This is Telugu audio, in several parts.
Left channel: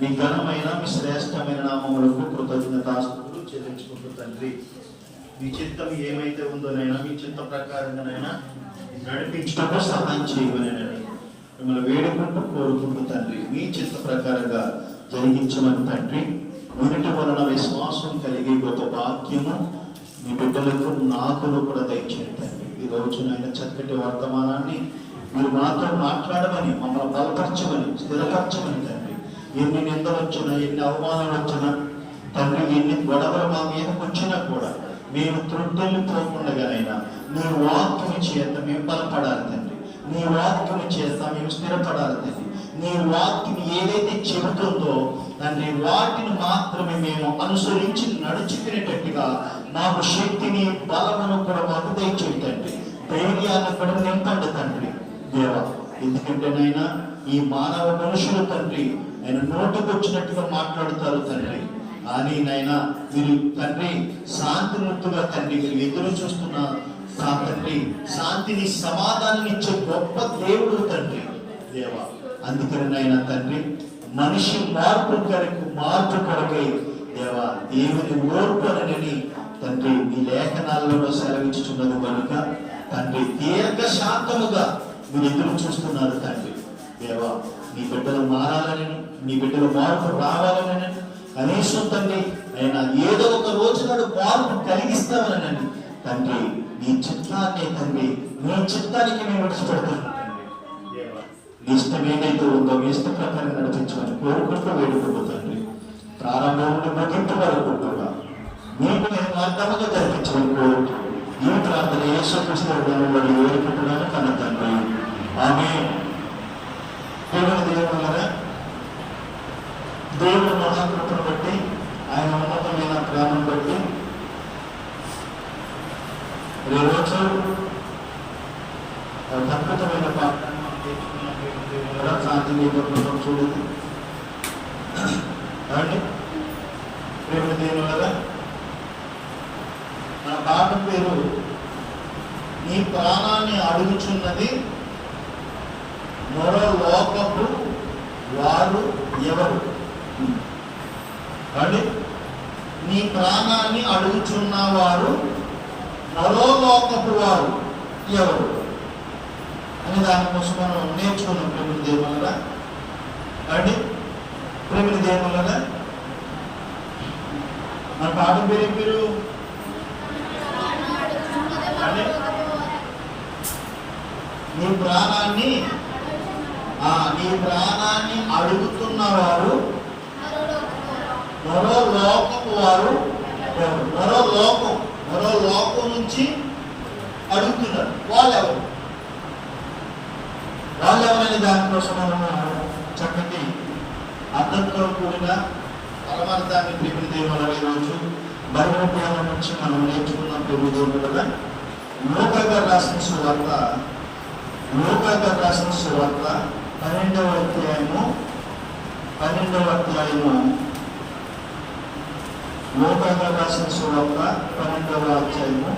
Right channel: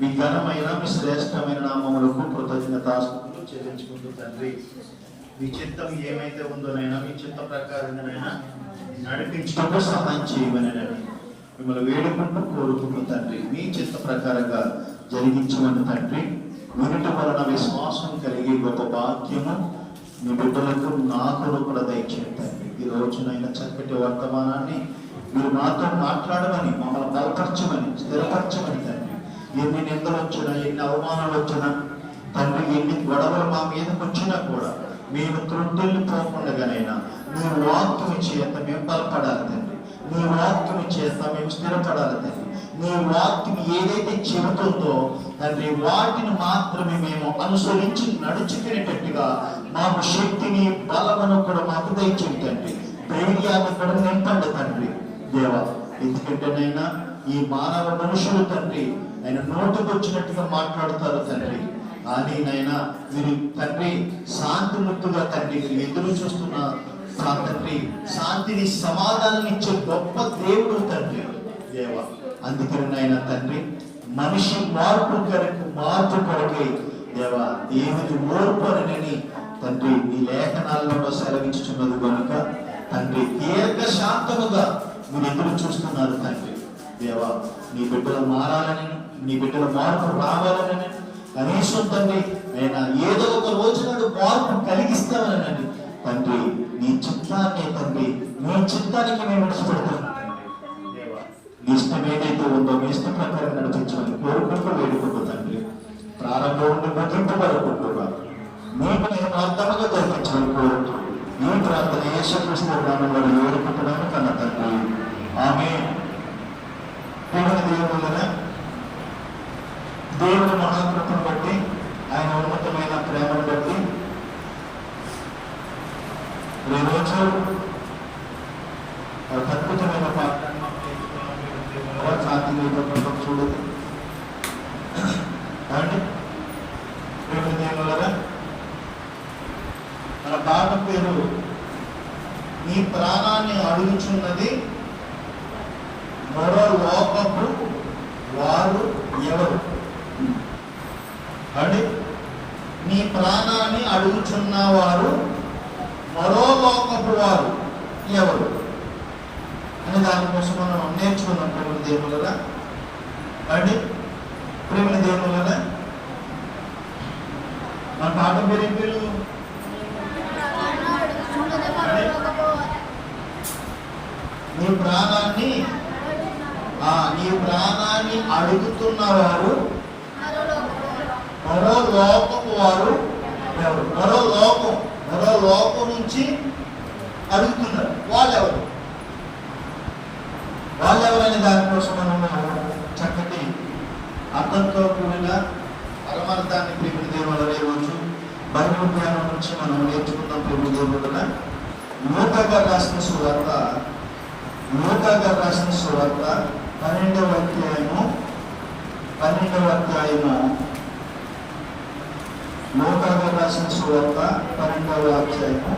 మీ ఘనమైన మీ శ్రేష్టమైన నామములకు కృతజ్ఞతాస్తుతులు చెల్లించుకుంటూ తండ్రి, మీ చిత్తం ఏమైతే ఉందోనైనా మీ చిత్త ప్రకారంగానైనా నడిపించడానికి సహాయం చేయమనేనని మిమ్మల్ని వేడుకుంటూ కోరుకుంటూ తండ్రి, మీ చిత్త ప్రకారంగా జరిగించమని తండ్రి, వీటి వలన విశ్వాసం కలిగే గొప్ప భాగ్యము మీ బిడ్డలకు నాకును కూడా దయచేయండి తండ్రి. ఈ రోజునైనా చక్కటి వర్తమానాన్ని మీరు మాతో మాట్లాడమని, మమ్మల్ని బలపరచమని, స్థిరపరచమని తండ్రి. ఎన్ని నిందలు వచ్చినా, ఎన్ని అవమానాలు వచ్చినా తండ్రి, ఎన్ని గొడవలు మా మీదకి వచ్చినా కూడా మేము త్రుట్టెళ్ళిపోకుండానైనా నీ వాక్యము చేత మేము బలపడాలి తండ్రి. నీ వాక్యము చేత మేము స్థిరపడాలి తండ్రి. నీ వాక్యం ఏదైతే చెబుతుందో తండ్రి, వాటిని మాత్రమే మేము అనుసరించి నడుచుకునేటట్టుగా మాకు శక్తిని, బలమును కూడా మాకు దయచేయండి తండ్రి. ధైర్యాన్ని కూడా నింపండి తండ్రి దేవా. ఎందుకంటే నైనా ఈ మానవ మనుషులు తండ్రి ఆయన నోటికి వచ్చినట్టుగా మాట్లాడుతారు తండ్రి. కానీ నైనా మీరు తండ్రి శాంతిముక్తుగా తండ్రి మీరు ఎదురు చూస్తున్న తండ్రి, శాంతిని, సమాధానాన్ని ఇచ్చే గొప్ప దేవుడు తండ్రి దేవా. అందుకని నాయన తండ్రి, మనిషి మార్పు కొరకై దేవా దేవుని ఓర్పనని తండ్రి మీ లేఖనాల్లో సెలవించుచున్నది కనుక తండ్రి దీర్ఘశాంతముగా మీరు ఎదురు చూస్తున్నారు తండ్రి దేవా. నీ బిడ్డలు మారాలని, నీ బిడ్డల మార్పు రావాలని, కనీసం తండ్రి అయినా ఏదో ఒక రోజు నాడు మార్పు కలిగిస్తామనండి తండ్రి. నీ చిత్తాన్ని తండ్రి, నీ చిత్తానికి మేము విడిచిపెడతాం దేవా. నీ ఇష్టం ఏదైతే ఉందో మీ ఇష్ట ప్రకారం నడిపించమని కోరుకుంటూ వేడుకుంటూ తండ్రి, ప్రారంభం నుండి ముగింపు వరకు మీకు నేను అర్థముగా జరిపించమని కోరుకుంటూ ఈ ప్రార్థన యేసుక్రీస్తు నామములో వేడుకుంటున్నాను కన్న తండ్రి, ఆమేన్. దేవుని మహాకృపను బట్టి, ఆయన ఉన్నతమైన ప్రేమను బట్టి ఈరోజు అద్భుతమైన శాంతి చూడదు అండి. ప్రేమ దేవునులరా, మన పాట పేరు నీ ప్రాణాన్ని అడుగుచున్నది మరో లోకపు వారు ఎవరు అండి. నీ ప్రాణాన్ని అడుగుచున్నవారు మరో లోకపు వారు ఎవరు అని దానికోసం మనం నేర్చుకున్నాం. ప్రేమల దేవులరా అండి, ప్రేమల దేవులరా, మన పాట పేరు నీ ప్రాణాన్ని అడుగుతున్నవారు మరో లోకపు వారు ఎవరు? మరో లోకం నుంచి అడుగుతున్నారు. వాళ్ళెవరు అని దానికోసం మనము చక్కటి అర్థంతో కూడిన పరమార్థాన్ని ప్రేమ దేవుల రోజు బైబిల్ ధ్యానం నుంచి మనం నేర్చుకున్నాం. ప్రేమ దేవుల లూకా గారు రాసిన సువార్త 12వ అధ్యాయము లూకా గారు రాసిన సువార్త 12వ అధ్యాయము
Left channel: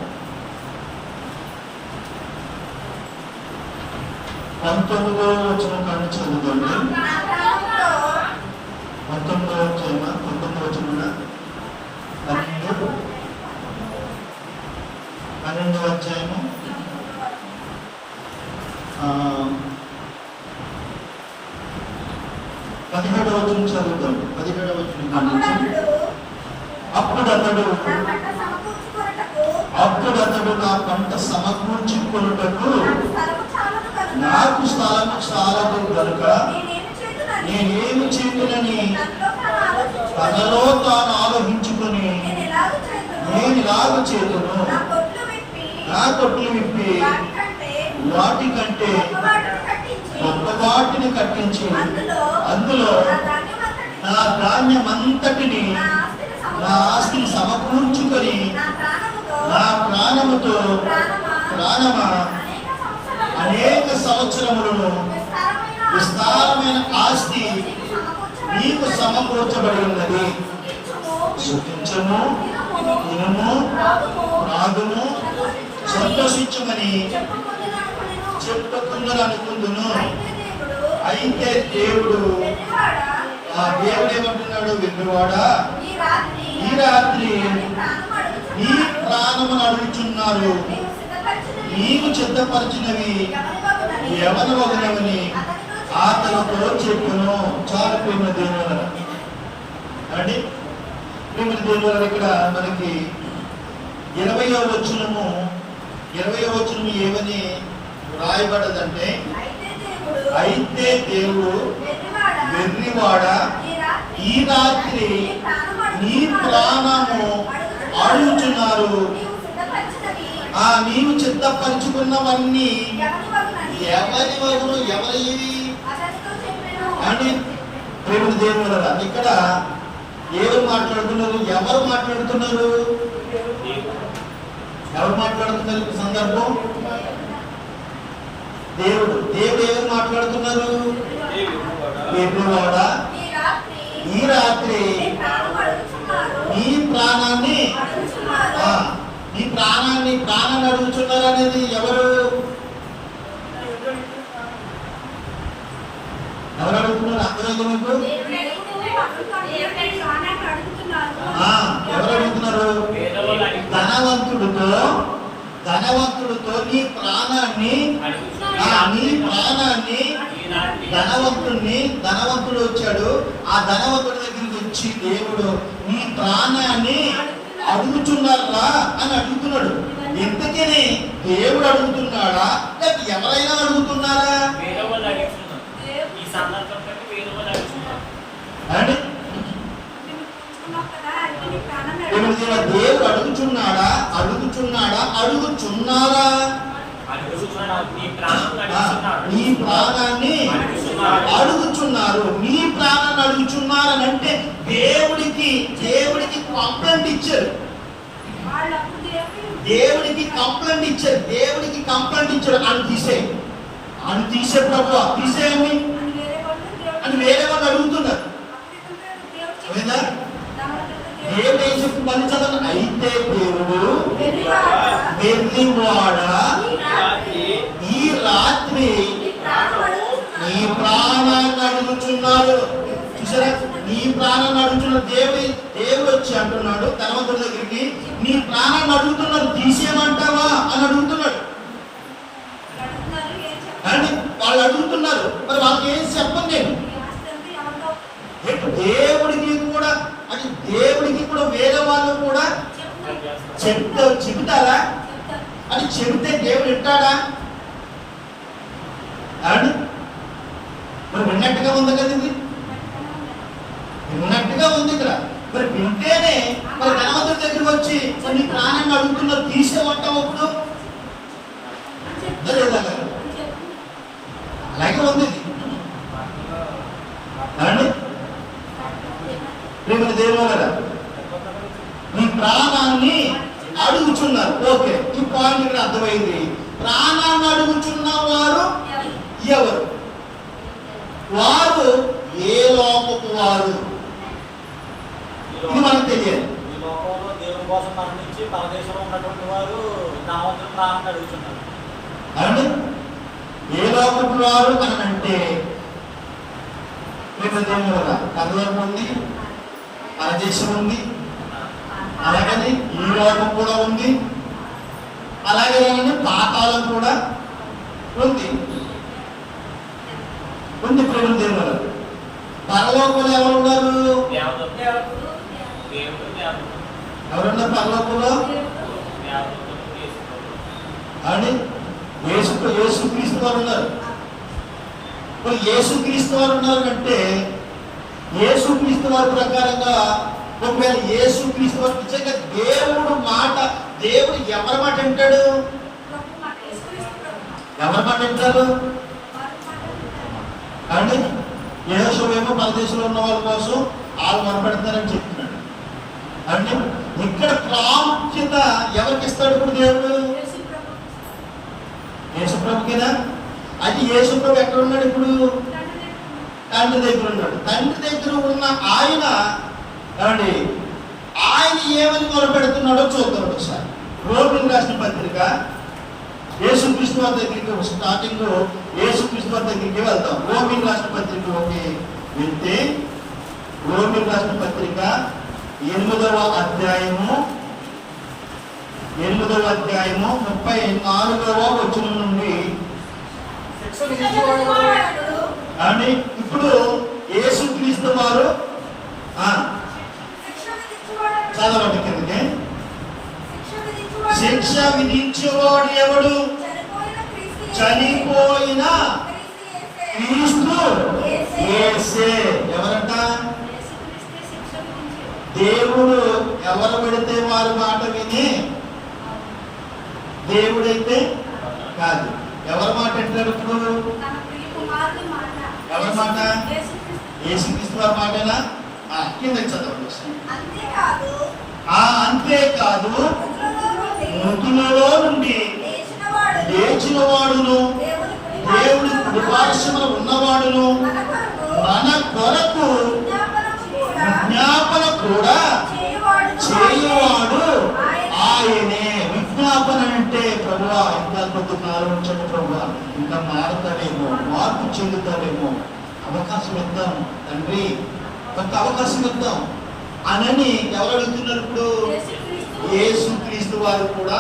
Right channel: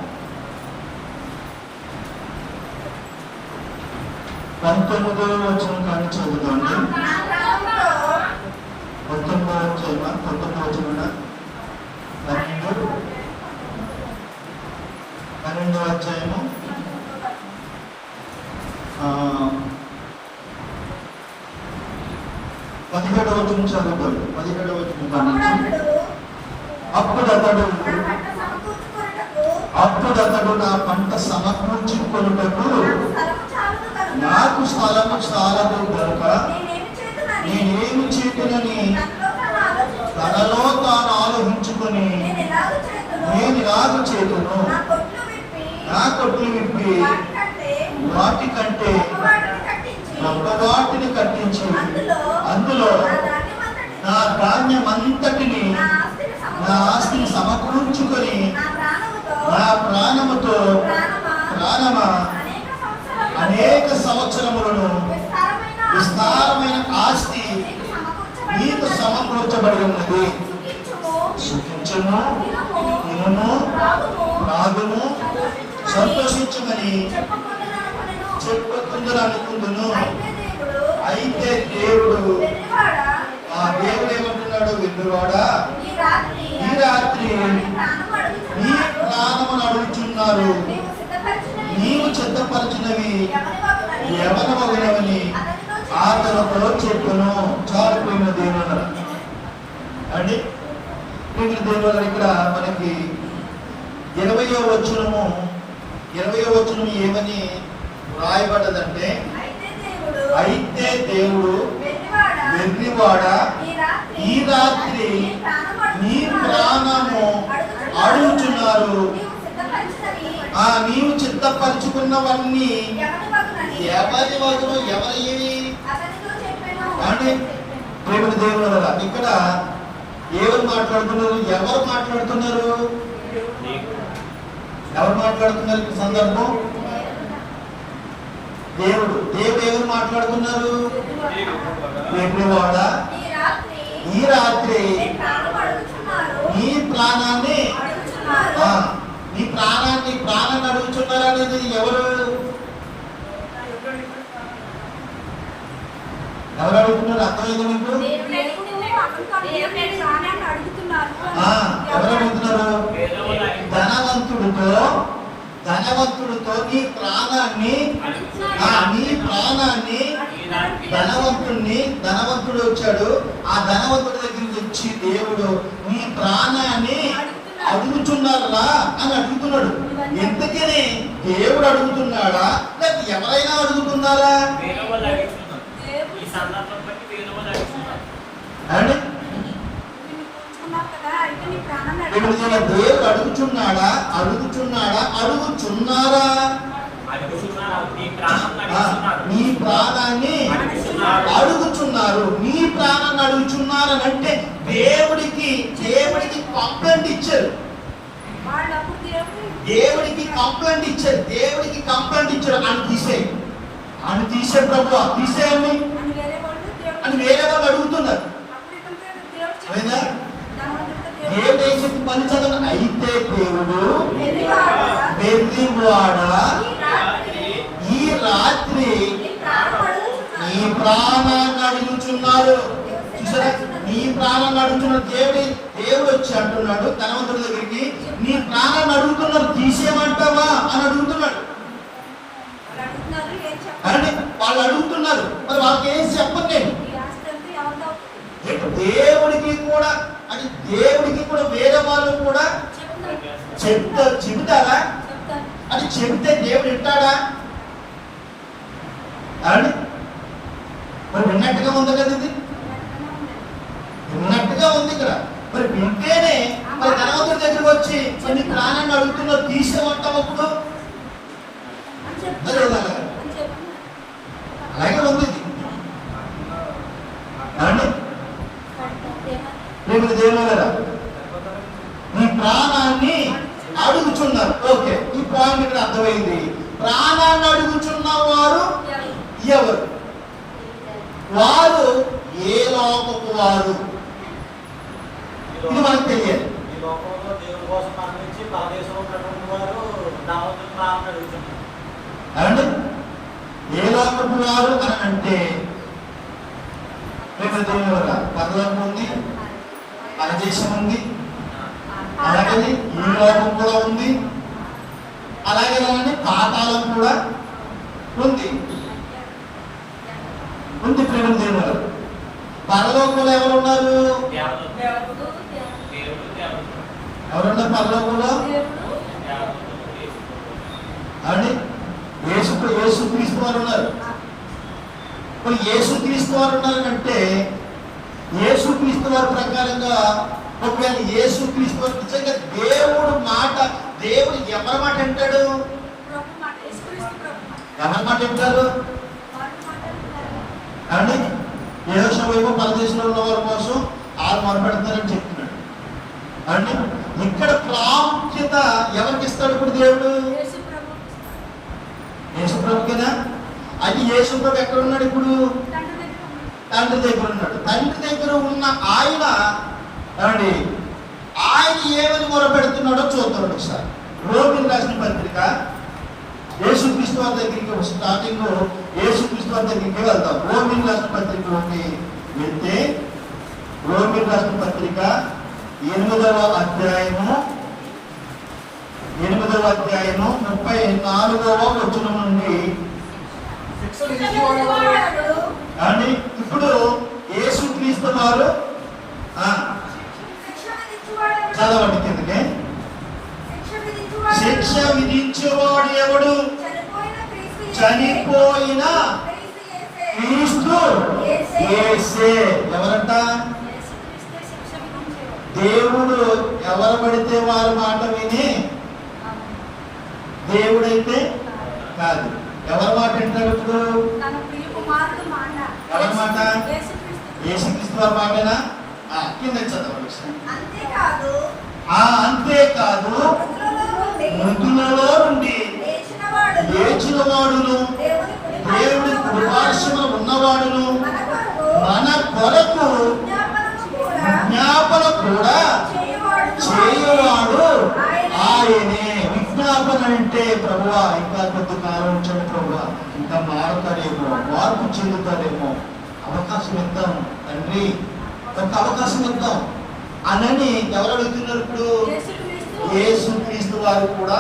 19వ వచనం కానీ చదువుకోండి. 19వ అధ్యాయమా 19వ వచనం 12వ అధ్యాయము 17వ వచనం చదువుతాడు. 17వ వచనం కానించి అప్పుడు అతడు నా పంట సమకూర్చుకొనుటకు నాకు స్థలము చాలదు కనుక నేనేమి చేతునని తనలో తాను ఆలోచించుకొని నేను ఇలాగ చేతును, నా కొట్లు విప్పి వాటికంటే గొప్ప వాటిని కట్టించి అందులో నా ధాన్యమంతటిని, నా ఆస్తిని సమకూర్చుకొని నా ప్రాణముతో ప్రాణమా అనేక సంవత్సరములను విస్తారమైన ఆస్తి నీకు సమకూర్చబడి ఉన్నది. సుఖించము, తినము, త్రాగుము, సంతోషించమని చెప్పుకుందరు అనుకుందును. అయితే దేవుడు, ఆ దేవుడే అంటున్నాడు, వెన్నువాడా ఈ రాత్రి నీ ప్రాణమును అడుగుచున్నారు, నీవు సిద్ధపరిచినవి ఎవరవని అతనితో చెప్పును. చాలు ప్రేమ దేవుల అంటే ప్రేమ దేవుల ఇక్కడ మనకి 20వ వచనము ఏమని రాయబడ్డదంటే, అయితే దేవుడు వెర్రివాడ ఈ రాత్రి నీ ప్రాణము అడుగుచున్నారు, నీవు సిద్ధపరచుకున్నవన్నీ ఎవరి వగును ఎవరి అని ప్రేమ దేవుడు. ఇక్కడ ఎవరు మాట్లాడుతున్నారు? ఎవరు మాట్లాడుతున్నారు ఇక్కడ సందర్భం? దేవుడు ఎవరు మాట్లాడుతున్నారు? వెర్రివాడా ఈ రాత్రి నీ ప్రాణాన్ని అడుగుతున్నారు అనేది ఎవరు అడుగుతున్నారు? అర్థమైంది మీకు? ఎవరు అడుగుతున్నారు? ధనవంతుడితో నీ ప్రాణాన్ని ధనవంతుడు వచ్చాడు. ఆ ధనవంతుడి దగ్గరికి వచ్చి దేవుడు నీ ప్రాణాన్ని అడుగుతున్నారా అని అడుగుతున్నాడు. ఎంతకని దేవుడు అడుగుతున్నాడా లేక ఎవరైనా అడుగుతున్నారా? దేవుడు అడుగుచున్నారా? నీ ప్రాణాన్ని అడుగుచున్నారు. నీ ప్రాణాన్ని అడుగుచున్నారని అంటే దేవుడికి కంప్లైంట్ ఇచ్చారు. దేవుడికి కంప్లైంట్ ఇచ్చారు. అని తీసే ప్రభు తీసేయని అని వేరే వాళ్ళు అడుగుతున్నారు. దేవుడు ఏం చెప్పి పని చదవ, అయితే దేవుడు వెర్రివాడా ఈ రాత్రి నీ ప్రాణాన్ని అడుగుచున్నారు. చూసారా? నీ ప్రాణాన్ని అడుగుతున్నారు. దేవుడు వచ్చి అంటున్నాడు ధనవంతుడి దగ్గరికి, నీ ప్రాణాన్ని అడుగుతున్నారు, తీసేయమంటావా అని అడుగుతున్నాడు. అంటే వాళ్ళు అడుగుతున్నారు, మరి వాళ్ళకి ఏం చెప్పను నేను. దేవుడికి కూడా వేరే వాళ్ళు కూడా చెబుతారా? అని చెబితే దేవుడు వింటాడా? అని మరి విన్నట్టుగా ఉంది కదా, ఇది విన్నట్టుగా ఉంది ఇక్కడ. మరి వింటేనే మరి ధనవంతుడి దగ్గరికి వచ్చి మరి నీ ప్రాణాన్ని అడుగుతున్నారు, తీసేమంటావు అప్పుడు? అలాగే ఉంది అండి. ప్రేమ దేవుడా, నీ ప్రాణాన్ని అడుగుచున్నారు. ఓకే, ఈ పాయింట్ ఇక్కడ అర్థమైంది. ప్రాణాన్ని అడుగుచున్న వారు ఎవరు? వారు ఏ లోకపు వారు? ఇది మనకు తెలియదు. అండి ఏ లోకపు వారు అని అంటే పరలోకం ఉంది, పరదేశం ఉంది, అలాగే ఈ లోకం కూడా ఉంది, అలాగే పాతాళం కూడా ఉంది. ప్రేమ దేవుడు పరలోకంలో ఎవరున్నారు? ఎవరున్నారు పరలోకంలో? అండి యేసుక్రీస్తు వారు ఉన్నారు. మరి యేసుక్రీస్తు వారు ఉన్నారంటే యేసుక్రీస్తు వారి ప్రకారంగా ఒకవేళ యేసుక్రీస్తు వారు నిజంగా దేవుడు ఎవరి మాట వింటాడు? ఎవరి మాట వింటారు అండి? యేహోషువేమో పరదేశంలో ఉన్న వారి కోసం వాళ్ళు మొరపెడతారని చెప్తున్నాడు అండి. ఇక్కడ ప్రాముఖ్యత ఎవరికి ఇస్తాడు ఇప్పుడు దేవుడు? యేసుప్రభుకేనా? అయితే యేసుప్రభు ఎక్కడ ఉన్నాడు ఇప్పుడు? తండ్రి దగ్గర ఉన్నాడు. తండ్రి దగ్గర ఉన్న ఆయన ఏమని మొరపెడుతున్నాడో చూద్దాం ఒకసారి. రోమిలకు రాసిన పత్రిక యేసుక్రీస్తు వారి దగ్గరికి రోమిలకు రాసిన పత్రిక 8వ అధ్యాయము 34వ వచనం నుండి. అండి ఇప్పుడు యేసుక్రీస్తు వారు చదవండి కిందకి. శిక్ష విధించేవాడు ఎవడు? చనిపోయిన క్రీస్తు యేసే. ఎవరంట? దేవుడు ఎవరు పడితే వారి మాట విని దేవుడైతే కాదు. ఎవరి మాట వింటాడు ఇప్పుడు? ఎవరి మాట? యేసుక్రీస్తు వారి మాటేనా? కిందకి చదవండి. అంతేకాదు మృతులలో నుండి లేచిన వాడును దేవుడి కృపార్శమున ఉన్నవాడును మన కొరకు విజ్ఞాపన కూడా చేయువాడు ఆయనే. విజ్ఞాపన అంటే ప్రభువా ఇంకా కొద్ది కాలం ఉంచండి ప్రభువా, ఇంకా మారుతాడేమో, మార్పు చెందుతాడేమో, అవకాశం ఇద్దాం తండ్రి, ఒక అవకాశం ఇద్దాం అనని ఎవరు అడుగుతున్నారు ఇప్పుడు? యేసుక్రీస్తు వారు కూడా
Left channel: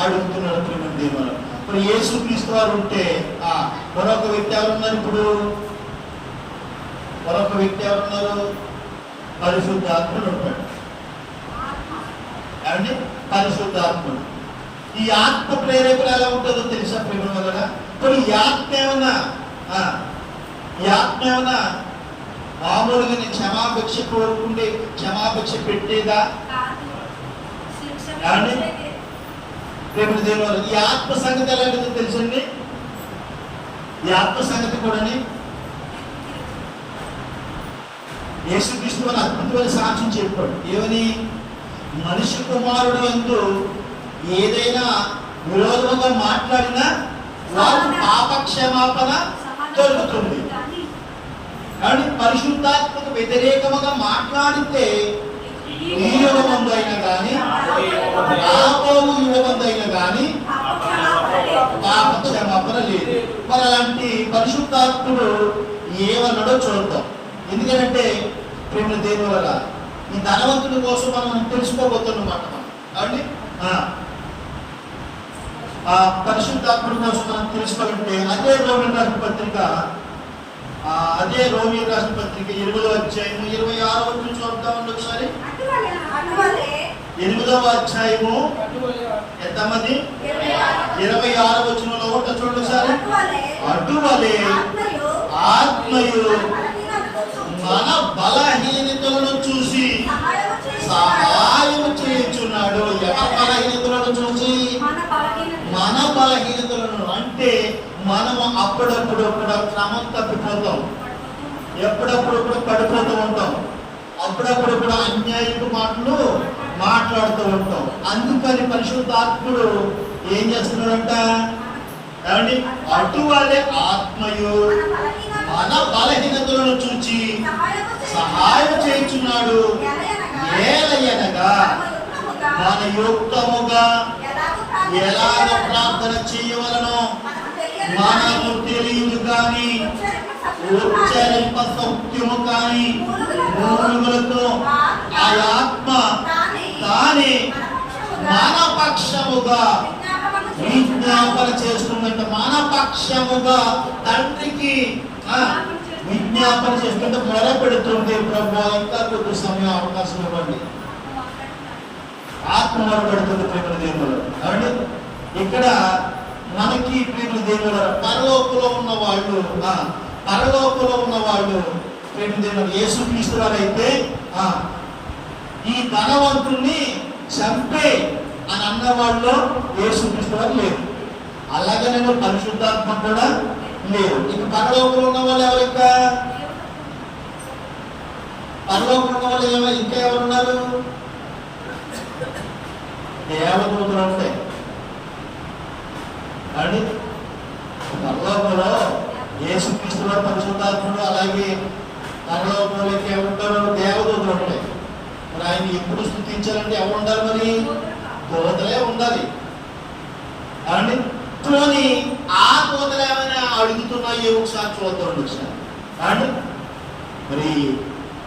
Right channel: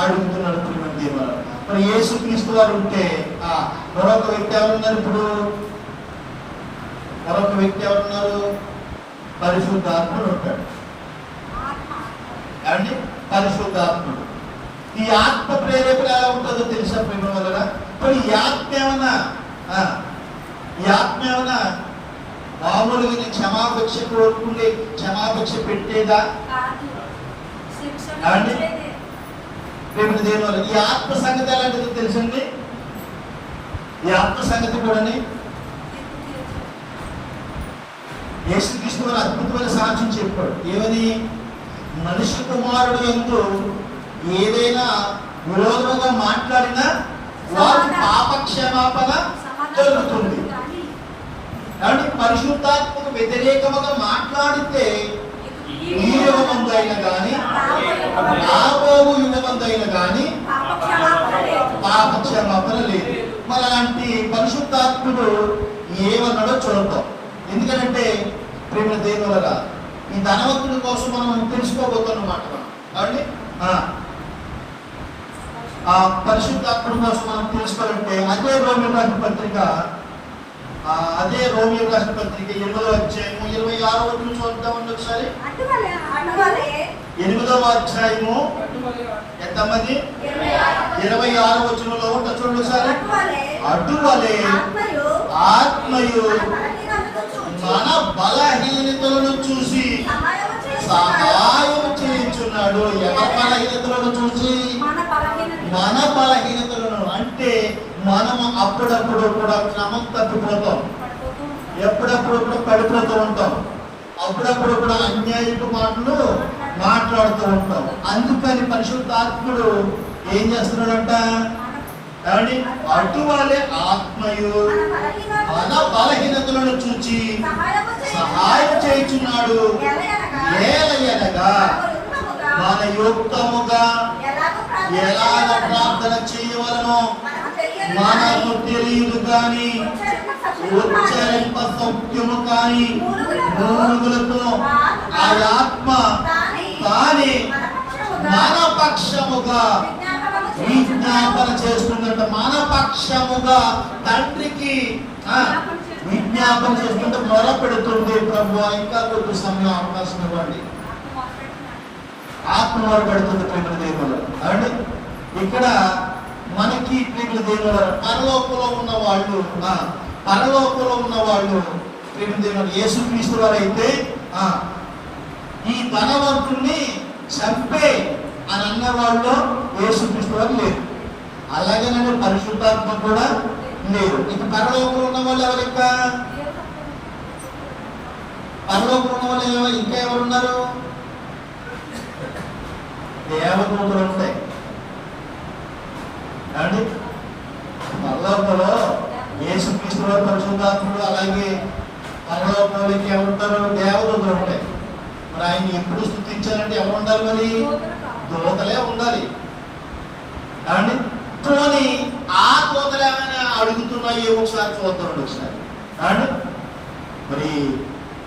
అడుగుతున్నారు. ప్రియమైన దేవుడు, మరి యేసుక్రీస్తు వారు ఉంటే మరొక వ్యక్తి ఎవరున్నారు ఇప్పుడు? మరొక వ్యక్తి ఎవరున్నారు? పరిశుద్ధాత్ముడు ఉంటాడు. ఏమండి? పరిశుద్ధాత్ముడు. ఈ ఆత్మ ప్రేరేపణ ఎలా ఉంటుందో తెలుసా ప్రేమ వలన? మరి ఈ ఆత్మ ఏమన్నా మామూలుగా క్షమాపేక్ష కోరుకుంటే క్షమాపేక్ష పెట్టేదా? ఏమండి? ప్రేమ దేవుని వల్ల ఈ ఆత్మ సంగతి ఎలాంటిదో తెలుసండి? ఈ ఆత్మ సంగతి కూడా యేసుక్రీస్తు మన అద్భుతమైన సాక్ష్యం చెప్పాడు. ఏమని? మనిషి కుమారుడు యందు ఏదైనా విరోధంగా మాట్లాడినా వారు పాపక్షమాపణ జరుగుతుంది. కాబట్టి పరిశుద్ధాత్మకు వ్యతిరేకముగా మాట్లాడితే ఈ యుగమందు అయినా కానీ రాబోవు యుగమందు అయినా కానీ పాపక్షమాపణ లేదు. మరి అలాంటి పరిశుద్ధాత్ముడు ఏమన్నాడో చూద్దాం. ఎందుకంటే ప్రేమ దేవుల ఈ ధనవంతుడి కోసం మనం తెలుసుకోబోతున్నమాట. మనం కాబట్టి పరిశుద్ధాత్ముడి కోసం మనం తెలుసుకోవాలంటే అదే రోమిలకు రాసిన పత్రిక 8వ అధ్యాయము 26వ వచనం చూద్దామండి ఒకసారి. 8వ అధ్యాయము ఎంతమంది? 26వ వచనంలో ఉంటా చూడండి ఒకసారి. అటువలే ఆత్మయు మన బలహీనతలను చూసి సహాయం చేయుచున్నాడు. ఎవరి బలహీనతలను చూసి? మన బలహీనతలను. అంటే మనము అప్పుడప్పుడు కూడా క్రమం తప్పిపోతాం, ఎప్పుడప్పుడు కూడా పడిపోతూ ఉంటాం, అప్పుడప్పుడు కూడా అన్యాయపు మాటలు మాట్లాడుతూ ఉంటాం. అందుకని పరిశుద్ధాత్ముడు ఏం చేస్తున్నాడంట? ఏమండి? అటువలే ఆత్మయు మన బలహీనతలను చూచి సహాయం చేయుచున్నాడు. ఏలయనగా మన యుక్తముగా ఎలాగ ప్రార్థన చేయవలనో మనకు తెలియదు కానీ ఉచ్చరింప సౌఖ్యము కానీ మూలుగులతో ఆ ఆత్మ తానే మన పక్షముగా విజ్ఞాపన చేస్తుందంట. మన పక్షముగా తండ్రికి విజ్ఞాపన చేస్తుంటే మొరపెడుతుంది. ప్రభు ఇంకా కొద్ది సమయం అవకాశం ఇవ్వండి. ఆత్మ మొరపెడుతుంది ప్రేమ దేవుడు. కాబట్టి ఇక్కడ మనకి ప్రేమ దేవుడు పరలోకంలో ఉన్న వాళ్ళు ప్రేమ దేవుడు యేసుక్రీస్తు వారు అయితే ఈ ధనవంతుణ్ణి చంపే అని అన్న వాళ్ళు యేసుక్రీస్తు వారు లేరు. అలాగే నేను పరిశుద్ధాత్మ కూడా లేరు. ఇక పరలోకంలో ఉన్న వాళ్ళు ఎవరు? పరలోకంలో ఉన్న వాళ్ళు ఇంకా ఎవరున్నారు? దేవదూతలు ఉంటాయి. కానీ పరలోకంలో యేసుక్రీస్తు వారు పరిశుద్ధాత్ముడు, అలాగే పరలోకంలో ఇంకేమంటారు? దేవదూతలు ఉంటాయి. మరి ఆయన ఎప్పుడు స్తుతించాలంటే ఎవరు ఉండాలి? మరి దూతలే ఉండాలి. కానీ పోనీ ఆ దూతలు ఏమైనా అడుగుతున్నాయో ఒకసారి చూద్దామండి ఒకసారి. కానీ మరి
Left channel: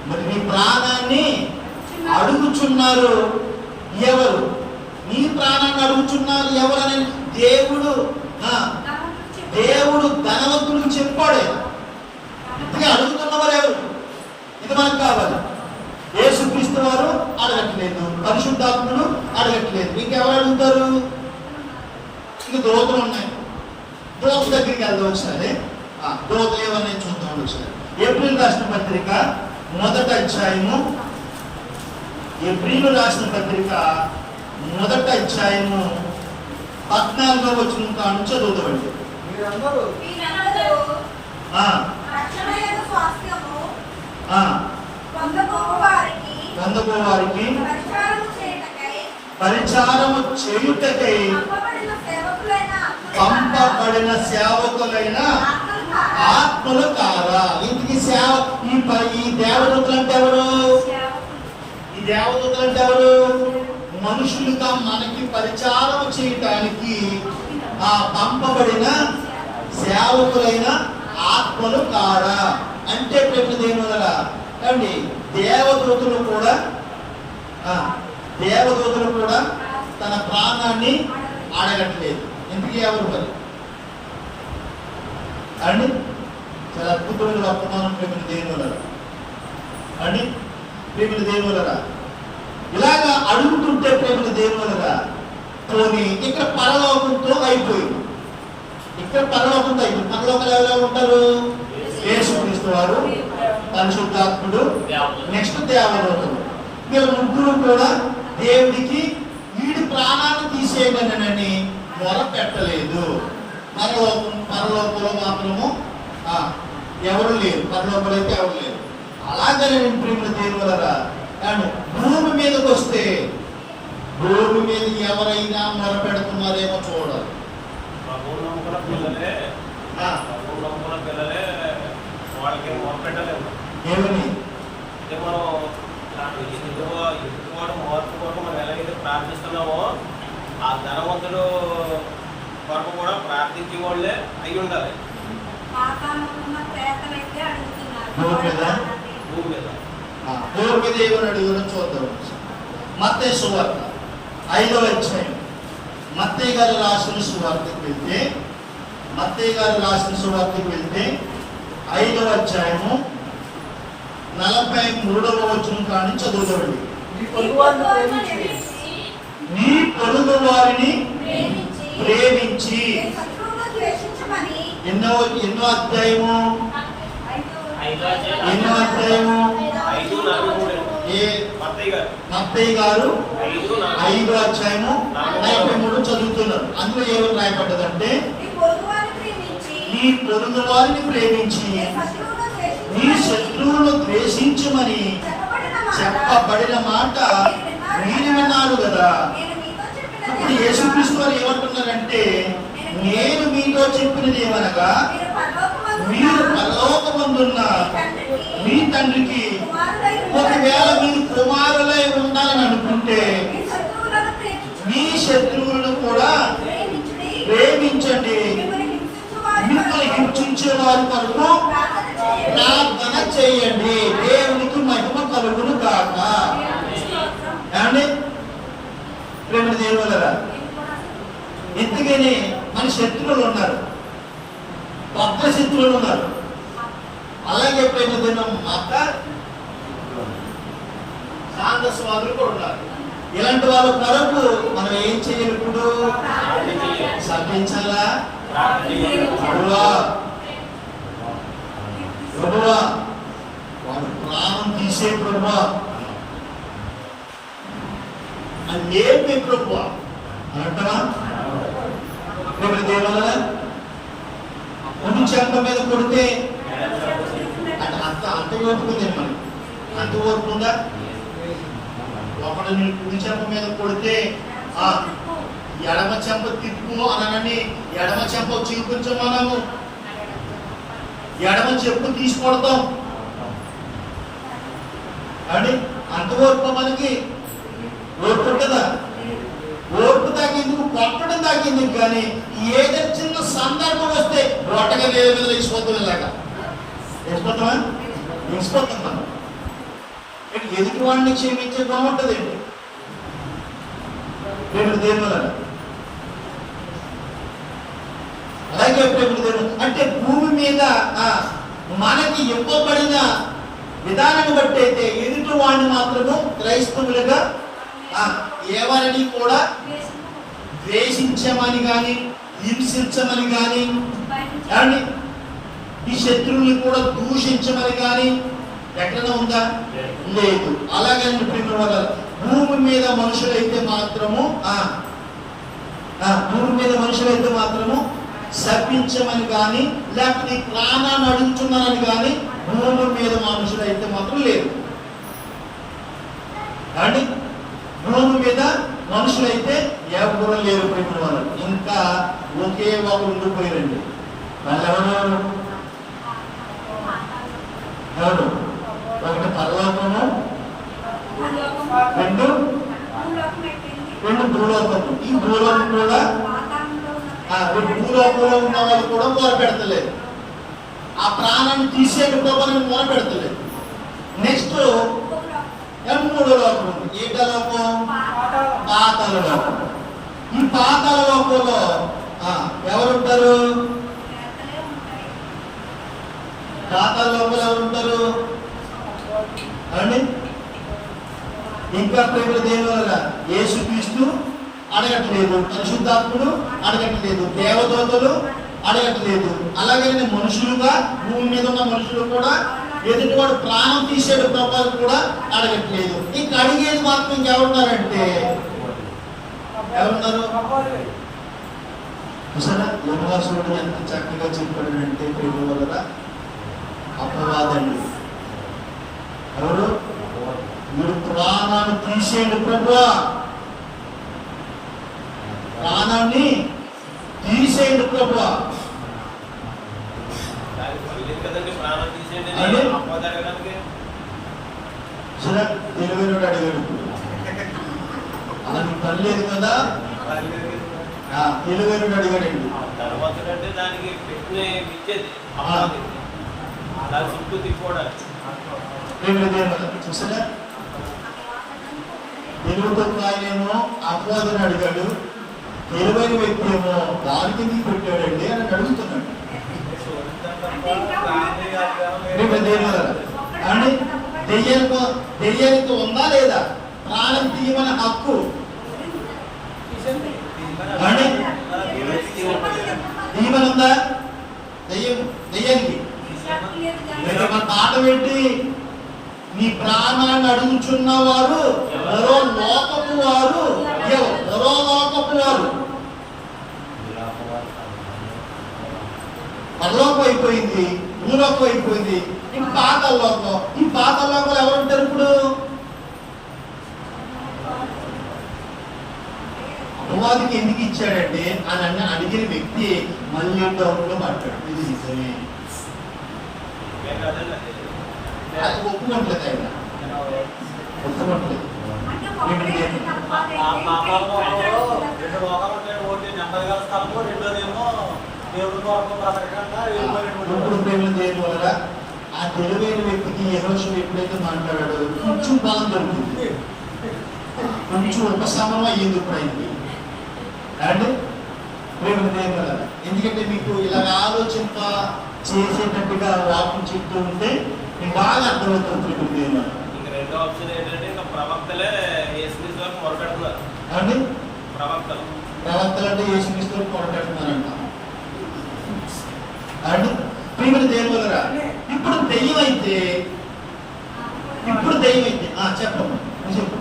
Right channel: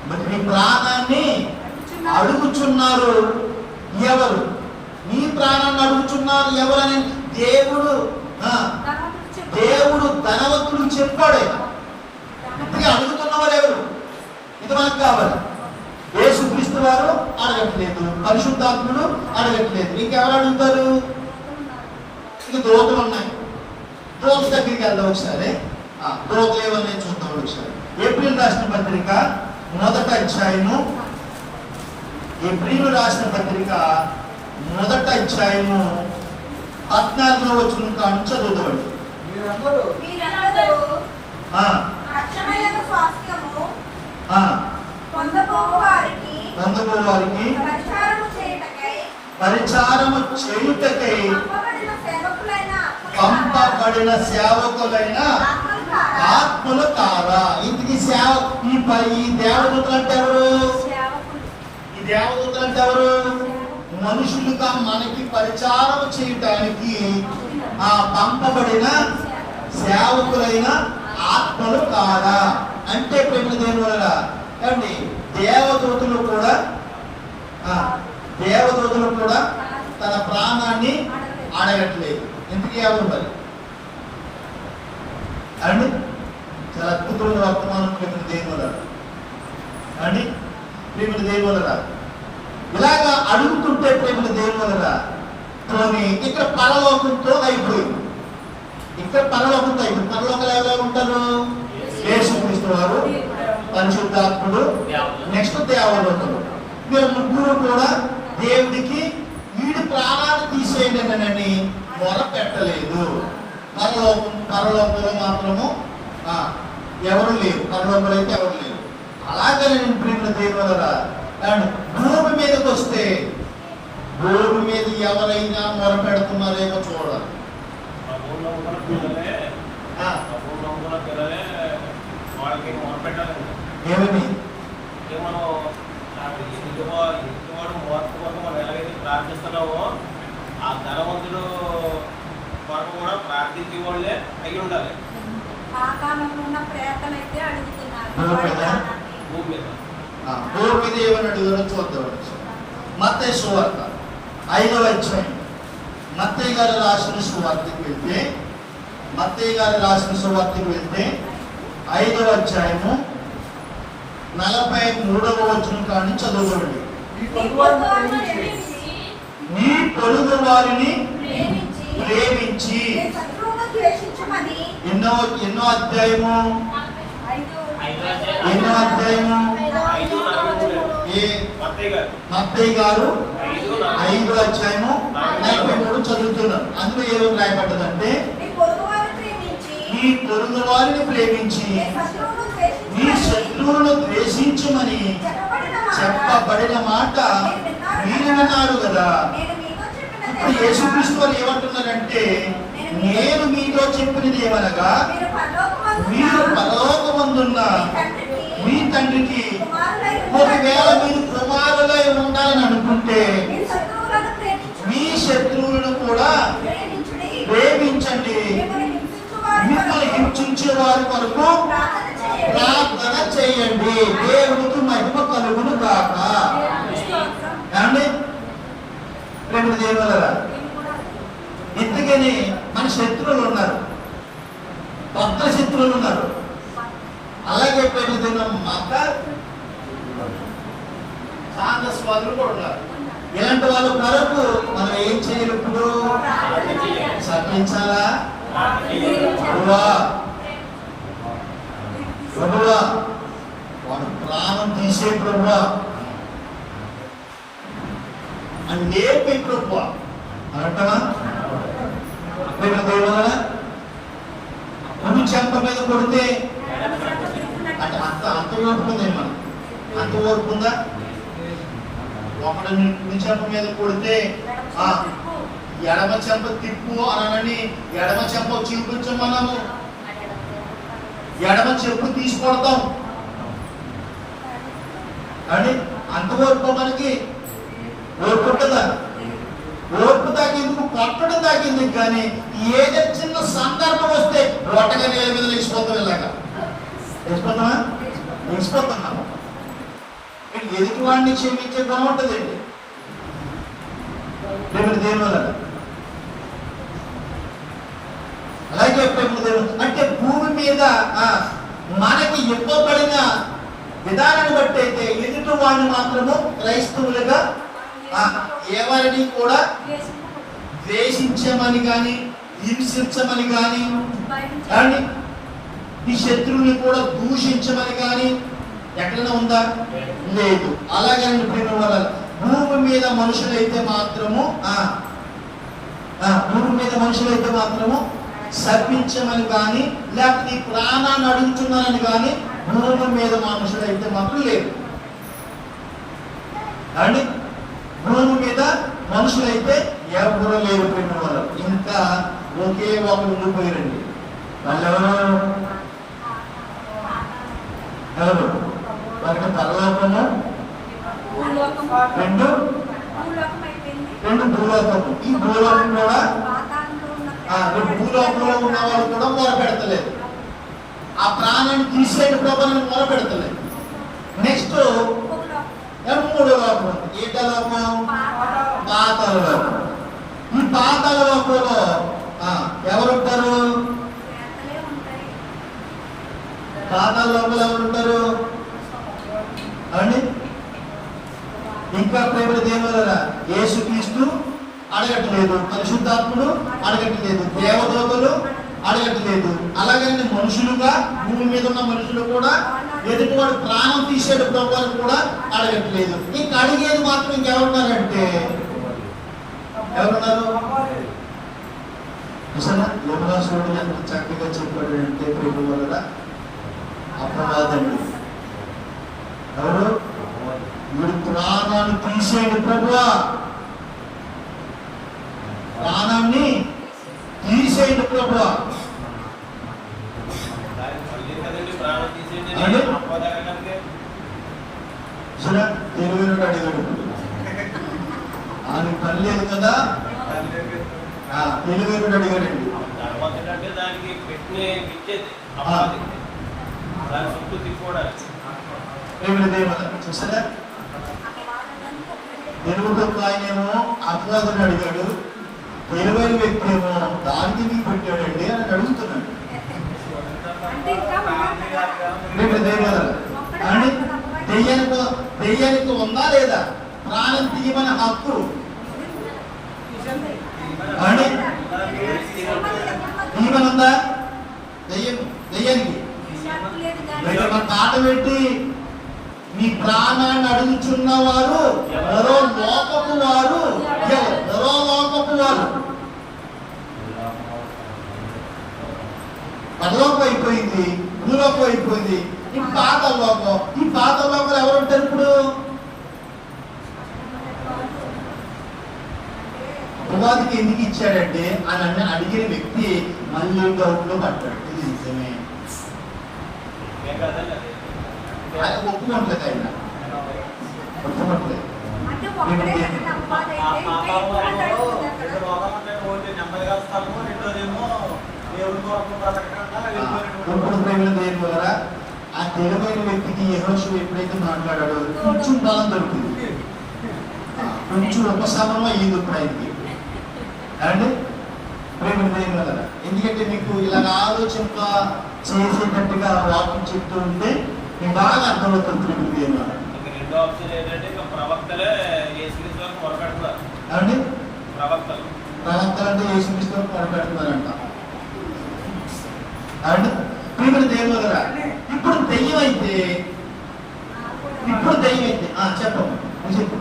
మరి నీ ప్రాణాన్ని అడుగుచున్నారు ఎవరు? నీ ప్రాణాన్ని అడుగుచున్నారు ఎవరని దేవుడు ధనవంతుడికి చెప్పాడు. ఇంతగా అడుగుతున్నవారు ఎవరు? ఇది మనకు కావాలి. యేసుక్రీస్తు వారు అడగట్లేదు, పరిశుద్ధాత్ముడు అడగట్లేదు, ఇంకెవరు అడుగుతారు? ఇక దూతలు ఉన్నాయి. దూతల దగ్గరికి వెళ్దాం ఒకసారి. దూతలు ఏమన్నాయి చూద్దాం ఒకసారి. ఏప్రిల్ రాసిన పత్రిక 1వ అధ్యాయము, ఏప్రిల్ రాసిన పత్రిక 1వ అధ్యాయము 14వ వచనం కాను చదువుతామండి. పొందబోవారికి పరిచారము చేయుటకై పంపబడిన సేవకులైన ఆత్మలు కారా? ఇంటికి ఈ దేవదూతలు అంటే ఎవరు? ఈ దేవదూతలు అంటే ఎవరు? మనుషులుగా మనకి పరిచారము చేయటానికి పంపబడిన సేవకులైన ఆత్మలు కారా? అంటే ప్రేమ దేవులరా అండి, దేవదూతలు కూడా తన ప్రాణాన్ని అడగట్లేదు. ఎందుకు ఎవరు మరి అండి? చాలా అద్భుతమైన వర్తమానం ప్రేమ దేవులరా అండి, ప్రేమ దేవులరా. ఇలాగా అడుగుతుంటే ప్రేమ దేవులరా పోనీ ఇక్కడ పరలోకంతో అయిపోయింది. ఇక్కడ పరలోకంతో అయిపోయింది. పరలోకాలు ఎవరెవరు ఉంటారు? యేసుక్రీస్తు వారు, పరిశుద్ధాత్ముడు, నెక్స్ట్ దేవదూతలు. వీళ్ళ ముగ్గురు కూడా దేవుడికి వీడి ప్రాణాన్ని తీసేయడనని మొర పెట్టలేదు. పరలోకంలో మాత్రము ఎవరు లేరు. పరలోకంలో అయితే ఎవరు లేరు. అలాగనే నేను ప్రేమ దేవులరా భూమి మీదకి వస్తే భూమి మీద ఎవరైనా మొర పెడుతున్నారేమో చూడాలి. ఏమని మనం ఎలాగైతే ప్రార్థిస్తున్నామో ఆ ధనవంతుడు కొరకు కూడా ప్రార్థించే వాళ్ళే అయి ఉండాలి. భూమి మీద ఏమని అడుగురో చూద్దాం. మత్తయి సువార్త 5వ అధ్యాయం, మత్తయి గారు రాసిన సువార్తకి వెళ్తే 5వ అధ్యాయము 43వ వచనం కాని చదువుకోండి. నీ పొరుగు వారిని ప్రేమించి ఎన్నో అధ్యాయము మత్తయి గారు 5వ అధ్యాయము 43 చదువుతున్నారు. అందులో ఏమని రాయబడ్డదంటే, నీ పొరుగు వారిని ప్రేమించి నీ శత్రువులను ద్వేషించమని చెప్పబడిన మాట మీరు విన్నారు కదా. ఇప్పుడు యేసుక్రీస్తు వారు ఏమంటున్నారంటే, నేను మీతో చెప్పినది ఏమనగా, మీరు పరలోకమందున్న మీ తండ్రికి ఒకవేళ మీరు కుమారులై ఉండాలని అనుకుంటే మీ శత్రువులను కూడా ప్రేమించండి, మిమ్మల్ని హింసించే వారి కొరకు ప్రార్థన చేయండి, దేవునికి మహిమ కలుగును కాక. ఏమండి ప్రేమ దేవులరా, ఇంతకని మన శత్రువులు ఉన్నారు, కొత్త శత్రువులు ఉన్నారు. అలాగే ప్రేమ దేవుల మత సాంగస్వాదులు కూడా ఉన్నారు. ఇలాంటి వాళ్ళ కొరకు మనం ఏం చేయాలి? ఇప్పుడు సర్పించాలా? ప్రభువా వాడు ప్రాణం తీసే ప్రభువా అని నేర్పే ప్రభువా అని అంటావా? అక్కడ దేవాల కుడి చెంప మీద కొడితే అంటే అంత ఓర్పు ఉంది మనకి. అంత ఓర్పు ఉందా? ఒకడు కుడి చెంప మీద కొడితే ఎడమ చెంప తిప్పు అనని ఎడమ చెంప చూపించాం. మనము ఎడమ చెప్పు తీసుకొడతాం అండి. అంత ఓర్పు మనకి ఓర్పు ఉంటుందా? ఓర్పు తాగేందుకు కొట్టడం తాగేందుకు. కానీ ఏదో చిన్న సందర్భం వస్తే రొట్టగా నేల మీద లేచిపోతాం. ఇలాగా లేచిపోతామా? లేచిపోతాం మనం. ఆయనకి ఎదుటివాడిని క్షమించే గుణం ఉంటుందండి. ప్రేమ దేని వల్ల అలాగే ప్రేమ దేవుడు అంటే భూమి మీద మనకి ఇవ్వబడిన విధానాన్ని బట్టి అయితే ఎదుటి వాడిని మాత్రము క్రైస్తవులుగా ఎవరిని కూడా ద్వేషించమని కానీ హింసించమని కానీ అండి ఈ శత్రువుని కూడా దూషించమని కానీ ఎక్కడైనా ఉందా? లేదు. అలాగే ప్రేమ వల్ల భూమి మీద మనుషులైతే మాత్రము శపించమని కానీ లేకపోతే నీ ప్రాణాన్ని అడుగుతున్నానని కానీ భూమి మీద మనుషులైతే మాత్రం లేదు అండి. భూమి మీద మనుషులైతే ఎవరు లేరు ప్రేమ వల్ల. ఇంకా ఒకే ఒకరు ఉండిపోయారండి. వాళ్ళు ఎవరు? ఒకటి పరలోకము, రెండు భూలోకము. ఈ భూలోకం కూడా భూలోకంలో ఉన్న వాళ్ళు కూడా మొరపెడతలేదు. ఆ ప్రాణాన్ని తీసేటి ప్రభావం మొరపెడతలేదు. నెక్స్ట్ మూడో లోకం ఉంది. ఏంట లోకం? పాతాళ లోకం. ఈ పాతాళ లోకంలో ఎవరుంటారు? పాతాళ లోకంలో ఎవరుంటారు అండి? ఇంకా ప్రేమ దేవుల యేసుక్రీస్తు అడగట్లేదు, పరిశుద్ధాత్ముడు అడగట్లేదు, దేవదూతలు అడగట్లేదు. అలాగే మనుషులుగా భూమి మీద ఉన్న మనుషులు కూడా ఎదుటివాడు ప్రాణం తీసేడు ప్రభావాలు కూడా అడగట్లేదు. ఇంకా అడిగేది మాత్రం ఇంకెవరున్నారంటే ఎవరున్నారు? యోగాసురుడు ఎంత చక్కగా చెప్పాడు అంటే ప్రేమ వలన అపవాదండి. ఎవరు? మీరు ప్రాణాన్ని తీసేయండి ప్రభువా, ప్రాణాన్ని తీసేయండి ప్రభువా. తెలివైనడు అడిగాడు. ఆయన పని లేదు కదా, తెలివైనడు అడిగాడండి. చూసారా? తెలుగుతో ఆయనేమో అపవాదని అడిగాడు, తెలివైన వ్యక్తి ఏమో దానికి నీకు పెట్టాడండి అని అడుగుతున్నాడు. అండి దెయ్యానికి ఉందా లేదా ప్రాణం తీయమని హక్కు అండి? తీయమని ఉందా దెయ్యానికి? మన మాట పెట్టి నీ ప్రాణాన్ని అడుగుచున్న వారు మరో లోకపు వారు, మరో లోకపు వారు. పరలోకం అయిపోయింది, భూలోకం అయిపోయింది, ఇంక పాతాళ లోకం. ఈ పాతాళ లోకంలో ఎవరుంటారు ఇప్పుడు? అపవాదికి ఎందుకు ఇచ్చాడంటే అని అడిగిన వ్యక్తి మళ్ళీ డౌట్ లో పడ్డాడు. ఇది నిజమే, అది ఒప్పుకోవట్లేదు. ఆయన ఒప్పుకోవట్లేదు. ఇప్పుడు ప్రేమ దేవుని ద్వారా ఆ తెలివైన వ్యక్తికి యెహోషువ ఎప్పుడైతే మాట్లాడాడో కొంచెం బలం దొరికింది, కొంచెం ఉపశమనం అయ్యింది ఇప్పుడు ఆయనకి అండి. ప్రేమ దేవుని ద్వారా ఎందుకంటే మీకు ఇలా ఆలోచింప చేసేటట్టుగా వాక్యం చెప్తూ ఉంటే మీకు బాగా అర్థమవుతుంది. ప్రేమ దేవుని ద్వారా రెండో ఆప్షన్ ఏంటంటే ప్రవక్తలే యేసుక్రీస్తుకు మొరపెడుతున్నారు అండి. ప్రవక్తలు అంటే యేసుక్రీస్తుకు మొరపెడుతున్నారంట అండి. ప్రేమ దేవుని ద్వారా ఇప్పుడు దెయ్యం అయితే చెప్పము చెప్పు.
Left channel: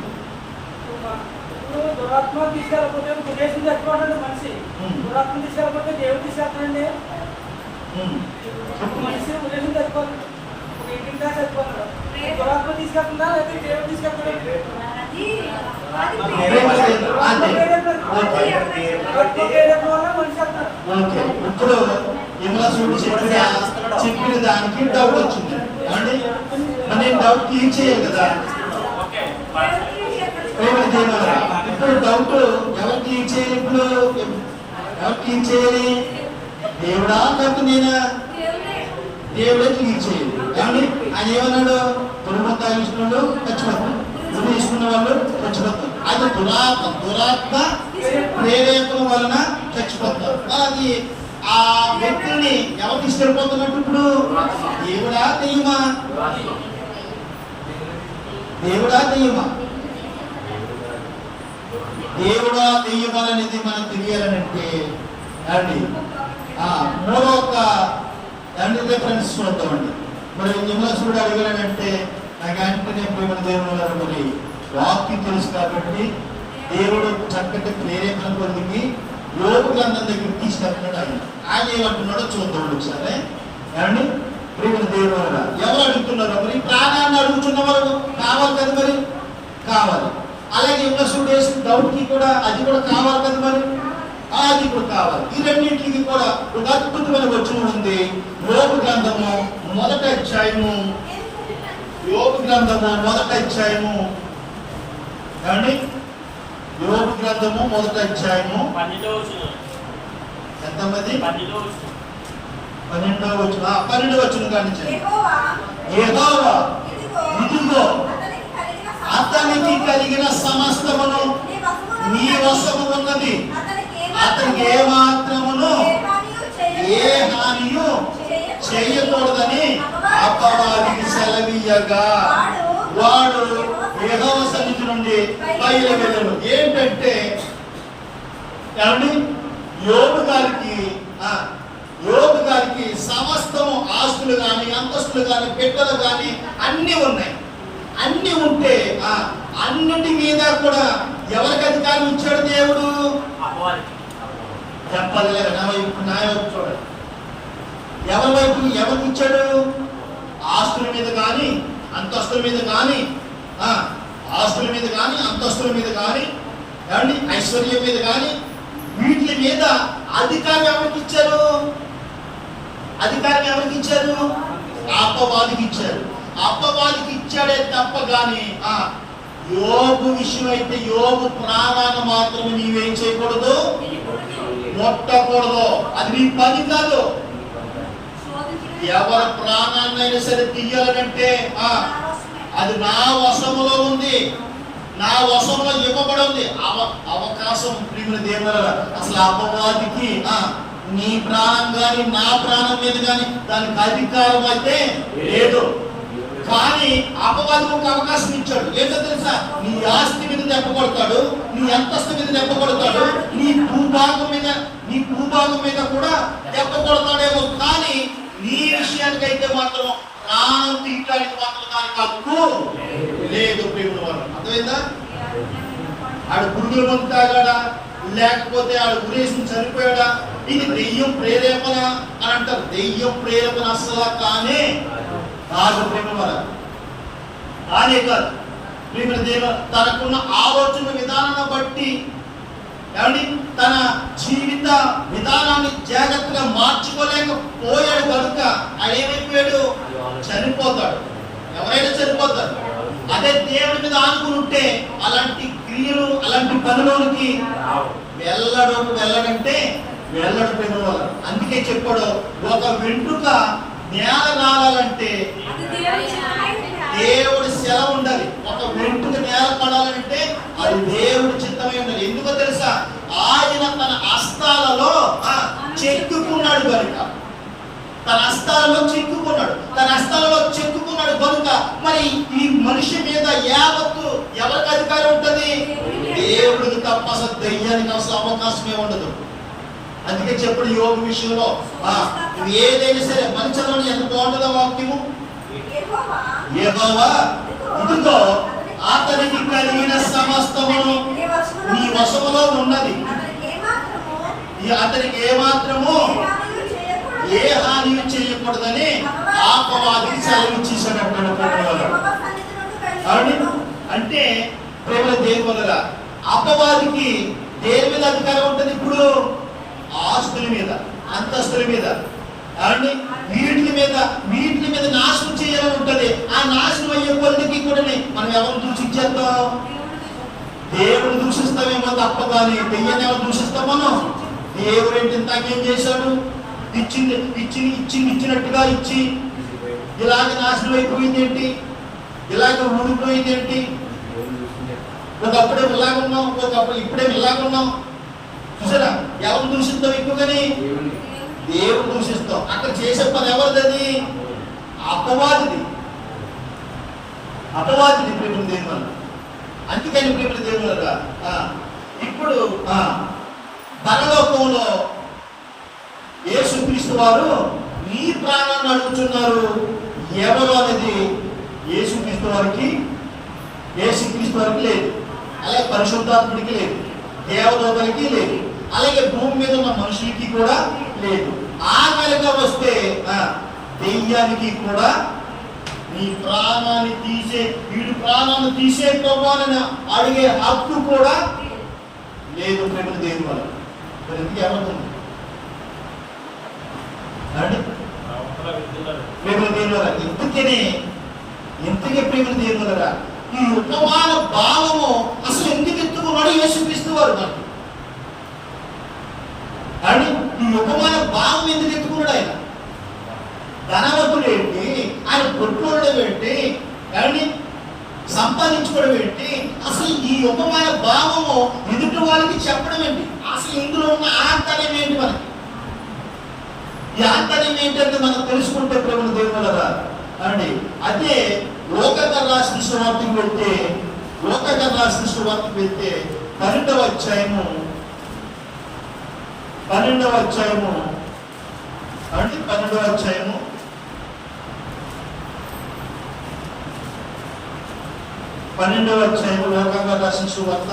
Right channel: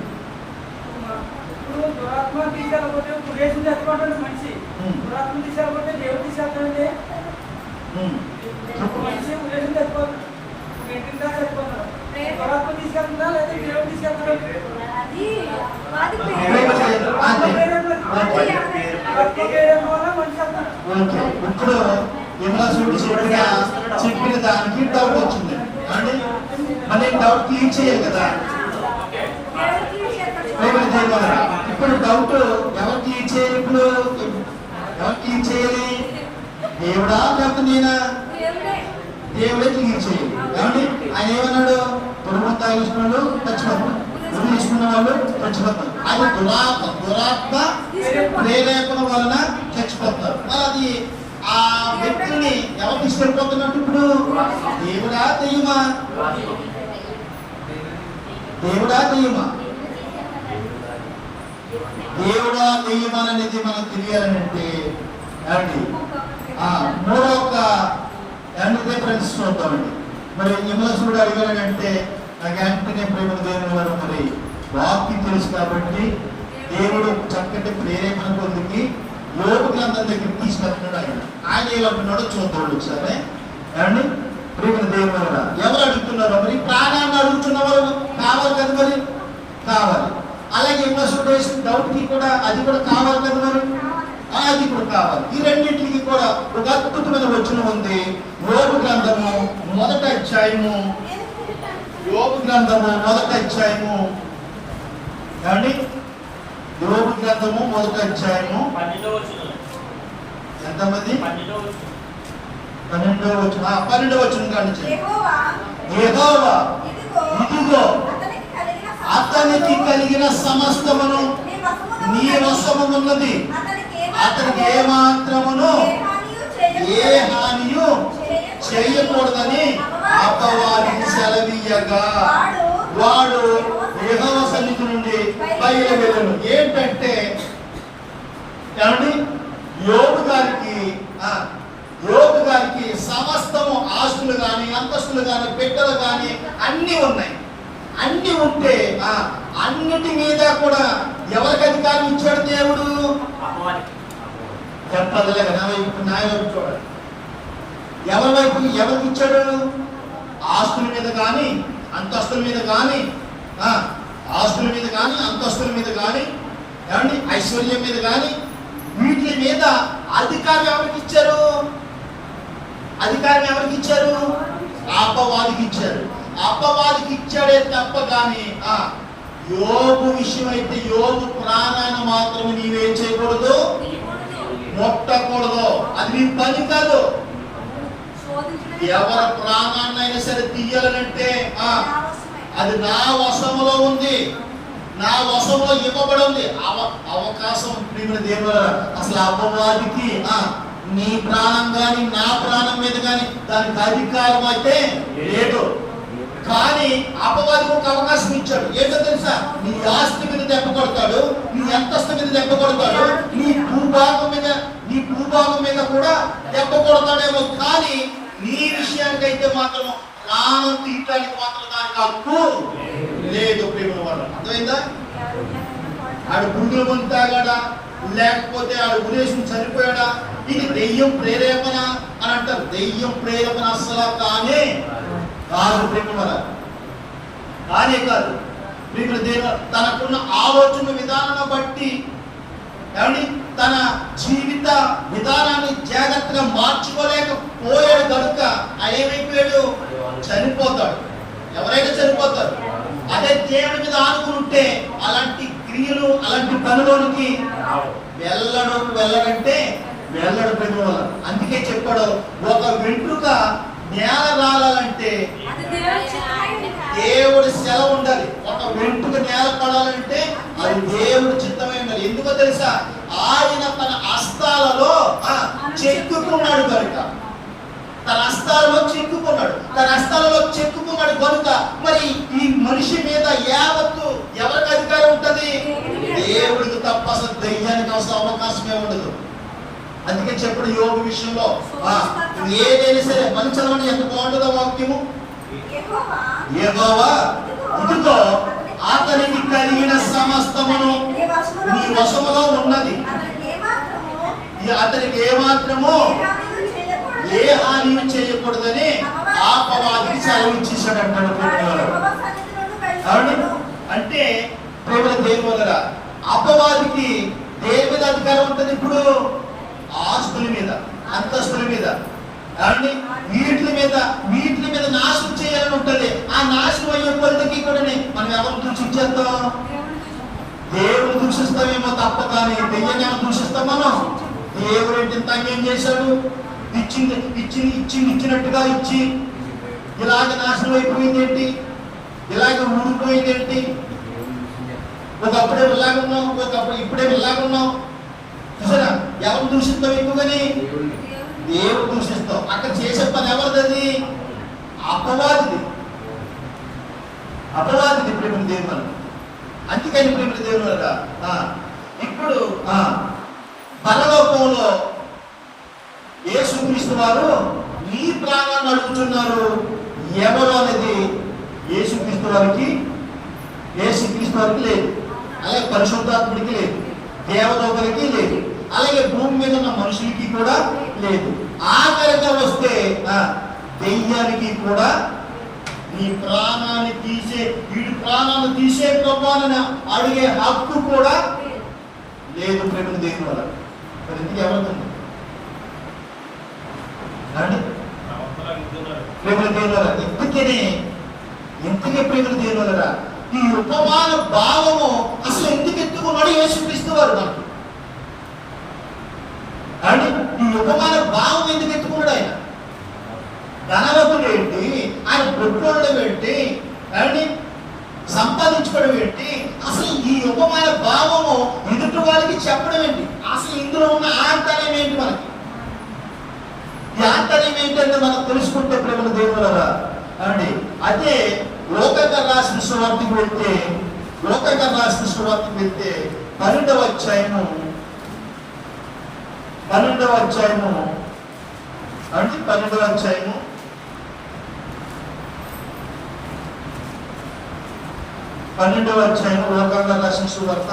ఇప్పుడు యోగాసురుడు చెప్పిన దానికి డౌట్ వచ్చింది అండి. మన డౌట్ క్లియర్ చేయాలి కదా. ఇప్పుడు డౌట్ ఎవరు క్లియర్ చేయాలి? ఇప్పుడు ఎవరు క్లియర్ చేయాలి? దేవుడా లేకపోతే నేనా? దేవుడే క్లియర్ చేయాలి. ఏమండి ఆయన ఏమన్నాడు? తురుము తాగించిన వాళ్ళు చచ్చిపోతారు, ఉరి తీసుకున్న వాళ్ళు చచ్చిపోతారు. అయితే దురాత్మ ప్రేరేపణ వలన చచ్చిపోతారు. అది ఆ వ్యక్తిని ఎవరికి ఇష్టపడుతున్నట్టు ఇప్పుడు దేవుడా దెయ్యమా? దేవుడా దెయ్యమా? దేవుడా దెయ్యమా అనేది మనకు తెలియాలనంటే అండి మూడొక రిఫరెన్స్ చూద్దామండి. మరి యమలసుడు అడిగాడంటే నాకు వెంటనే ప్రేమ దేవుని వారు మరి వాక్యం తెలుసు కాబట్టి దేవుడు చక్కటి ప్రేరేపణ పొందికి యోగ గ్రంథం దగ్గరికి తీసుకెళ్తున్నాడు. ఆయన ఏమంటున్నాడో చూద్దాం ఒకసారి. ఏమండి ప్రేమ దేవుని వారు ఎవరు అడుగుతున్నారో మరి ప్రాణాన్ని అడుగుతున్న వాళ్ళు కావాలి కదా, మరి కావాలి. అలాగే యమలసుడు వేసిన డౌట్కి కూడా అది కూడా కావాలి కదా, మరి అది కూడా కావాలి. ఈ రెండింటికి కూడా ఒక అద్భుతమైన వచనం ఉంది. యోబు గ్రంథము మొదటి అధ్యాయము, యోబు గ్రంథము మొదటి అధ్యాయము, ఏమండి యోబు గ్రంథము మొదటి అధ్యాయము 12వ వచనం. ఎంతమంది? 12వ వచనం. 12వ వచనం. 12వ వచనం కానించండి. యెహోవా ఇదిగో అతనికి కలిగిన సమస్తమును నీ వశము ఉన్నది, అతనికి ఏ మాత్రమును ఏ హానియు చేయకూడదని అపవాదికి సెలవీయగా వాడు యెహోవా సన్నిధి నుండి బయలువెళ్ళెను. ఏంటంటే యోబు గారికి సమస్తము ఆస్తులు కానీ అంతస్తులు కానీ బిడ్డలు కానీ అన్ని ఉన్నాయి. అన్ని ఉంటే అన్నిటి మీద కూడా ఎవరికి అధికారం ఇచ్చాడు దేవుడు? చెప్పాలి కదా. నా వైపు చూడండి, ఎవరి వైపు ఎవరికి ఇచ్చాడు? ఆస్తుల మీద కానీ అంతస్తుల మీద కానీ, ఆస్తుల మీద కానీ అంతస్తుల మీద కానీ, ఏమండి ఐశ్వర్యం మీద కానీ, వీటి మీద అధికారం ఎవరికి ఇచ్చారు? అధికారం ఎవరికి ఇచ్చారు? అపవాదికి ఇచ్చారు. అపవాదికి ఇచ్చాడే తప్ప కానీ యోబు విషయం అయితే యోబు ప్రాణాన్ని మాత్రం నీవేం చేయకూడదు, ముట్టకూడదు. అది నీ పని కాదు. ఎవరి ప్రాణాన్నైనా సరే తీయాలనంటే అది నా వశములో ఉంది, నా వశంలో ఇవ్వబడి ఉంది అవకాశం. ప్రియమైన దేవుల అసలు అపవాదికి నీ ప్రాణం కానీ నా ప్రాణం మీద కానీ దానికి అధికారం అయితే లేదు. కానీ అపవాదికి ఒక అవకాశం ఇచ్చాడు. ఏంటో తెలుసా? నీ ఆస్తి మీద దెబ్బ కొడతాడు, నీ అంతస్తు మీద దెబ్బ కొడతాడు, నీ భూభాగం మీద కూడా దెబ్బ కొడతాడేమో. కానీ నీ విషయానికైతే మాత్రం ప్రాణం తీయటానికి మాత్రం దానికి హక్కు లేదు. ప్రేమ వాళ్ళు అర్థమైందా? ఆడు గుండెల ముందు తాగాడా, లేకపోతే ఆడు గురేసి చనిపోయాడా? ఇది దెయ్యం ప్రేరేపణ అని అంటారు. దెయ్యం ప్రేరేపణ అసలు కాదు ప్రేమ వల్ల, కానే కాదు. ప్రేమ దేవుడు తనకున్న ఆలోచన విధానాన్ని బట్టి ఏమండి తన జీవిత విధానాన్ని జాగ్రత్తగా మార్చుకోలేకపోయాడు కనుక ఏమైపోయాడు? చనిపోతాడు. ఎవరైనా చనిపోతారు. అదే దేవుడి మీద ఆనుకుని ఉంటే అలాంటి క్రియలు అలాంటి పనులోనికి వెళ్ళడంటే వెళ్ళడు ప్రేమ వల్ల. అందుకే చెప్పాడు, ఒక వెంట్రుక నేల రాలంటే దేవుడి సెలవు ఉండాలి. ఒక వెంట్రుక నేల పడాలంటే అది దేవుడి చిత్తమై ఉండాలి. ఎందుకో తెలుసా? ఆయన తన హస్తాలలో చెక్కుకున్నాడు కనుక, తన హస్తాలలో చెక్కుకున్నాడు కనుక మరి ఈ మనిషి మీద యావత్తు ఎవరికి అధికారం ఉంటుంది? దేవుడికి తప్ప అసలు దయ్యానికి అసలు అవకాశమే ఉండదు. అందుకే చెప్పడు యోగ విషయంలో ఏదైనా సరే మంచి ఎంత బాగుంటుందో వాక్యము. యెహోవా ఇదిగో అతనికి కలిగిన సమస్తమును నీ వశములో ఉన్నది, అతనికి ఏమాత్రము ఏ హాని చేయకూడదని అపవాదికి సెలవు ఇచ్చేసాడు అంటాడు. అంటే ప్రేమల దేవులరా అపవాదికి దేని మీద అధికారం ఉంటుంది? ఇప్పుడు ఆస్తుల మీద అంతస్తుల మీద వీటి మీద నాశనం చేయాలని ఉంటుంది. ఆ నాశనం అయ్యే కొలదికి కూడా మనం ఎవరు దూషించేద్దాం? దేవుడు దూషిస్తామేమో తప్ప కానీ దెయ్యాన్ని ఎవరు దూషిస్తాం? మనం దేవుడు ఏంటి ఇంత ఏం చేశాడు? ఇచ్చినట్టుగా ఇచ్చి ఇలాగే నాశనం అయిపోయింది ఏంటి? ఇలాగ ఊడిపోయింది ఏంటి? ఒకప్పుడే ఇలాగున్నాం, ఒకప్పుడు ఇప్పుడే ఇలాగున్నాం. చూసారా? ఎవరు దూషిస్తాం ఎక్కువగాని? దేవుడు దూషిస్తాం. అక్కడ చేసే పని ఎవరిది? అపవాదిది. అపవాదిది ప్రేమల దేవుడు. అందుకని ప్రేమల దేవుడురా ఇప్పుడు పరలోకంలో యేసుక్రీస్తు వారు నీ ప్రాణాన్ని అడుగుతున్నారు. ఎవరు అనేది యేసుక్రీస్తు వారికి లేదు, అలాగే పరిశుద్ధాత్ముడికి లేదు, దేవదూతలకి లేదు, అలాగే భూమి మీద ఉన్న మనుషులకి కూడా లేదు. ఆఖరిగా వస్తే దెయ్యానికి కూడా నీ ప్రాణాన్ని వీడి ప్రాణాన్ని తీసే ప్రభావాన్ని అడిగే హక్కు కూడా లేదు ప్రేమ దేవుని వల్ల. మరి ఎందుకు ఎవరుతుంది ప్రేమల దేవుని వల్ల? ఇంతకే ప్రేమల దేవుని వల్లరా ఈ ఉపమాన భావము అసలు ఎందుకు ఎత్తుకున్నాడు యేసుక్రీస్తు వారు మనకి? అండి ఈ ఉపమాన భావం ఎందుకు ఎత్తుకున్నాడు ఆయన? ధనవంతుడు ఏంటి, ఆయన కొట్టుకోవడం ఏంటి, అండి సంపాదించుకోవడం ఏంటి, అసలు ఈ ఉపమాన భావము ఎదుటి వాళ్ళకి చెప్పడం ఏంటి? అసలు ఇందులో ఉన్న ఆంతర్యం ఏంటి? మనకి ఈ ఆంతర్యం ఏంటంటే మనం తెలుసుకుంటే ప్రేమల దేవులరా అండి. అదే లోకగా రాసిన సువార్తకి వెళ్తే 12వ అధ్యాయము అంటే 12వ అధ్యాయము 12వ అధ్యాయం లోకంగా రాసిన సువార్త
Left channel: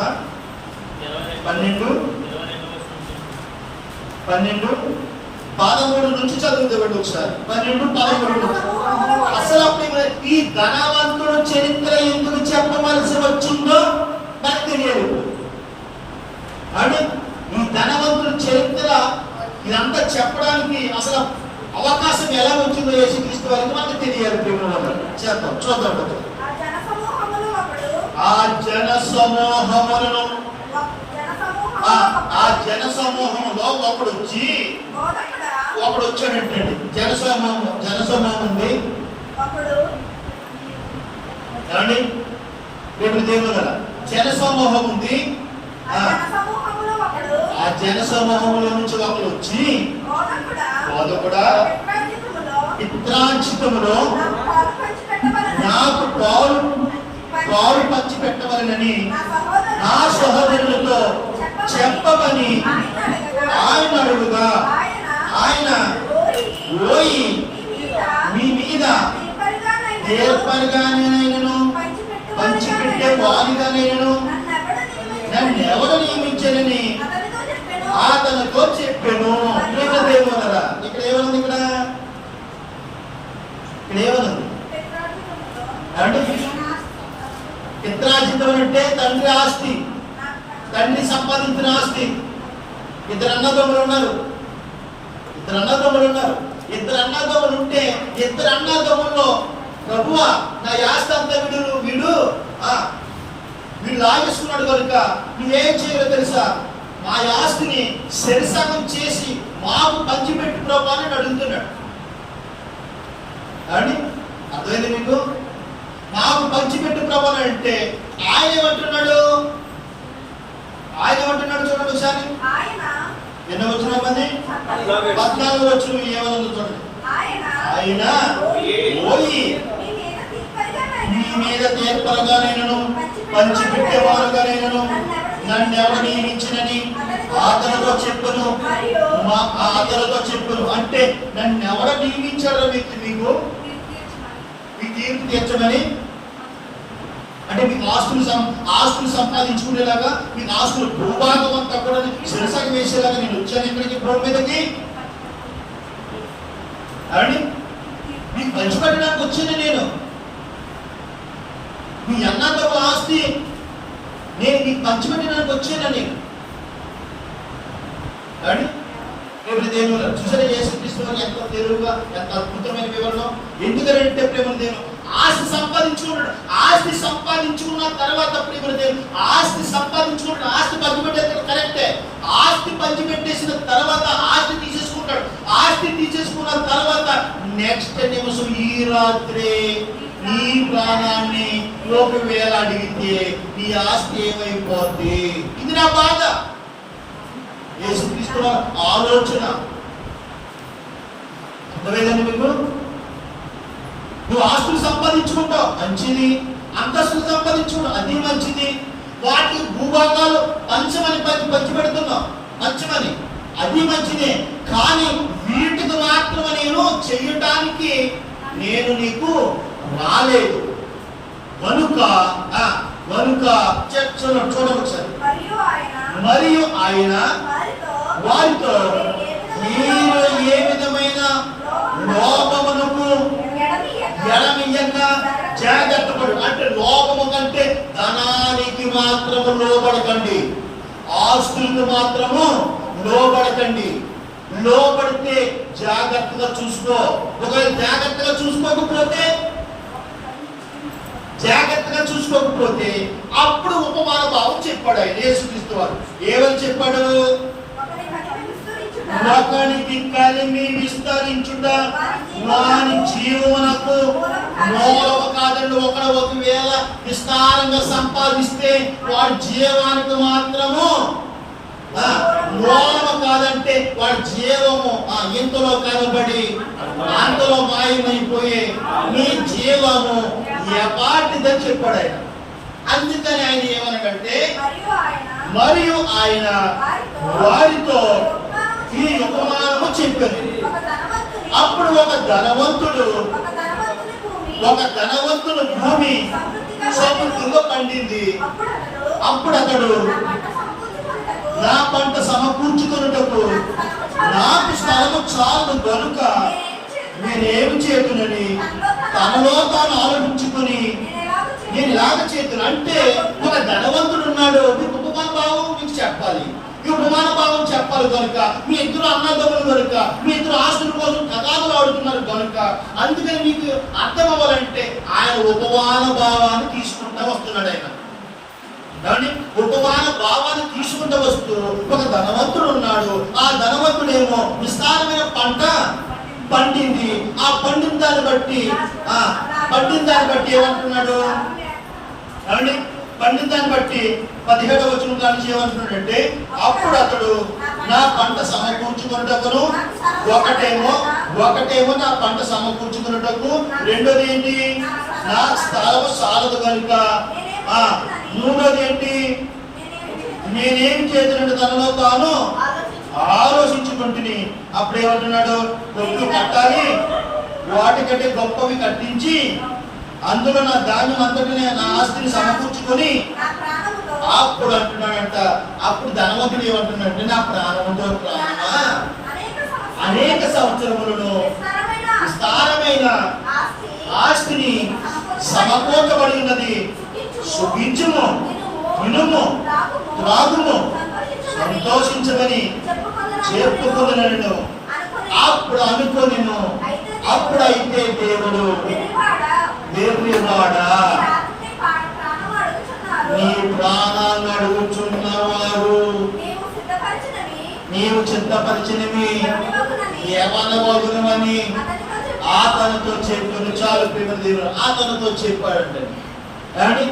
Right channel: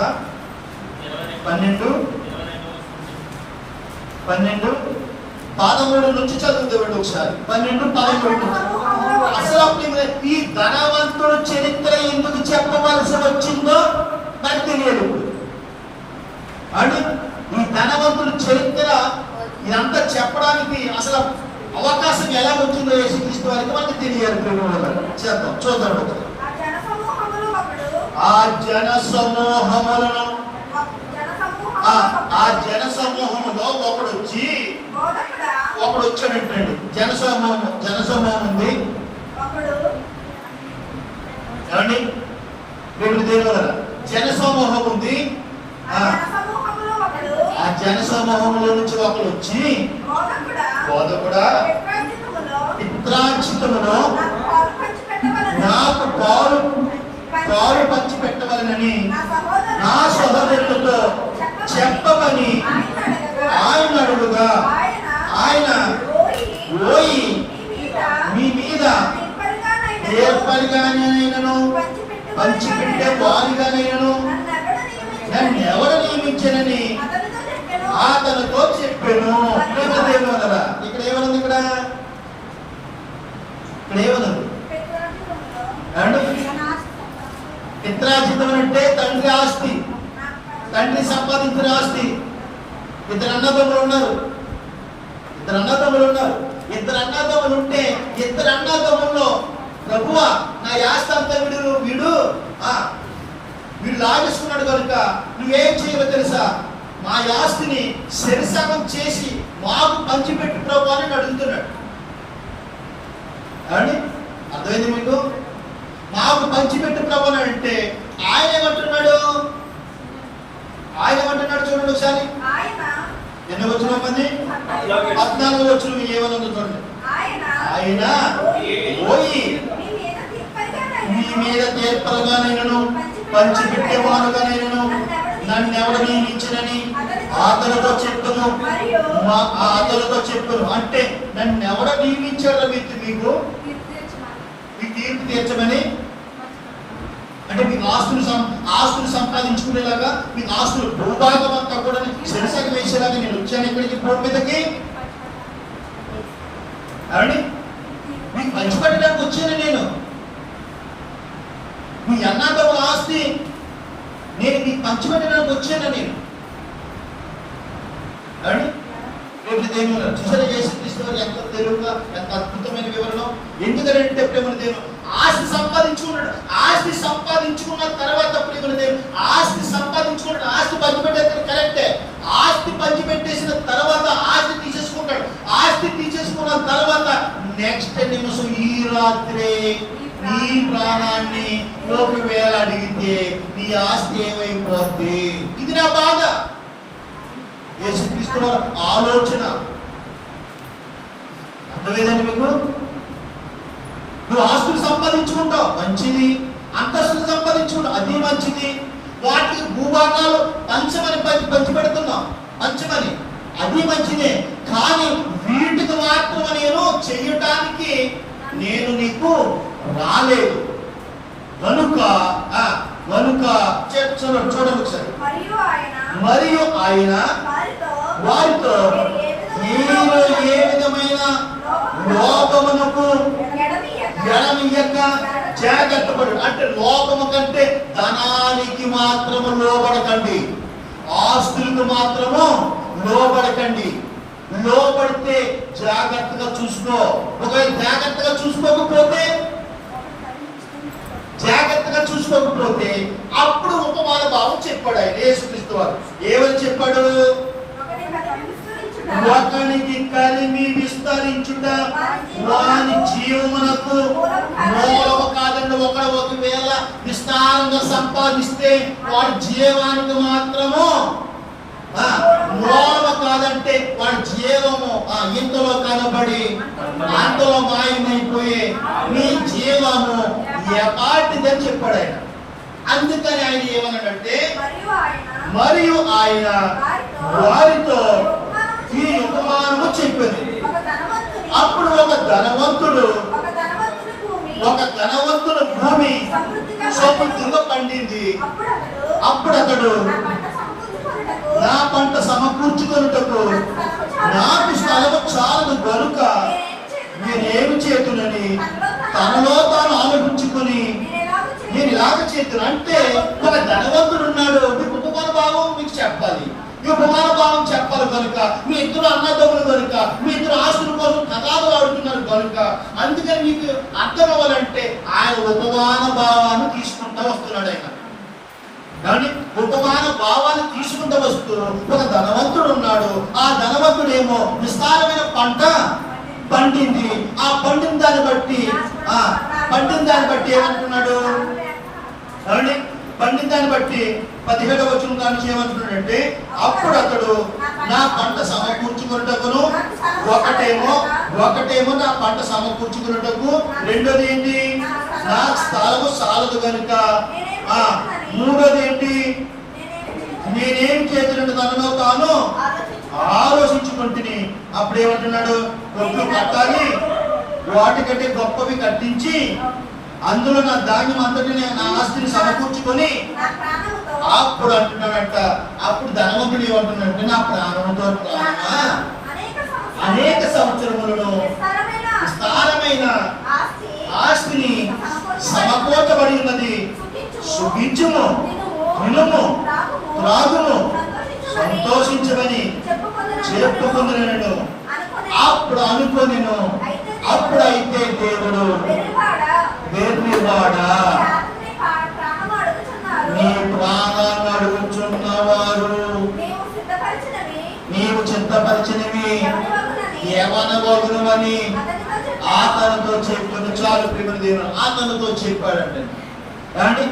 12:13 నుంచి చదువుతామండి ఒకసారి. 12:13 నుంచి. అసలు అప్పుడు ఈ ధనవంతుడు చరిత్ర ఎందుకు చెప్పవలసి వచ్చిందో నాకు తెలియదు. అంటే ఈ ధనవంతుడు చరిత్ర ఇదంతా చెప్పడానికి అసలు అవకాశం ఎలా వచ్చిందో యేసుక్రీస్తు వారికి మనకు తెలియాలి. చేద్దాం, చూద్దాం. ఆ జన సమూహములను ఒకడు వచ్చాడంటండి. జనసమూహం ఉంది ఏమండి? రేపు దేవుడు జనసమూహం ఉంది. ఆ జనసమూహంలో నుంచి ఒకడు వచ్చి బోధకుడా పిత్రార్జితములో నాకు పాలు పంచి పెట్టవలనని నా సహోదరులతో చెప్పమని ఆయన అడుగుగా ఆయన ఓయి మీ మీద ఏర్పరిగానైనను పంచిపెట్టే వారిగానైనను నన్ను ఎవరు నియమించనని అతనితో చెప్పాను. దేవునరా ఇక్కడ ఏమనుంది? ఇక్కడ ఏమనుంది అంటే పిత్రార్జితం అంటే తండ్రి ఆస్తి, తండ్రి సంపాదించిన ఆస్తి. ఇద్దరు అన్నదమ్ములు ఉన్నారు. ఇద్దరు అన్నదమ్ములు ఉంటే ఇద్దరు అన్నదమ్ముల్లో ప్రభువా నా ఆస్తి అంతా వీడు లాగేసుకున్నాడు కనుక నువ్వేం చేయాలో తెలుసా? మా ఆస్తిని శరిసగం చేసి మాకు పంచిపెట్టు ప్రభు అని అడుగుతున్నాడు. ఏమండి అర్థమైంది మీకు? మాకు పంచిపెట్టు ప్రభు అని అంటే ఆయన ఏమంటున్నాడు చూడండి ఒకసారి. ఎన్ని వచ్చిన మంది? 14 వచ్చిన ఏమన్నా చూడండి. ఆయన ఓయి మీ మీద తీర్పరగానైనను పంచిపెట్టేవారుగానైనను నన్ను ఎవరు నియమించనని అతనితో చెప్పును. అంటే నన్ను ఎవరు నియమించారో మీకు తీర్పు తీర్చమని. అంటే మీకు ఆస్తులు సంపాదించుకునేలాగా, మీకు ఆస్తులు భూభాగం అంతా కూడా శిరసగా వేసేలాగా నేను వచ్చాను ఇక్కడికి భూమి మీదకి. అవండి మీకు పంచిపెట్టడానికి వచ్చాను నేను. మీ అన్నతో ఆస్తి నేను మీకు పంచిపెట్టడానికి వచ్చాను నేను. అవండి దేవుడు చూసారా యేసుక్రీస్తు వారు ఎంత తెలుగుగా, ఎంత అద్భుతమైన వివరణ. ఎందుకంటే ప్రేమల దేవుడు ఆస్తి సంపాదించుకున్నాడు. ఆస్తి సంపాదించుకున్న తర్వాత ప్రేమల దేవుడు ఆస్తి పంచిపెట్టేది కరెక్టే. ఆస్తి పంచిపెట్టేసిన తర్వాత ఆస్తి తీసేసుకుంటాడు. ఆస్తి తీసేసుకున్న తర్వాత నెక్స్ట్ నిమిషం ఈ రాత్రే నీ ప్రాణాన్ని ఒకవేళ అడిగితే నీ ఆస్తి ఏమైపోద్ది? ఇది నా బాధ. యేసుక్రీస్తు వారి ఆలోచన అర్థమైందండి మీకు? నువ్వు ఆస్తులు సంపాదించుకుంటావు, మంచిది. అంతస్తులు సంపాదించుకుంటావు, అది మంచిది. వాటికి భూభాగాలు పంచమని పంచి పెడుతున్నావు, పంచమని, అది మంచిదే. కానీ వీటికి మాత్రం నేను చెయ్యటానికి నేను నీకు రాలేదు కనుక చూడండి ఒకసారి. మరియు ఆయన వారితో మీరు ఏ విధమైన లోపమునకు ఎడమియ్యక జాగ్రత్త పడు. అంటే లోపము కంటే ధనానికి మాత్రము లోబడకండి, ఆస్తులకు మాత్రము లోబడకండి. లోబడితే జాగ్రత్తగా చూసుకో. ఒకవేళ జాగ్రత్తగా చూసుకోకపోతే అప్పుడు ఉపమాన భావం చెప్పాడు ఆయన యేసుక్రీస్తు వారు. ఏమని చెప్పాడు? ఒకనికి కలిమి విస్తరించుట వాని జీవమునకు మూలము కాదండి. ఒకవేళ విస్తారంగా సంపాదిస్తే వాడి జీవానికి మాత్రము మూలము కాదంటే వాడి జీవము ఇంతలో కనబడి అంతలో మాయమైపోయే నీ జీవము ఎపాటిదని చెప్పాడు ఆయన. అందుకని ఆయన ఏమన్నాడంటే, మరియు ఆయన వారితో ఈ ఉపమానము చెప్పాను. అప్పుడు ఒక ధనవంతుడు భూమి సమృద్ధిగా పండింది. అప్పుడు అతడు నా పంట సమకూర్చుకొనుటకు నాకు స్థలము చాలదు గనుక నేనేమి చేతునని తనలో తాను ఆలోచించుకుని నేను ఇలాగ చేతును. అంటే ఒక ధనవంతుడు ఉన్నాడు, మీకు ఉపమాన భావం మీకు చెప్పాలి, ఈ ఉపమాన భావం చెప్పాలి కనుక, మీ ఇద్దరు అన్నదమ్ములు కనుక, మీ ఇద్దరు ఆస్తుల కోసం తగాదులు ఆడుతున్నారు కనుక, అందుకని మీకు అర్థం అవ్వాలంటే ఆయన ఉపమాన భావాన్ని తీసుకుంటా వస్తున్నాడు. ఆయన ఉపమాన భావాన్ని తీసుకుంటూ వస్తూ ఒక ధనవంతుడు ఉన్నాడు. ఆ ధనవంతుడేమో విస్తారమైన పంట పండింది. ఆ పండిన దాన్ని బట్టి ఏమంటున్నాడు? పండిన దాన్ని బట్టి 17వ వచనం కానీ ఏమంటున్నాడంటే, అప్పుడు అతడు నా పంట సమకూర్చుకున్నటకును, ఒకటేమో నా పంట సమకూర్చుకున్నటకు, రెండోది ఏంటి? నా స్థలము సాలదు కనుక, మూడోది ఏంటి? నేనేం చేతులను తనలో తాను ఆలోచించుకుంటుని. అప్పుడు ఏమంటున్నాడు? కొట్లు కట్టాలి, వాటికంటే గొప్పవి కట్టించి అందులో నా ధాన్యం అంతటిని, నా ఆస్తిని సమకూర్చుకొని, అప్పుడు అంటున్నాడంట. అప్పుడు ధనవంతుడు ఏమంటున్నాడంటే, నా ప్రాణంతో ప్రాణమా, అనేక సంవత్సరములను విస్తారమైన ఆస్తిని సమకూర్చబడి ఉన్నది, సుఖించుము, తినుము, త్రాగుము, సంతోషించమని చెప్పుకుందునను. అప్పుడు అనుకొనిను. అప్పుడైతే దేవుడు, వెర్రివాడా, నీ ప్రాణాన్ని అడుగుచున్నవారు నీవు చిత్తపరిచినవి ఏమనబోగునని ఆతనతో చెప్పును. చాలు ప్రేమ దేవుడు ఆతనతో చెప్పాడంటే. కానీ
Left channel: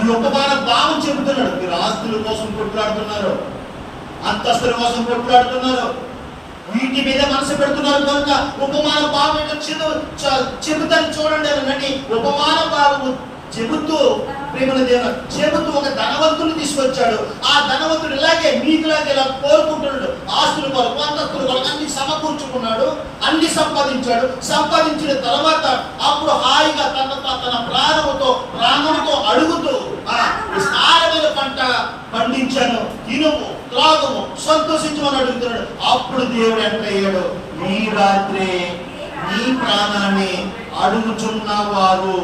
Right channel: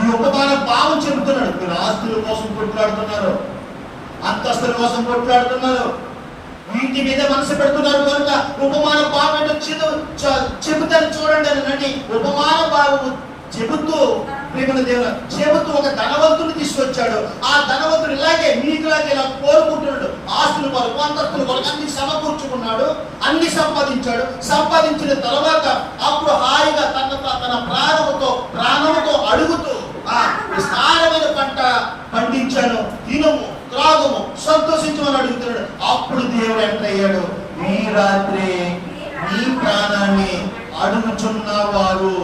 ఈ ఉపమాన భావం చెబుతున్నాడు. మీరు ఆస్తుల కోసం కొట్లాడుతున్నారు, అంతస్తుల కోసం కొట్లాడుతున్నారు, వీటి మీద మనసు పెడుతున్నారు కనుక ఉపమాన భావం ఏంటో చెబుతాను చూడండి అని ఉపమాన భావము చెబుతూ ప్రేమ దేవుడు చెబుతూ ఒక ధనవంతుని తీసుకొచ్చాడు. ఆ ధనవంతుడు ఇలాగే మీకులాగే ఇలా కోరుకుంటున్నాడు. ఆస్తుల కొరకు, అంతస్తుల కొరకు అన్ని సమకూర్చుకున్నాడు, అన్ని సంపాదించాడు. సంపాదించిన తర్వాత అప్పుడు హాయిగా తన ప్రాణముతో అడుగుతూ విస్తారమైన పంట పండించాను, తినుము, త్రాగుము, సంతోషించమని అడుగుతున్నాడు. అప్పుడు దేవుడు ఎంటర్ అయ్యాడు. ఈ రాత్రి నీ ప్రాణాన్ని అడుగుచున్న వారు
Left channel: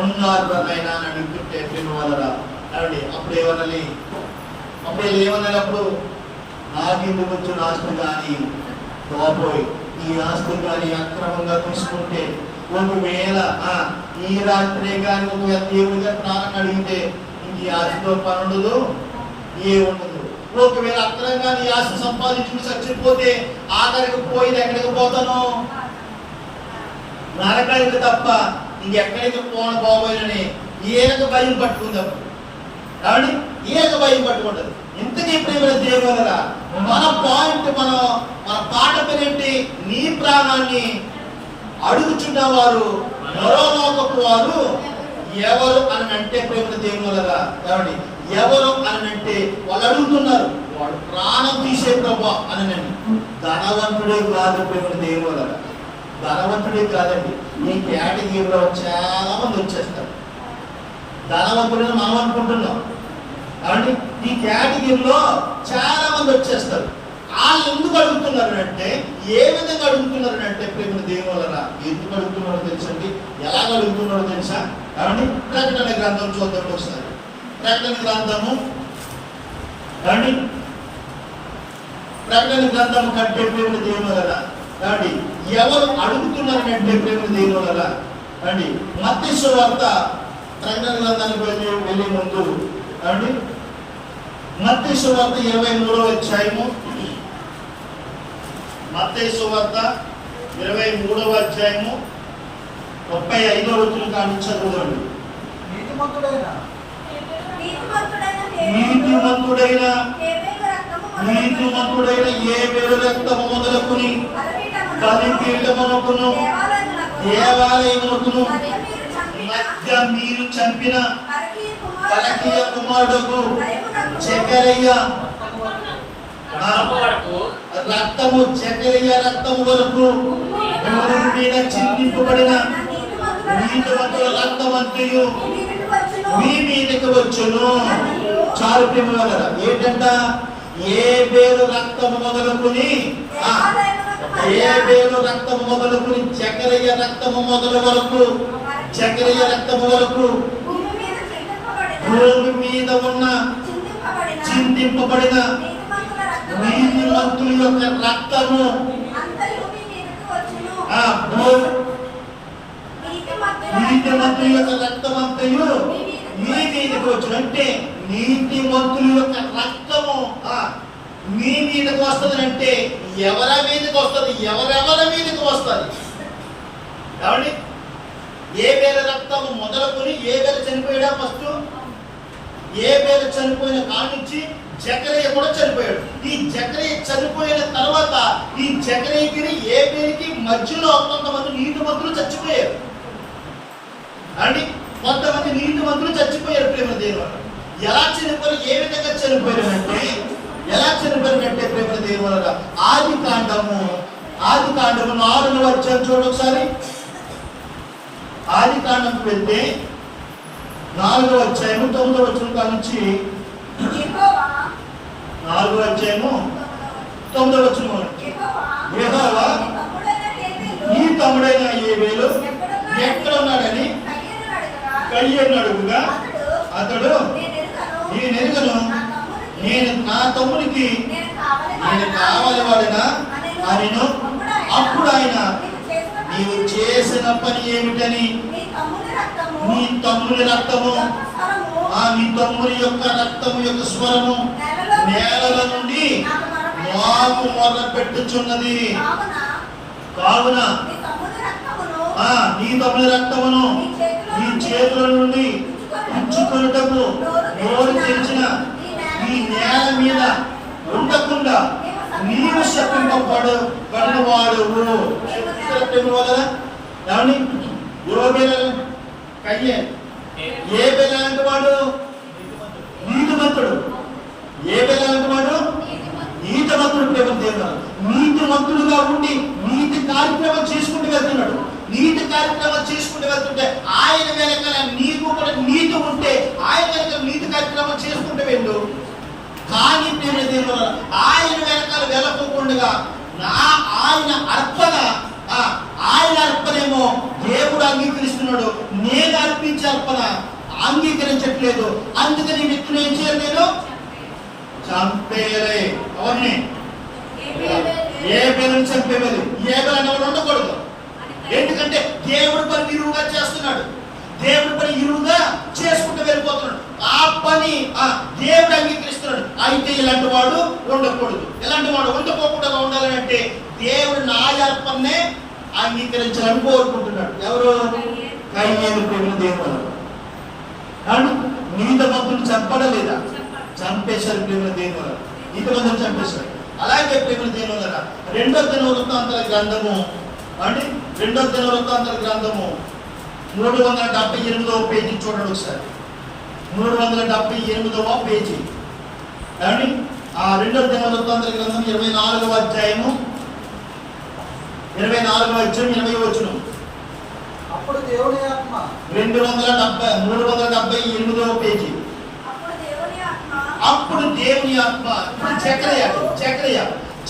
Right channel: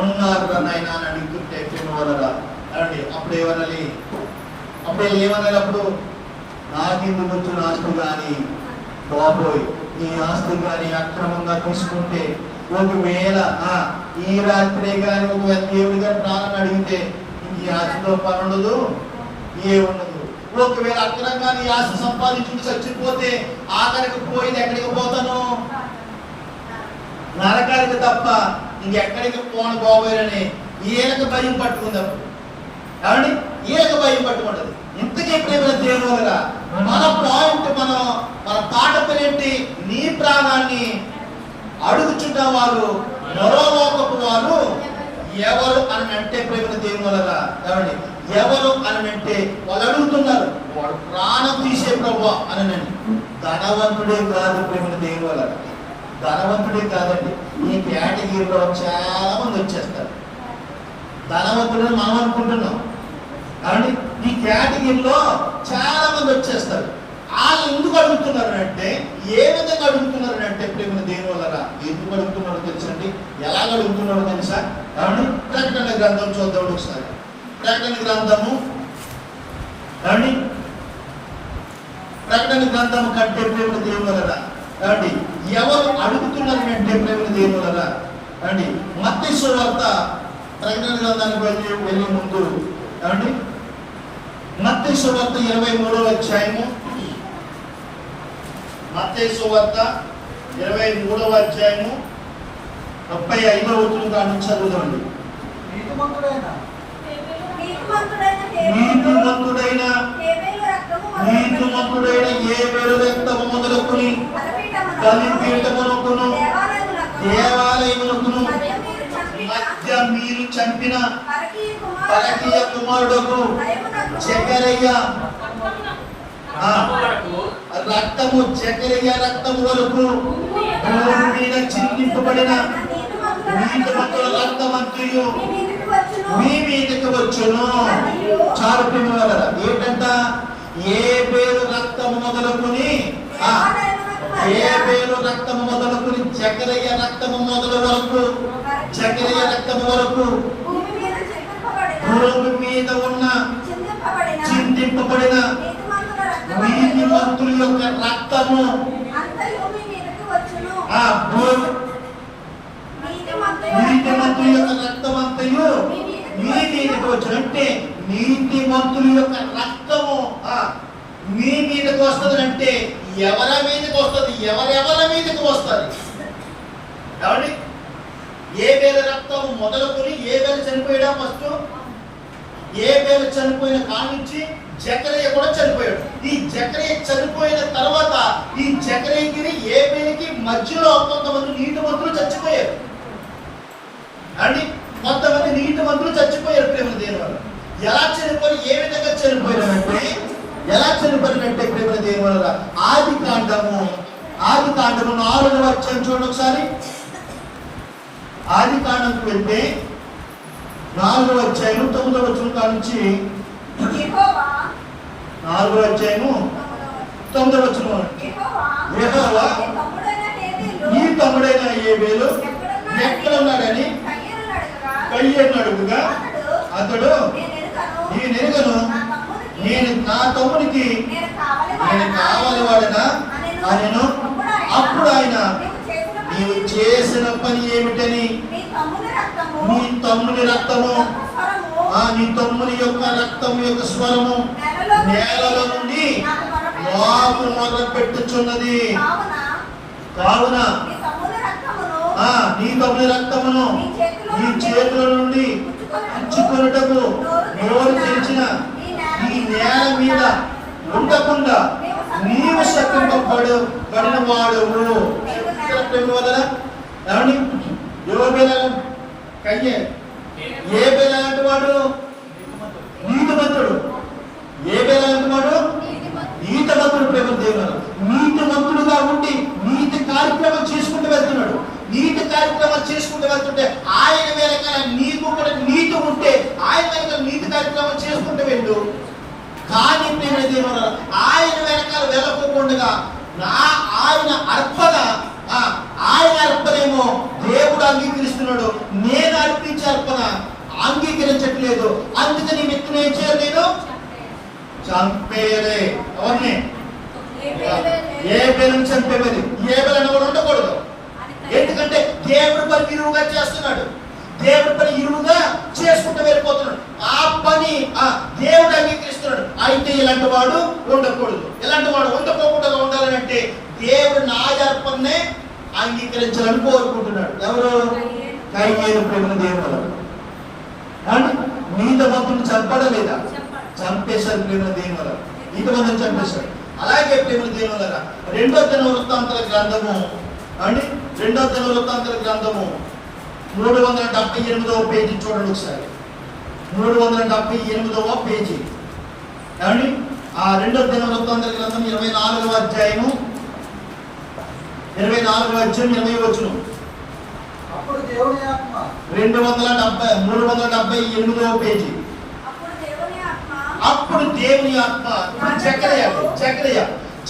ఉన్నారు నాయనా అని అడుగుతుంటే ప్రేమ వలరా అప్పుడు ఏమనాలి? అప్పుడు నాకెందుకు వచ్చిన ఆస్తులు కానీ బాబోయ్, ఈ ఆస్తులు కానీ అక్రమంగా తీసుకుంటే, ఒకవేళ ఈ రాత్రే కానీ ఒకవేళ దేవుడు గారి ప్రాణాన్ని అడిగితే ఈ ఆస్తితో పని ఉండదు, ఉండదు. ఒకవేళ అక్రమంగా నీ ఆస్తి సంపాదించుకుని చచ్చిపోతే ఆఖరికి పోయింది ఎక్కడికి పోతాను? నరకానికి తప్ప ఇంకెక్కడికి పోను బాబోయని ఈయనకు భయం పట్టుకుందప్పుడు. కాబట్టి ఈయనకు భయం పట్టుకుంటది. ఇంతకీ ప్రేమ దేవులరా మన పాయింట్, మన పాట పేరేంటి? నీ ప్రాణాన్ని అడుగుచున్న వారు నరోలోకపు వారు ఎవరు అని అంటే ప్రేమ దేవులరా, కాబట్టి ఎవరు అని అంటే వాళ్ళు అడుగుతున్నారు, వాడు ప్రాణం తీసే ప్రభు అని. ధనవంతుడే కాదు ప్రేమ దేవులరా, ధనవంతుడే కాదండి. ఈ కేటగిరీలో చాలా మంది వచ్చేస్తారు. ధనవంతుడని మనం అనుకుంటున్నాం కాబట్టి ఈ కేటగిరీలో చాలా మంది వచ్చేస్తారు. వాళ్ళు ఎందుకు అడుగుతున్నారు అంటే, ఏ విధంగా అడుగుతున్నారు అంటే ప్రేమ దేవులరా, ఎందుకు అడుగుతున్నారో తెలుసండి, ఎలాగ అడుగుతున్నారో తెలుసా? కాబట్టి ప్రకటన గ్రంథం చూద్దాం ఒకసారి. ప్రకటన గ్రంథము కాబట్టి ప్రకటన గ్రంథము కంటే ప్రేమ దేవులరా, కాబట్టి ఎవరు అడుగుతున్నారు అంటే ప్రేమ దేవులరా, కాబట్టి మత్తయి సువార్త ప్రకటన గ్రంథానికి వెళ్ళే ముందు కాబట్టి మత్తయి సువార్త 23వ అధ్యాయము, మత్తయి సువార్త 23వ అధ్యాయము 35వ వచనం కాడి నుంచి చదువుకోండి. నీతిమంతుడైన హేబెలు రక్తము మొదలుకొని బలిపీఠమునకును దేవాలయమునకును మధ్య మీరు చంపిన పరకీయ కుమారుడు జకరయ్య రక్తము, జకరయ్య రక్తము వరకు భూమి మీద చిందింపబడిన నీతిమంతుల రక్తమంతయు మీ మీదకి వచ్చును. చాలు ప్రేమవలరా, ఏంటంట? ఏ పేరు రక్తము మొదలుకుని జకరయ్య రక్తము మొదలు వరకు, జకరయ్య రక్తము వరకు భూమి మీద ఉన్న చిందింపబడిన నీతిమంతుల యొక్క రక్తము నీతిమంతుల యొక్క రక్తం అంతయు మీ మీదకి వచ్చును. అంటే నీతిమంతుల యొక్క రక్తము మీ మీదకి వస్తుంది అంటే ఎవరి మీదకి వస్తుంది? ఎవరెవరి మీదకి వస్తుంది? ఏమండి? ఏ వేల రక్తము మొదలుకొని ఏ వేల చనిపోయాడా? ఫస్ట్ ఏ వేల చనిపోయిన కాడి నుంచి జకరయ్య కూడా చనిపోయాడు. ఈ జకరయ్య చనిపోయిన తర్వాత ఈ జకరయ్యకి ఏ వేలకి మధ్యలో కొంతమంది నీతిమంతులు చచ్చిపోయారు అండి. కొంతమంది నీతిమంతులు చచ్చిపోయారు ప్రేమ దేవుని వల్ల. ఎలా చనిపోయి, ఏ విధంగా చనిపోయారంటే, ఎలా చనిపోయారంటే ప్రేమ దేవుని వల్ల ఆది కాండము 4వ అధ్యాయం చూడండి ఒకసారి. ఆది కాండంకి వెళ్తే 4వ అధ్యాయము 9వ వచనం కాడ నుంచి 4వ అధ్యాయము 9వ వచనం. యెహోవా నీ తమ్ముడైన హేబెలు ఎక్కడ ఉన్నాడని కయ్యను అడుగుగా అతడు, నేనెరుగను, నేను నా తమ్మునికి నేను కావాలి వాడినా అనెను. అప్పుడు ఆయన, నీవు చేసిన పని ఏమిటని, నీ తమ్ముని రక్తము, నీ తమ్ముని యొక్క రక్తము యొక్క స్వరము నేలల నుండి నాకు మొర్ర పెట్టుచున్నది. కావున నీ తమ్ముని రక్తమును నీ చేతుల నుండి ఉంచుకొనుటకు నోరు తెరిచిన ఈ నేల మీద ఉండకుండా నీవు శపింపబడిన వాడు. కయ్యే ఏ బేల లాంటి వాడు? నీతిమంతుడు. ఏ బేల లాంటి వాడు? నీతిమంతుడు. ప్రేమ దేవుడు నీతిమంతుడుగా ఉండి నీతి కార్యక్రమం చేసుకుంటూ వెళ్తున్నాడు. నీతి కార్యక్రమాలు చేసుకుంటూ వెళ్తుంటే ఆయన వెనకాల నీకు కూడా నీతి ఉంటే ఆయన వెనకాల నీతి కార్యక్రమం చేసుకుంటూ వెళ్ళు. కానీ ప్రేమ దేవుడు ఆయన వెనకాల వెళ్ళకుండా ఆయన అర్పణేమో దేవుడు అంగీకరిస్తున్నాడు, నేను అర్పించే అర్పణ అంగీకరించట్లేదు. అందుకని వ్యక్తిని ఏం చేయాలి? నేను చంపేయలే. అవన్నీ ఏ పేరుని చంపేది, ఏ పేరు ఎవరు ఉండకూడదు. ఎందుకంటే దేవుడి పని ఇరువుగా చేస్తున్నాడు, దేవుడి పని ఇరువుగా చేసుకుంటూ వెళ్ళిపోతున్నాడు. ఆ పని దేవుడు అంగీకరిస్తున్నాడు. అయితే ఇలాంటి వాడు ఉండకూడదు. ఇలాంటి వాడు ఉండకోకుండా ఉండాలని అంటే దేవుడు నా అర్పణనే అంగీకరించాలని కోరుకుంటున్నాడు. ఎవరు? కయ్యేలు ప్రేమ దేవుని వల్ల. కానీ నీతిమంతుడు చంపడలేదా? చంపేశారు ప్రేమ దేవుని వల్ల. నీతిమంతుడు చంపేశారు. అలాగే ప్రేమ దేవుని వల్ల 2వ దినవృత్తాంతాల గ్రంథము అండి, 2వ దినవృత్తాంతాల గ్రంథము 378వ పేజీ చూడండి ఒకసారి. 378వ పేజీ ఏమండి, ఆ 2వ దినవృత్తాంతాల గ్రంథం 24వ అధ్యాయము 20వ వచనం. అప్పుడు దేవుని ఆత్మ 378వ పేజీ. అప్పుడు దేవుని ఆత్మ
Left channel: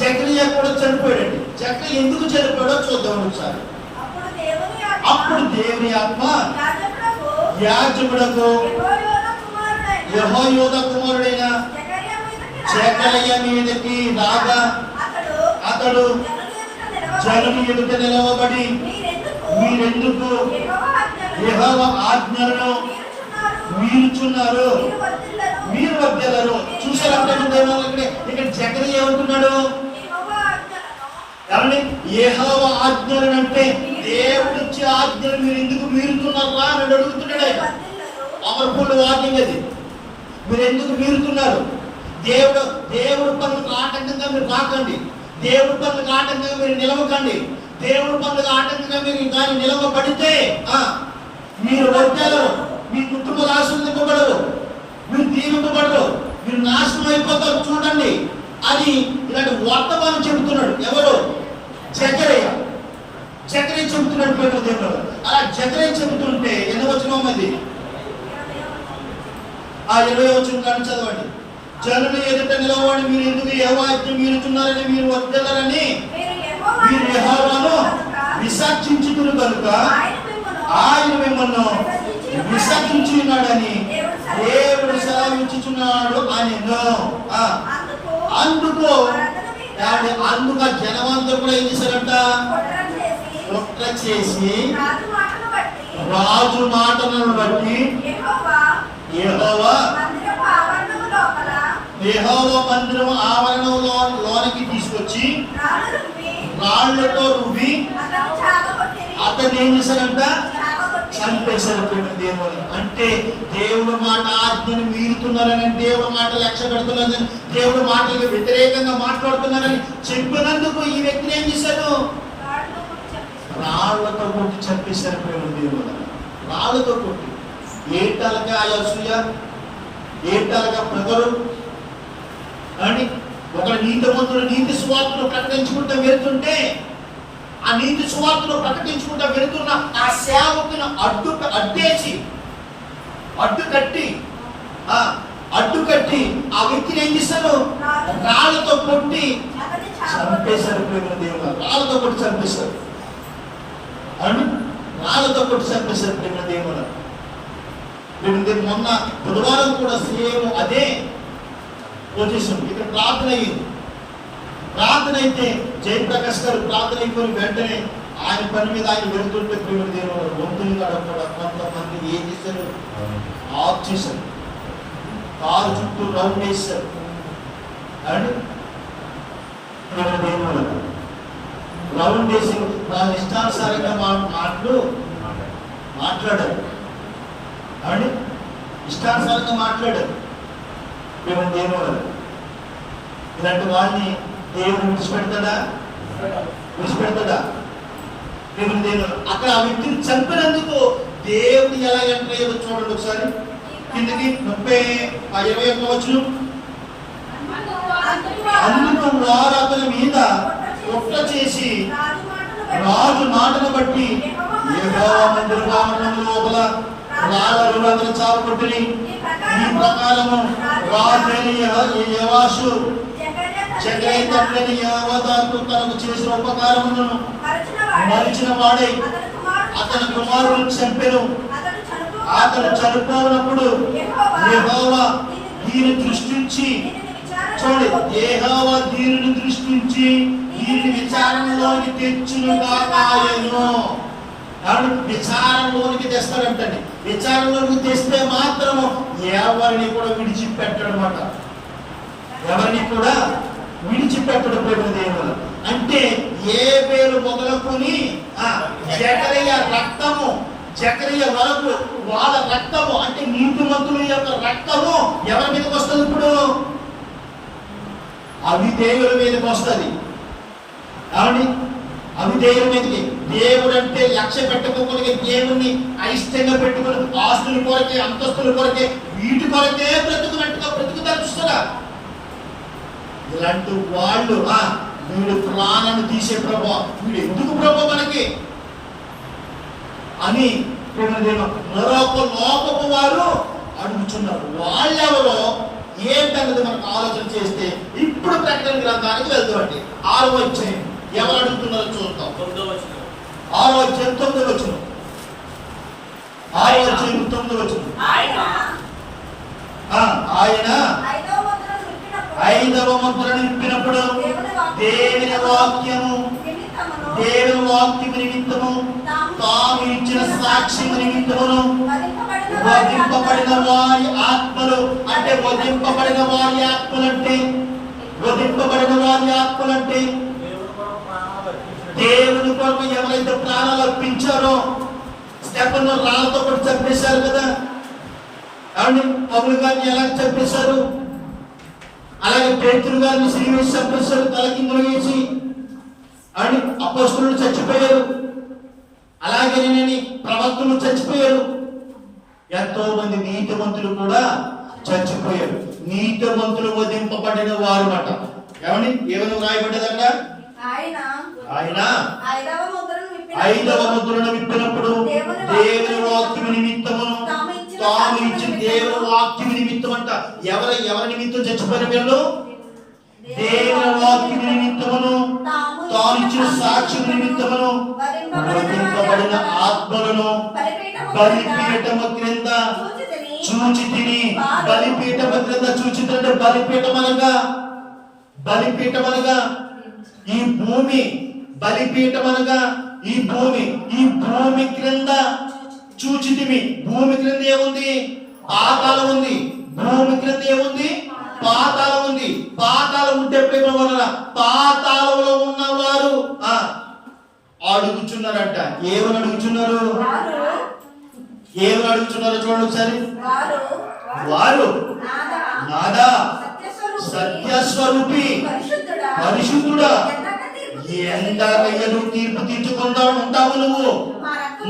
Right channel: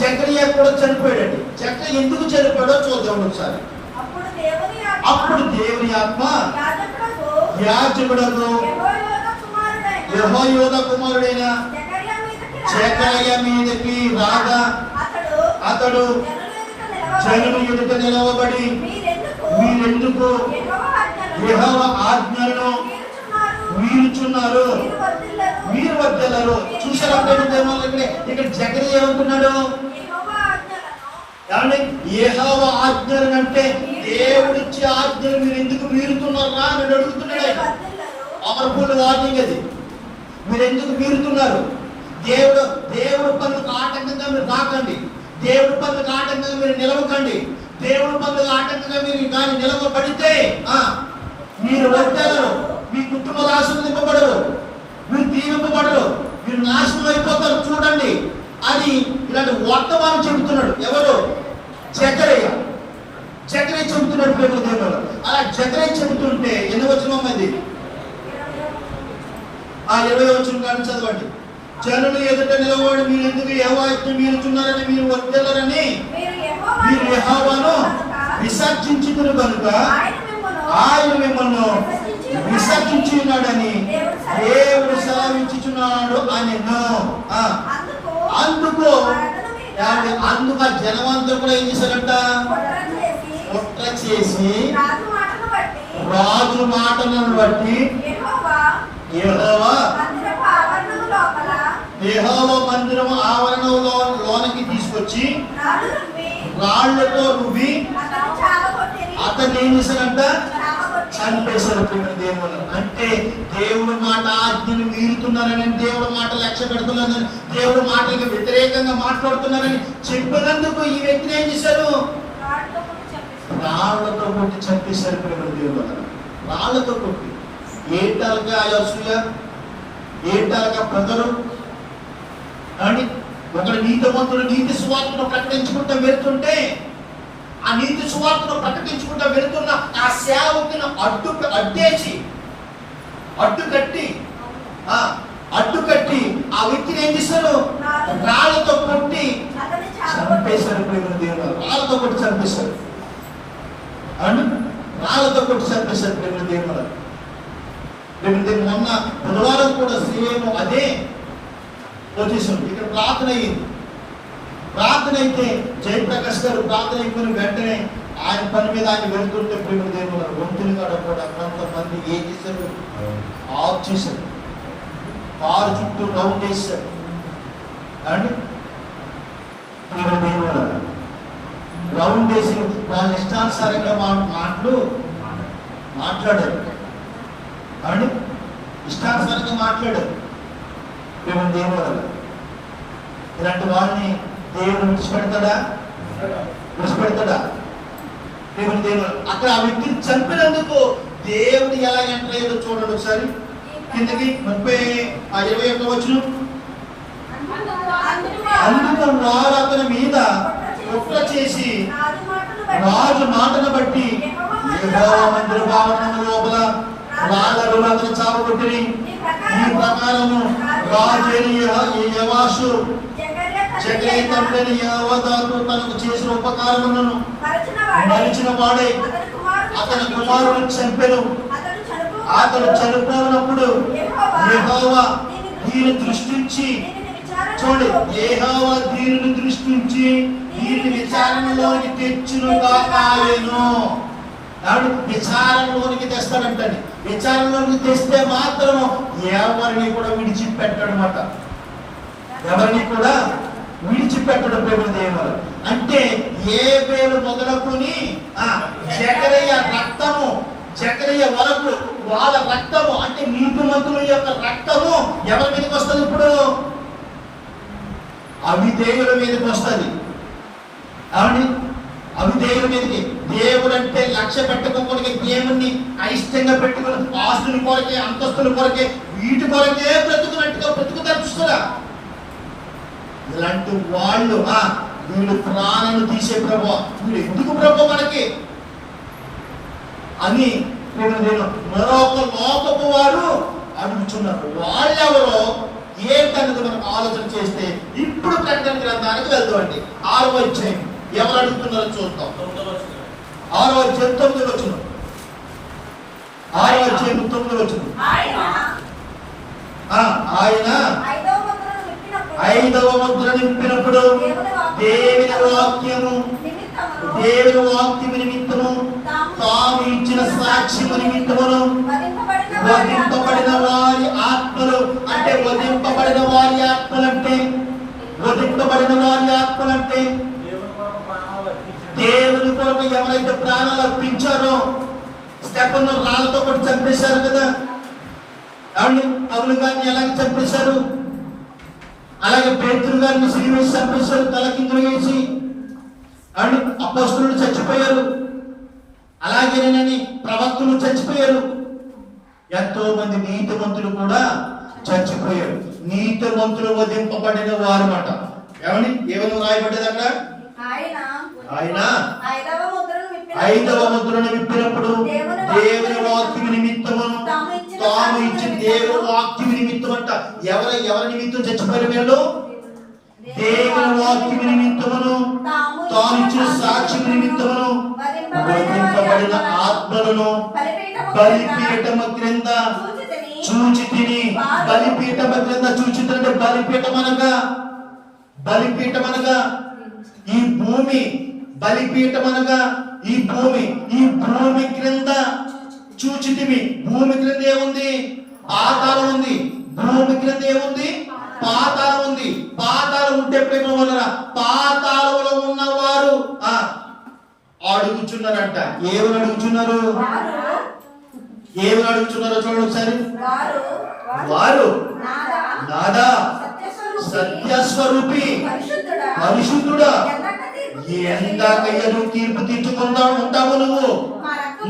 చక్రయ్య కూడా చనిపోయాడండి. చక్రయ్య ఎందుకు చనిపోయాడో చూద్దాం ఒకసారి. అప్పుడు దేవుని ఆత్మ యాజకుడకు యెహోయాదా కుమారుడైన జకర్య మీదకి రాగా అతడు జనుల ఎదుట నిలవబడి, మీరెందుకు యెహోవా ఆజ్ఞలను మీరుచున్నారు, మీరు వర్ధిల్లరు. చూసారా ఇక్కడ జకర్య ఏమంటున్నాడు? కాబట్టి యెహోవా ఆజ్ఞలను అంటే దేవుడిచ్చే ఆజ్ఞలు మీరు ఎందుకు మీరుతున్నారా అని అడుగుతున్నాడు ఆయన. పవర్ఫుల్ వార్నింగ్ అది. మీరు ఎందుకు మీరుతున్నారు? దేవుడు పనులకు ఆటంకంగా మీరు రాకండి. దేవుడి పనులకు ఆటంకంగా మీరు నిలవకండి. దేవుడి పనులకు ఆటంకంగా మీరు దాన్ని నిలవబడితే మీరు వర్ధిల్లరు, మీ కుటుంబాలు ఆశీర్వదింపబడవు, మీరు దీవింపబడరు, మీరు నాశనం అయిపోతారు. చూడండి, అది ఇలాంటి వర్తమానం చెబుతున్నాడు. ఎవరు? జకర్య చెబుతున్నాడు ప్రేమ దేవుడు. అలా జకర్య చెబుతుంటే ఎన్ని వచనం అది? 20వ వచనం కానీ చదవండి. జనులు ఎదుట నిలబడి, మీరు ఎందుకు యెహోవా ఆజ్ఞ మీరుచున్నారని, మీరు వర్ధిల్లరని మీరు యెహోవాను విసర్జించుదురు కనుక ఆయన మిమ్మల్ని విసర్జించి ఉన్నాడని దేవుడు సెలవిచ్చుచున్నాడు అని. అందుకు జనమంతా కూడా ఏం చేశారంట? కుట్ర చేసి రాజు మాటలను బట్టి యెహోవా మందిరం ఆవరణంలో లోనికి తీసుకొచ్చి రాళ్లతో రువ్వి అతన్ని ఏం చేశారంట? చంపేశారు ప్రేమ దేవుని. అంటే దేవుడు మాట ఆజ్ఞను మీరుతున్నారని, దేవుడు మాట లక్ష్య పెడుతున్నారని, దేవుడు మాటలకు వ్యతిరేకంగా మాట్లాడుతున్నారని చెప్పినందుకు ఈ వ్యక్తిని ఏం చేశారు? రాళ్లతో కొట్టి చంపేశారు ప్రేమ దేవుని. రాళ్లతో కొట్టి. ఏటాలుగా అసూయ, ఏటాలుగా ప్రజలు అని ఒకడు నీతిమంతుడు నీతి సువార్తను ప్రకటించుకుంటూ వెళ్తుంటే, ఆ నీతి సువార్తను ప్రకటించుకుంటూ వెళ్తున్న ఆ సేవకును అడ్డుకట్టి ఆ వ్యక్తిని ఏం చేశారు? రాళ్లతో కొట్టి చంపేశారు ప్రేమ దేవుడు. రాళ్లతో కొట్టి చంపేశారు అని, రాళ్లతో కొట్టి చంపేశారు ప్రేమ దేవుడు. మొన్న బుధవారం కూడా సేమ్ అదే వచ్చేసింది. ఇక్కడ ప్రార్థన అయ్యింది. ప్రార్థన అయితే జయప్రకాష్ గారు ప్రార్థన అయిపోయిన వెంటనే ఆయన పని మీద ఆయన వెళ్తుంటే ప్రేమ దేవుడు వంతులు కూడా కొంతమంది ఏం చేశారు? ఆఫ్ చేశారు. కారు చుట్టూ రౌండ్ వేశారు అండి. ప్రేమ దేవుడు రౌండ్ వేసి వాళ్ళ ఇష్టానుసారంగా మాట్లాడారు అండి. ఇష్టానుసారంగా మాట్లాడారు ప్రేమ దేవుడు. ఇలాంటి వాళ్ళని దేవుడు విడిచిపెడతాడా? ప్రేమ దేవుడు అక్కడ ఆ వ్యక్తిని చంపినందుకు దేవుడు ఎలా ఎంటర్ అయ్యాడో చూడండి ఒకసారి. కిందకి 21వ వచనం. అందుకు వారు అతని మీద కుట్ర చేసి రాజు మాటను బట్టి యెహోవా మందిర ఆవరణం లోపల రాళ్ళను అతను చాపకొట్టిని. ఈ ప్రకారము రాజైన యెహోవాషు జకర్య తండ్రి యెహోవాకు తనకు చేసిన ఉపకారములను మరిచిన వాడై అతని కుమారుడు చంపెను. అతను చనిపోయినప్పుడు యెహోవా దీని దృష్టించి చూడండి, యెహోవా దీనిని దృష్టించి దీనిని విచారణలోకి తెచ్చును గాక ఆయను. విచారణలోనికి తెస్తాడంటండి. విచారణలోకి తెస్తే మాత్రం ఎవరిని కూడా విడిచిపెట్టడమాట. ఎవరిని కూడా విడిచిపెట్టడు ప్రేమ దేవుడు. అంటే ఏ పేరు మొదలుకొని జకర్య రక్తము జకరియా వరకు వాళ్ళ రక్తము అంటే నీతిమంతుల యొక్క రక్తము ఎవరి మీదకి వస్తుంది? ఇప్పుడు అవిధేయుల మీదకి వస్తుంది. ఏమండి? అవిధేయుల మీదకి. దేవుడు అంటే లక్ష్య పెట్టుకోకుండా దేవుణ్ణి అయిష్టంగా పెట్టుకుని ఆస్తుల కొరకే, అంతస్తుల కొరకే, వీటి కొరకే బ్రతుకున్నట్టుగా బ్రతుకుతారు చూస్తారా? ఇలాంటి వాళ్ళు వీడు ప్రాణాన్ని తీసే ప్రభు, వీడు ఎందుకు ప్రభు మనకి అని మరొక లోకపు వారు అడుగుతున్నారు. వాళ్ళెవరో ఏంటన్నది మనకు ఆలోచన చేస్తే ఇప్పుడు ప్రకటన గ్రంథానికి వెళ్తామండి. 6వ అధ్యాయం ఎవరు అడుగుతున్నారో చూద్దాం. 6వ అధ్యాయం 9వ వచనం. 6వ అధ్యాయం 9వ వచనం. ఆయన 5వ ముద్ర నింపినప్పుడు దేవుని వాక్యము నిమిత్తము తాము ఇచ్చిన సాక్ష్యము నిమిత్తమును వధింపబడిన వారి ఆత్మలు అంటే వధింపబడిన వారి ఆత్మలంటే దేవుని కొరకు ఎవరైతే ప్రాణాలు అర్పించారో, స్టెఫెను రాళ్ళతో కూడా చంపేశారు కదా. అవును, పౌలు గారిని ఎలాగ చంపేశారు, అలాగే పేతురు గారిని సిలువేసి చంపేశారు, తలకిందులు వేసి. అవును, అపోస్తలులు చచ్చిపోయారు, అలాగే ప్రవక్తలు చచ్చిపోయారు, ఎంతో మంది నీతిమంతులు కూడా చచ్చిపోయారు. నీతిమంతులు వధింపబడిన వారు మాట. ఏమని రాయబడ్డది అక్కడ? ఆయన 5వ ముద్రను విప్పినప్పుడు దేవుని వాక్యం నిమిత్తమును తాము ఇచ్చిన దేవుని వాక్యం నిమిత్తం అంట. ఎవరి నిమిత్తం చచ్చిపోయారు వీళ్ళు? దేవుని వాక్యం నిమిత్తమును తాను ఇచ్చిన సాక్ష్యం నిమిత్తమును వధింపబడిన ఆత్మలను బలిపీఠము క్రింద చూచి తిని. బలిపీఠము క్రింద చూచి తిని. బలిపీఠం అనగా ఈ భూమి. బలిపీఠం అనగా ఈ భూమి క్రింద చూచితిమి. భూమి క్రింద ఏముంది? పాతాళం ఉంది. భూమి క్రింద ఏముంది? పాతాళం ఉంది. పాతాళం ఉంటే ప్రేమ వలన పాతాళంలో ఉన్నవారు అడుగుచున్నారంట. ఏమని అడుగుచున్నారు? చూడండి ఒకసారి. వారు నాదా సత్యస్వరూపి పరిశుద్ధుడా, ఎందాకయ్య నువ్వు తీర్పు తీర్చుకుందా ఉంటావు నువ్వు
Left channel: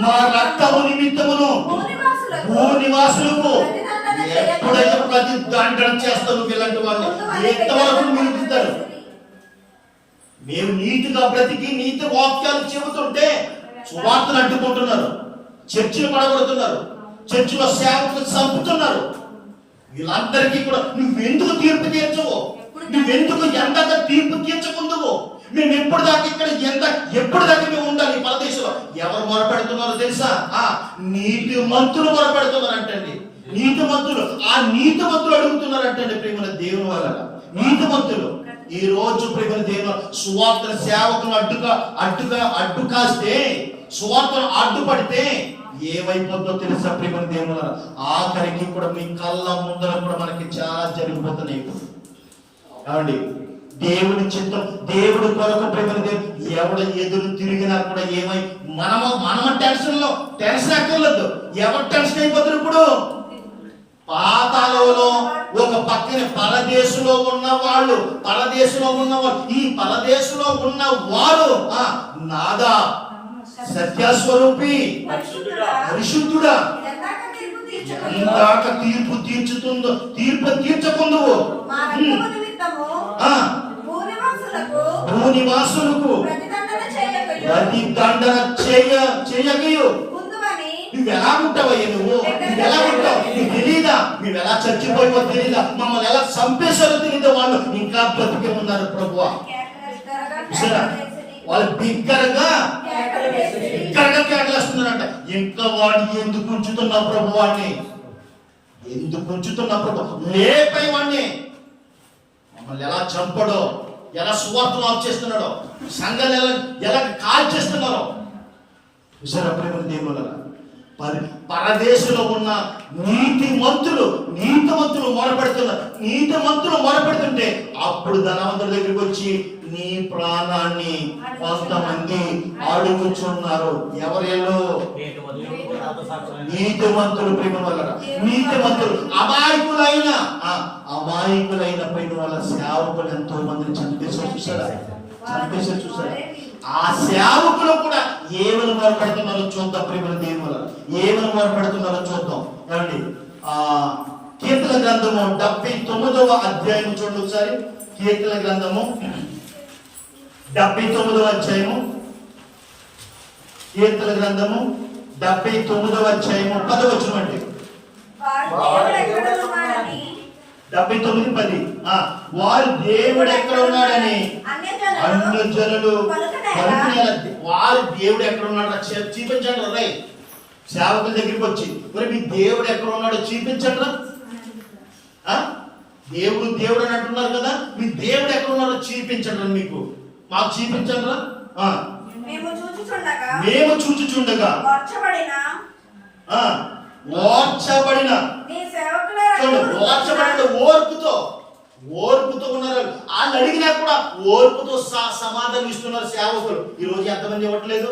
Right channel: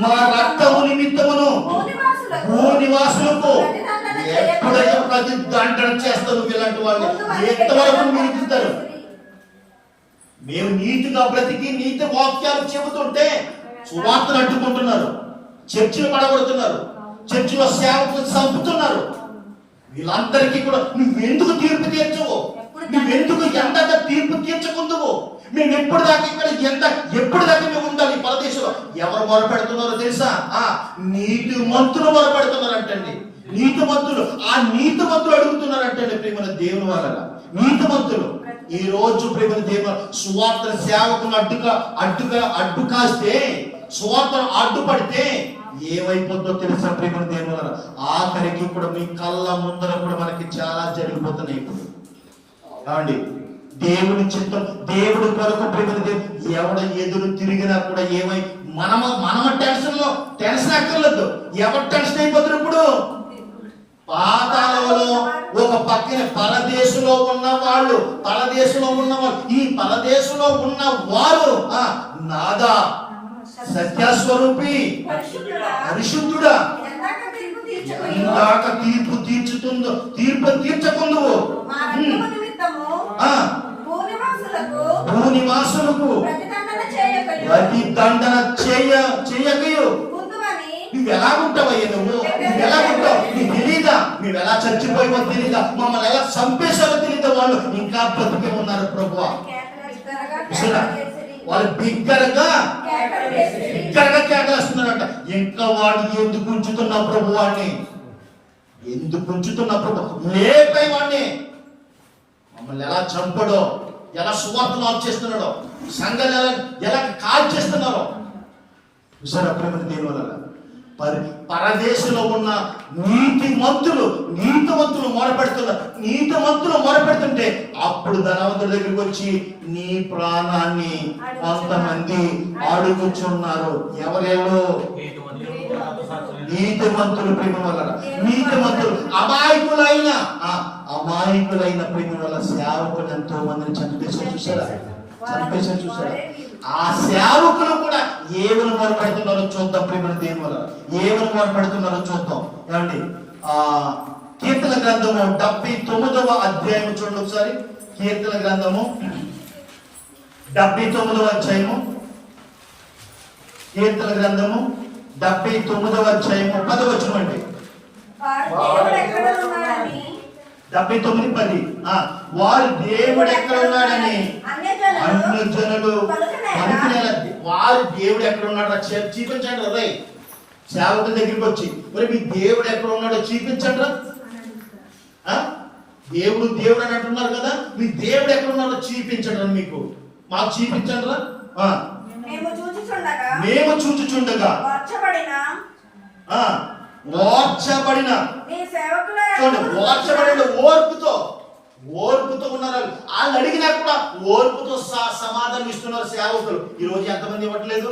మా రక్తము నిమిత్తమును భూనివాసులకు ఎప్పుడైతే ప్రతి దండన చేస్తావు ఇలాంటి వాళ్ళని ఎంతవరకు మిగులుతారు? మేము నీతిగా బ్రతికి నీతి వాక్యాలు చెబుతుంటే సువార్తలు అడ్డుకుంటున్నారు, చర్చిలు పడగొడుతున్నారు, చర్చిలో సేవకులు చంపుతున్నారు. వీళ్ళందరికీ కూడా నువ్వెందుకు తీర్పు తీర్చవు? నువ్వెందుకు ఎందాక తీర్పు తీర్చకుందువు? మేము ఎప్పుడు దాకా మేము ఉండాలి ఈ పరదేశంలో? ఎవరు మొరపెడుతున్నారో తెలుసా? నీతి మంతులు మొరపెడుతున్నారంటండి. నీతిమంతులు అడుగుతున్నారంటండి ప్రేమ దేవుని వాళ్ళ. నీతిమంతులు ఈ రోజు ప్రేమ దేవుని సువార్త సేవకులు అడ్డు కాస్తే, సువార్తను అడ్డుపడితే ఏమైపోతుందో తెలుసా ప్రేమ దేవుని వాళ్ళ? ఆఖరికి కూడా మీ కళ్ళ ముందర కూడా మనకి చాలా జరిగిపోతున్నాయి. కావండి దేవుని చిత్తం, దేవుడి కొరకు ప్రేమ ఎవడు ఎదురు తిరిగినా కూడా మనమ టెన్షన్ అక్కర్లేదు. ఎవరు టెన్షన్ అయిపోతున్నారు ఇప్పుడు? పాతాళంలో ఒక పక్కన పరదేశంలో ఉన్నవాళ్ళు, ఈ పరదేశంలో ఉన్న వారు నాదా సత్యస్వరూపి పరిశుద్ధుడా, ఎందాక తీర్పు తీర్చకుందు భూనివాసులకు ప్రతిదండన చేయకయు. నువ్వు ఎలా ఉంటావయ్యా? నువ్వు ఎలా ఉంటావు? నీకు తెలీదా? నువ్వు ఎలా చచ్చిపోయావో తెలీదా? మమ్మల్ని ఎలా చంపేశారో తెలీదా? వాళ్ళు ఇంకా బ్రతికే ఉన్నారు ప్రభువా. వాళ్ళు బిగ్గరగా కేకలేస్తున్నారంట. ఇంకా వాడిని ఎందుకు ఉంచుతున్నావు ప్రభు? వాడిని ఎందుకు ఉంచుతున్నావు ప్రభు? లేపై వాడిని. మమ్మల్ని ఎలా చంపడో, ఎలా సువార్తలు ఆఫ్ చేస్తున్నాడో, సంఘాలు ఎలా కాల్ చేస్తున్నారో చూసారా ప్రేమ దేవుల? పరదేశంలో ఉన్న నీతిమంతులు మొరపెడుతుంటే అప్పుడు ధనవంతుల దగ్గరికి వచ్చి నీ ప్రాణాన్ని కొంతమంది అడుగుచున్నారు. ఎవరేలో? నీతిమంతులు ప్రేమ వల్ల, నీతిమంతులు అమాయకులైన ప్రేమ వల్ల సేవకులు ఎంతో మందిని చంపేశారు. చూసారా? ఆ సేవకులు కూడా ఏమని మొరపెడుతున్నారో చూద్దాం. ప్రేమను దేని వల్ల ఏమని మొరపెడుతున్నారో చూద్దాం. ఏమండి, కీర్తన గ్రంథము 79వ అధ్యాయము చూడండి ఒకసారి. కీర్తన గ్రంథము 79వ అధ్యాయము, కీర్తన గ్రంథము 79వ అధ్యాయము 10వ వచనం అండి. 79:10. వారు దేవుడు ఎక్కడ ఉన్నాడని అన్యజనులు పలుకునేలా, వారు దేవుడు ఎక్కడ ఉన్నాడో చూపించండి రా. సేవకుల దగ్గరికి వచ్చి మరి మీ దేవుడు ఎక్కడ ఉన్నాడో చూపించండి రా. దేవుడు దేవుడు అని అంటున్నారు కదా, మీ దేవుడు ఎక్కడ ఉన్నాడో చూపించండి రా. మీకు మాకు చూపించండి రా. మేము చూచుచుండగా ఓర్చబడిన ఓర్పుతో ఉన్నారు. వాళ్ళు అడిగినా కూడా ఓర్పుతో సమాధానం ఇస్తున్నారు సేవకులు. ఈ రోజు ఎంతమంది ఇవ్వట్లేదు?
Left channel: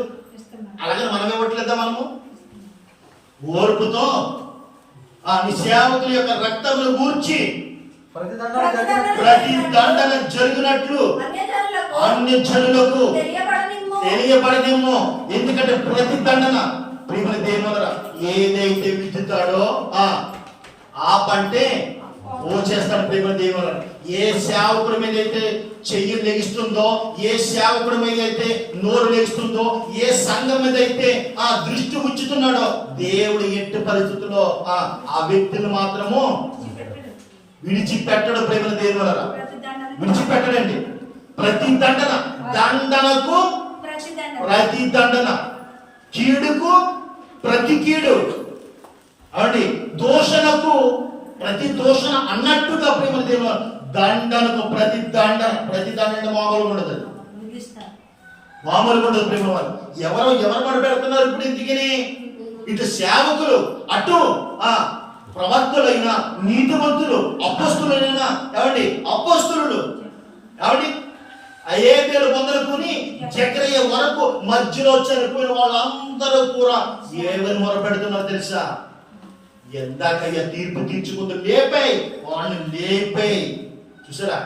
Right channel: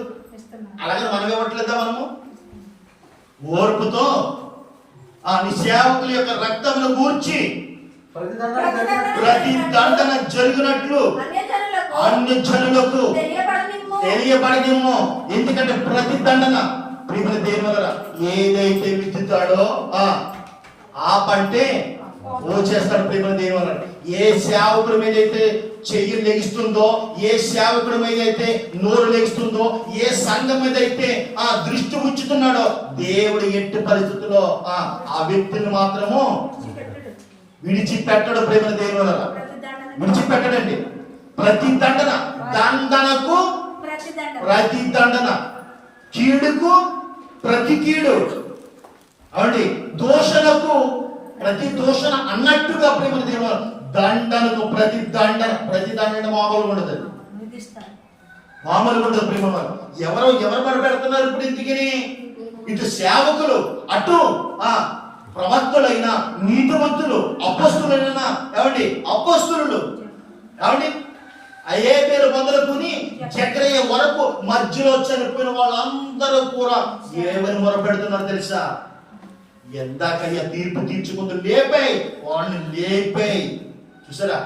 అడగని మనం ఇవ్వట్లేదా? మనము ఓర్పుతో నీ సేవకుల యొక్క రక్తంలో గూర్చి ప్రతి దండన జరిగినట్లు అన్ని జనులకు తెలియబడనిమ్ము. ఎందుకంటే ప్రతి దండన ప్రేమల దేని వల్ల ఏదైతే విద్యుతాడో ఆ పంటే ఓ చేస్తాడు. ప్రేమల దేని వల్ల ఏ సేవకుడి మీద అయితే చెయ్యి లెగిస్తుందో, ఏ సేవకుడి మీద అయితే నోరు లెగిస్తుందో, ఏ సంఘం మీద అయితే దృష్టి ఉంచుతున్నాడో దేవుడు ఎట్టి పరిస్థితుల్లో ఆ వ్యక్తిని మాత్రము విడిచిపెట్టడు. ప్రేమల దేని వల్ల విడిచిపెట్టడండి. ప్రతి దండన, దండనకు ప్రతి దండన, కీడుకు ప్రతి కీడు, అవునండి, దోషణకు ప్రతి దోషణ అన్నట్టుగా ప్రేమ దేవుడు దండనకు ప్రతి దండన మామూలుగా ఉండదు. మామూలుగా ఉండదు ప్రేమ. వారు ఎవరు పడబెడుతున్నారు ఇప్పుడు? ఎందుకని ఇటు సేవకులు, అటు ప్రవక్తలైన నీతిమంతులు, అపోస్తులైన అపోస్తులు అయ్యే పేరు మొదలుకొని చక్రయ్య వరకు మధ్యలో చనిపోయిన వాళ్ళందరూ కూడా ఏమని మొరపెడుతున్నారు తెలుసా? ఎందాకయ్యా తీర్పు తీర్చుకుంటూ లేపాయి వాళ్ళని లేపాయి. చూసారా?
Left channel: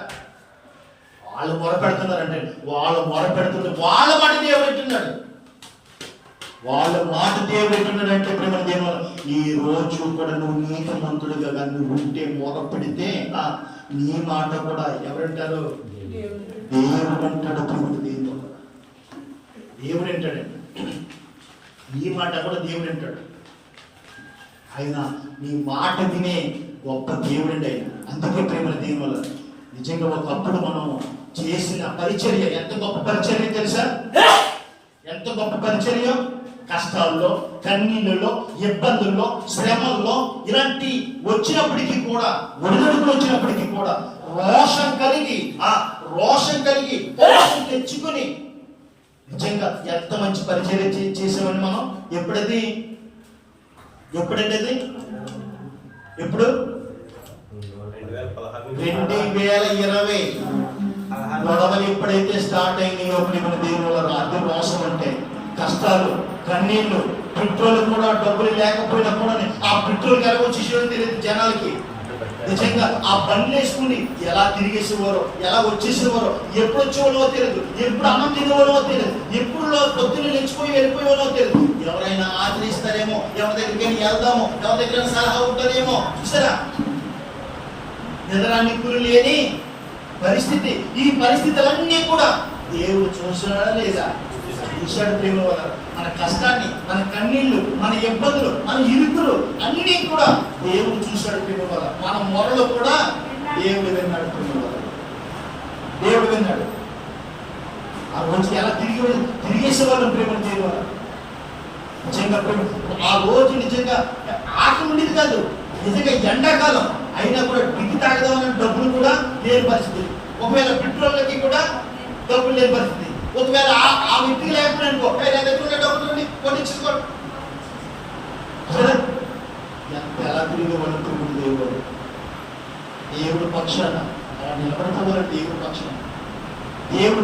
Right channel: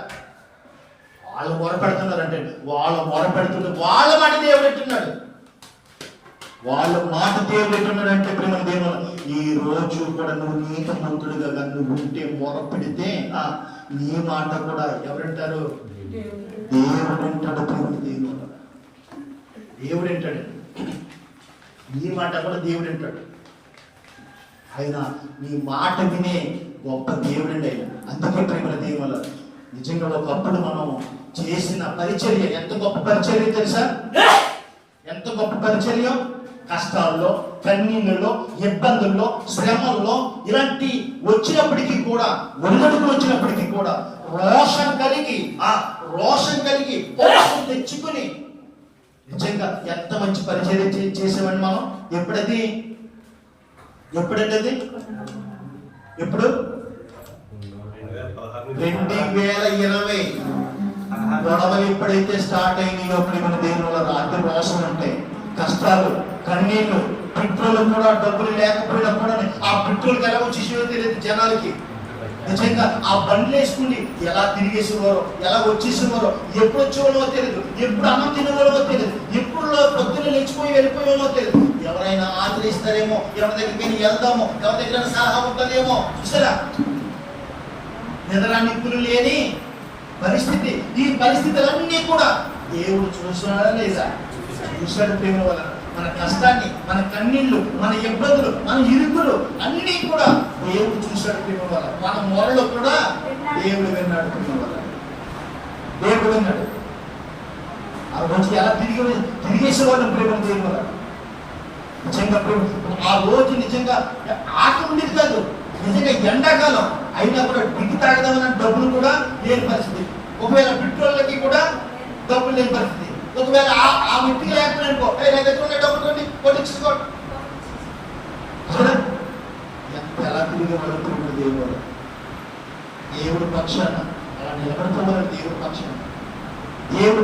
వాళ్ళు మొరపెడుతున్నారంటే వాళ్ళు మొరపెడుతున్నారు. వాళ్ళ మాట దేవుడు వింటున్నాడు. వాళ్ళ మాట దేవుడు వింటున్నాడు. అంటే ప్రేమ దేవుడు ఈ రోజు కూడా నువ్వు నీతిమంతుడిగా నువ్వు ఉంటే మొరపెడితే నీ మాట కూడా ఎవరంటారు? దేవుడు అంటాడు. దేవుడు అంటాడండి. నీ మాట కూడా దేవుడు అంటాడు. ఆయన నీ మాట వినే గొప్ప దేవుడు అండి ఆయన. అందుకే ప్రేమల దేవుడు నిజంగా ఒకప్పుడు మనం చేసిన పరిచర్య ఎంత గొప్ప పరిచర్య తెలుసా? ఎంత గొప్ప పరిచర్య! కష్టాల్లో, కన్నీళ్ళలో, ఇబ్బందుల్లో, శ్రమల్లో ఇలాంటి వచ్చినప్పటికీ కూడా, ఒడిదుడుకులు వచ్చినప్పటికీ కూడా రోషం కలిగి పోషం తెచ్చుకుని నిజంగా ఎంత మంచి పరిచర్య చేసామని మనం. ఎప్పుడండి అది? ఎప్పుడు? 2020 గొడవలు ఎప్పుడైతే స్టార్ట్ అయినాయో మన దేవుళ్ళ రాత్రి రోషం ఉంటాయి, కష్టాలు, కన్నీళ్లు, పెట్రోల్ కూడా డబ్బులు లేకపోయినా కూడా ఆ పెట్రోల్ ఎలా వచ్చేసేవో తెలియదు జనాలకి. నిజంగా ఆ బండ్లు వేసుకుని ఎలా తిరిగేసేవారో, ఎలా వచ్చేసేవారో, ఎప్పుడు వచ్చేవాళ్ళో తెలియదు, ఎప్పుడు అన్నం తినేవాళ్ళో తెలియదు, ఎప్పుడు పొద్దున్న లేచిపోయి వెళ్ళిపోయేవాళ్ళో తెలియదు. ఎవరైనా ఆదరిస్తారేమో, ఎవరి దగ్గరికి వెళ్దామో, ఎవరి దగ్గర సలహా ఉంటుందేమో. చూసారా? నిద్రానిక్కులు లేని పరిస్థితి. ఈ పరిస్థితులన్నీ కూడా దేవుడు చూస్తున్నాడా లేదా? చూశాడు ప్రేమ వల్ల. మన కష్టాన్ని, మన కన్నీళ్లు, మన ఇబ్బందులు, మన ఇరుకులు అన్నీ కూడా దేవుడు చూశాడు ప్రేమ వల్ల. మన మొరలు కూడా దేవుడు విన్నాడు ప్రేమ వల్ల. దేవుడు విన్నాడు. ఆ రోజు ఎలా తిరిగేసేవాళ్ళు ప్రేమ దేవుడు వల్ల. నిజంగా ప్రేమ ఆ రోజు నిజంగా ఆకలి ఉండేది కాదు. నిజంగా ఎండాకాలం అయినా కూడా టికి తాగదామన్న డబ్బులు కూడా లేని పరిస్థితి. ఒకవేళ పెట్రోల్కి కూడా డబ్బులు లేని పరిస్థితి. ఒకవేళ ఆ వ్యక్తికి లేకపోయినా అనుకో, నా దగ్గర ఉండే డబ్బులు రండి కొట్టించుకోండి. ఎంత ఎలా తిరిగి వెళ్ళిపోడు దేవుడు. దేవుడు పక్షాన అలా నిలబడిపోవాలి. దేవుడు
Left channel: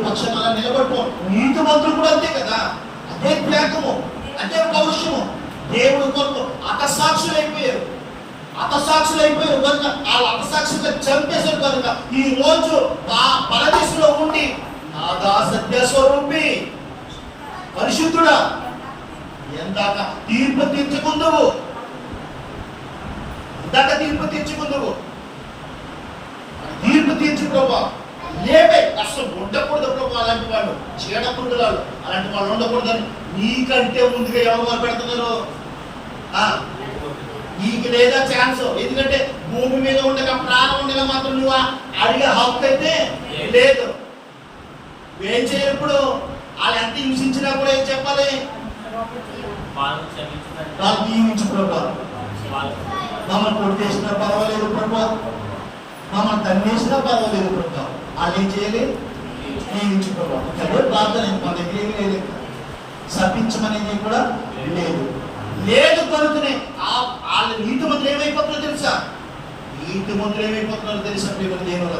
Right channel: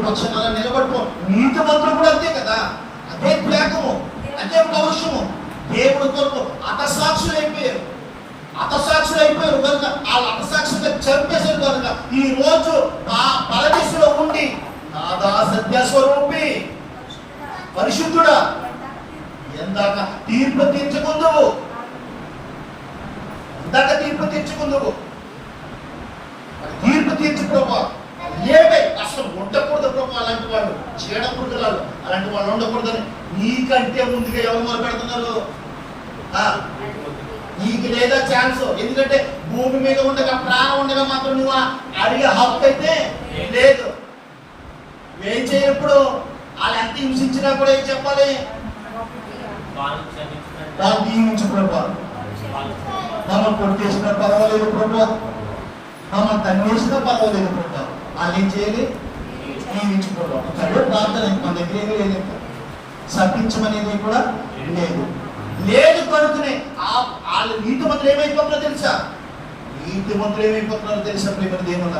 పక్షాన అలా నిలబడిపో. నీతి మంత్రులు కూడా అంతే కదా. అదే త్యాగము, అదే పౌరుషము. దేవుడు కొరకు హతసాక్షులైపోయారు కనుక వాళ్ళు హతసాక్షులుగా చంపేశారు కనుక ఈ రోజు ఆ పరదేశంలో ఉండి నాదా సత్య స్వరూపి పరిశుద్ధుడా ఎందాక తీర్పు తీర్చుకుందువు తీర్పు తీర్చు ప్రభా లేపే అసలు ఉండకూడదు ప్రభా అలాంటి వాళ్ళు చీడ పురుగులాలు అలాంటి వాళ్ళు ఉండకూడదని నీకంటే ముందుగా ఎవరు మొదలు పెడుతున్నారు నీకు లేదా ఛాన్స్ ఎందుకంటే భూమి మీద ఉండగా ప్రాణం ఉండగా మాత్రం నువ్వు అడిగే హక్కు అయితే లేదు ఏం చేయప్పుడు వాళ్ళు ఎంత హింసించినా కూడా ఏం చెప్పాలి వాళ్ళు దీవించు ప్రభా మమ్మల్ని కొట్టేసినా పర్వాలేదు ప్రభా మమ్మల్ని తన్నేసినా పర్వాలేదు ప్రభా వాళ్ళు ఏం చేయాలి దీవించు ప్రభా అదే ప్రార్థన మన దగ్గర ఏమీ లేదు శపించమనేది కూడా లేదు కనుకనే వాళ్ళ నీతిమంతులు ఏమైపోతున్నారో తెలుసా ప్రేమ దేవుళ్ళ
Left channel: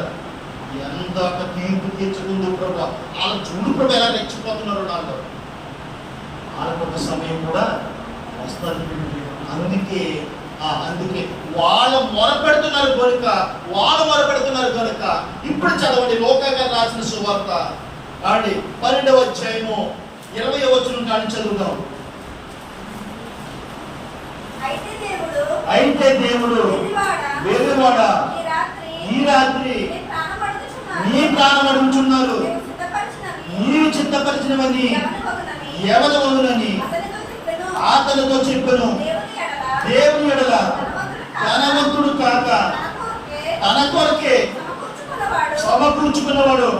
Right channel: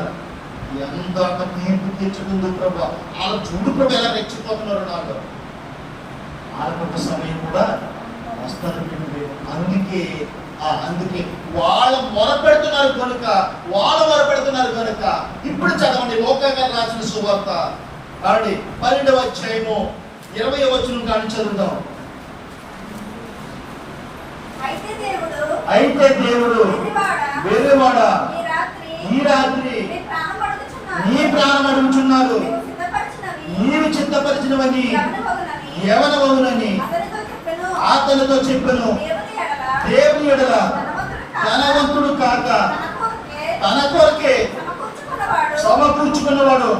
ఎంత తీర్పు తీర్చుకుందు ప్రభా వాళ్ళ చూడు ప్రభు ఎలా రెచ్చిపోతున్నారు నాలో వాళ్ళ కొంత సమయం కూడా వస్తుంది అందుకే వాళ్ళు మొరపెడుతున్నారు కనుక ఇప్పుడు చదవండి లోకాగారు రాసిన సువార్త 12వ అధ్యాయము 20వ వచనం కాని చదువుదాం. అయితే దేవుడు వెర్రివాడా ఈ రాత్రి నీ ప్రాణం అడుగుచున్నారు నీవు చిత్తపరిచినవని ఎవరవని అతనితో చెప్పెను. దేవుని ఎడల ధనవంతుడు కాక తన కొరకే సమకూర్చుకున్నవాడు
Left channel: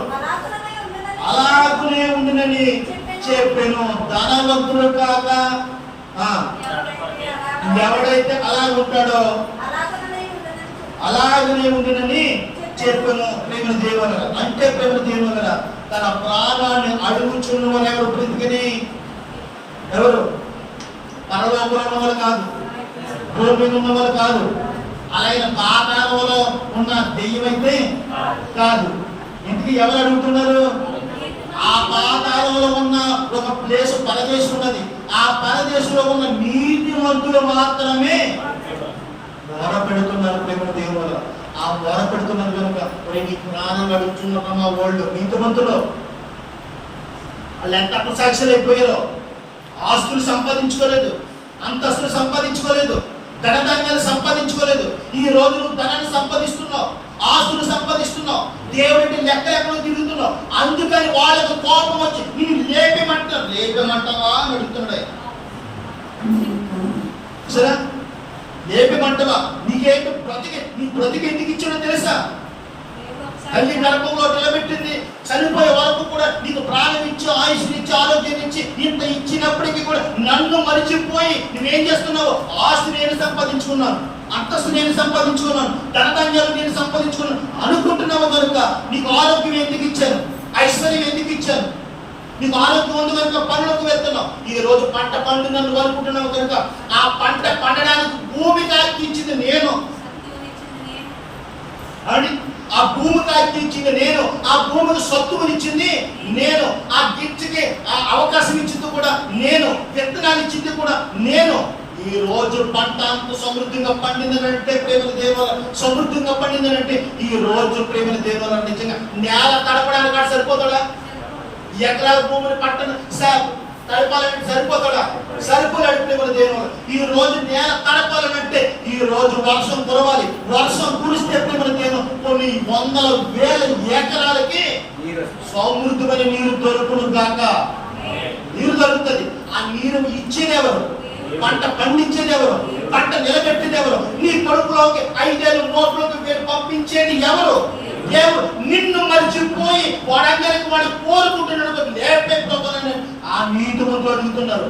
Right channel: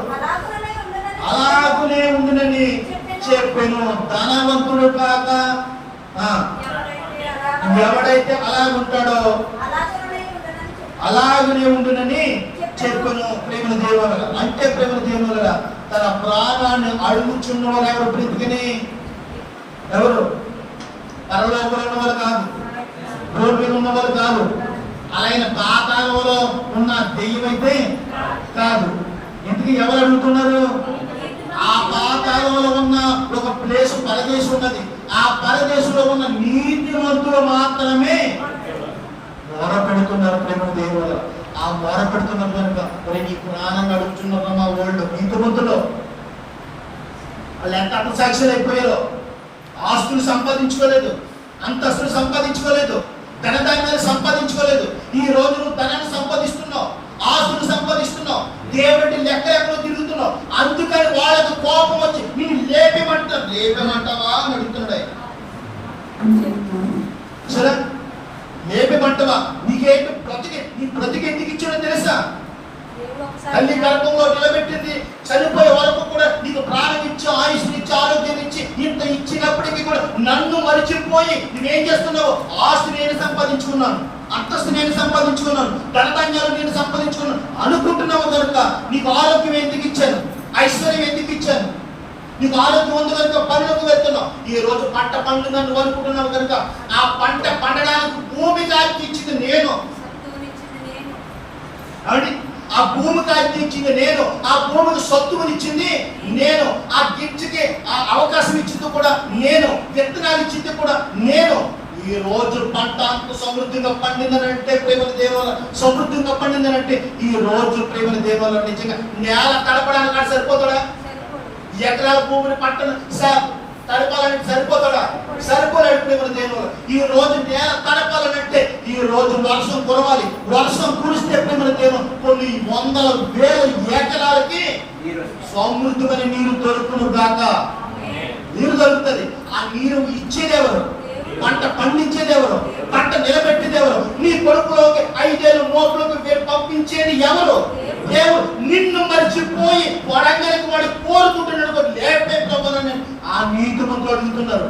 అలాగునే ఉండునని చెప్పెను. ధనవంతుడు కాక ఎవడైతే అలాగే ఉంటాడో అలాగనే ఉండునని చెప్పెను. ప్రేమ దేవుల అంటే ప్రేమ దేవుల తన ప్రాణాన్ని అడుగుచున్న వారు ఎవరు బ్రతికని ఎవరు పరలోకంలో ఉన్న వాళ్ళు కాదు, భూమిలో ఉన్న వాళ్ళు కాదు, అలాగే పాతాళంలో ఉన్న దెయ్యం అయితే కాదు. ఇంటికి ఎవరు అడుగుతున్నారు? ఆ పాతాళంలో ఉన్న ఒక ప్లేస్ పరదేశం ఉన్నది. ఆ పరదేశంలో ఉన్న నీతిమంతులు మాత్రమే మొర పెడుతున్నారు. ప్రేమ దేవుల ఆ మొర పెడుతున్నారు కనుక మరి నీ ప్రాణంగా అడుగుతున్నారు మా వాళ్ళు నీతిమంతులు. వాళ్ళు ఎంత అపసాక్షులు అయిపోయారో. ఆస్తులు సంపాదించుకోలేదు, అంతస్తులు సంపాదించుకోలేదు, ధనధాన్యాలు సంపాదించుకోలేదు. ఈ రోజు నువ్వు ధనాన్ని సంపాదిస్తున్నావు, ఆస్తులు సంపాదిస్తున్నావు, దేవుడి లెక్కలెక్కడో తిరుగుతున్నావు. అందుకని వాళ్ళకు కోపం వచ్చి నేను లేపేమంటావా అని అడుగుతున్నాడు ఆయన. సరే లేపేమంటావా? నీకేంటి నీ బ్రతికి ఎందుకు ఇచ్చినో తెలుసా? తల్లి గర్భంలో నిలబెట్టింది, చనిపోయే వరకు కూడా నీకు ప్రాణం ఇచ్చి ఆయుష్నిచ్చి ఆరోగ్యం ఇచ్చి ఇంత ఇచ్చినప్పటికీ కూడా నన్ను మరిచిపోయి నువ్వేం చేస్తున్నావు? ఆస్తి నేను సంపాదించుకున్నాను, అంతస్తు నేను సంపాదించుకున్నాను, ధనధాన్యాలు నేను సంపాదించుకున్నాను అనుకుంటున్నావు కనుక నీకు ఆరోగ్యం ఎందుకు ఇచ్చాను, ఐశ్వర్యం ఎందుకు ఇచ్చాను? నీకు ఆరోగ్యం ఉంది కనుక పనులకు వెళ్తున్నావు. ఈ రోజు పంట పండుగను అనుకుంటున్నావు కనుక ఆ పంట పండడానికి భూమి కాకి ఇచ్చింది నేను, ఆ భూమి కాకి ఇచ్చింది నేను, ఆ భూమికి సత్తువునిచ్చింది నేను, ఆ గిఫ్ట్కి ఆ అవకాశం ఇచ్చింది కూడా నేను, విత్తనాలు ఇచ్చింది కూడా నేను. ఈ రోజు పంట అంత సమృద్ధిగా పండిందనంటే ప్రేమల దేవాల సమృద్ధిగా పండిందనంటే ఈ రోజు ప్రేమల దేవాల నిజంగా నేల తడపడానికి కాదు సరిపోతాడా? ఎకరాల భూమిని పట్టణ తడపాలంటే సరిపోతాడా? సరిపోలేడు ప్రేమల దేవాల. ఈ రోజు నేల తడపాలనంటే ఈ రోజు వర్షం కురవాలి. వర్షం కురిస్తే ప్రేమల దేవం కొన్ని వందల వేల ఎకరాలకి సమృద్ధమైన నీరు దొరుకును గాక. నీరు దొరుకుతుంది. ఆ నీరు ఇచ్చేది ఎవరు? పంట పండించేది ఎవరు? పంట నిలబెట్టేది ఎవరు? నీ కొడుకులోకి 5 ఏళ్ళు నోట్లోకి పంపించేది ఎవరు? దేవుడు. నిన్ను మర్చిపోయి వాడంగానికి వాడు కోరుకుంటున్నాడు లేపే ప్రభుత్వాన్ని ఆ నీతిమంతులు అడుగుతున్నారు.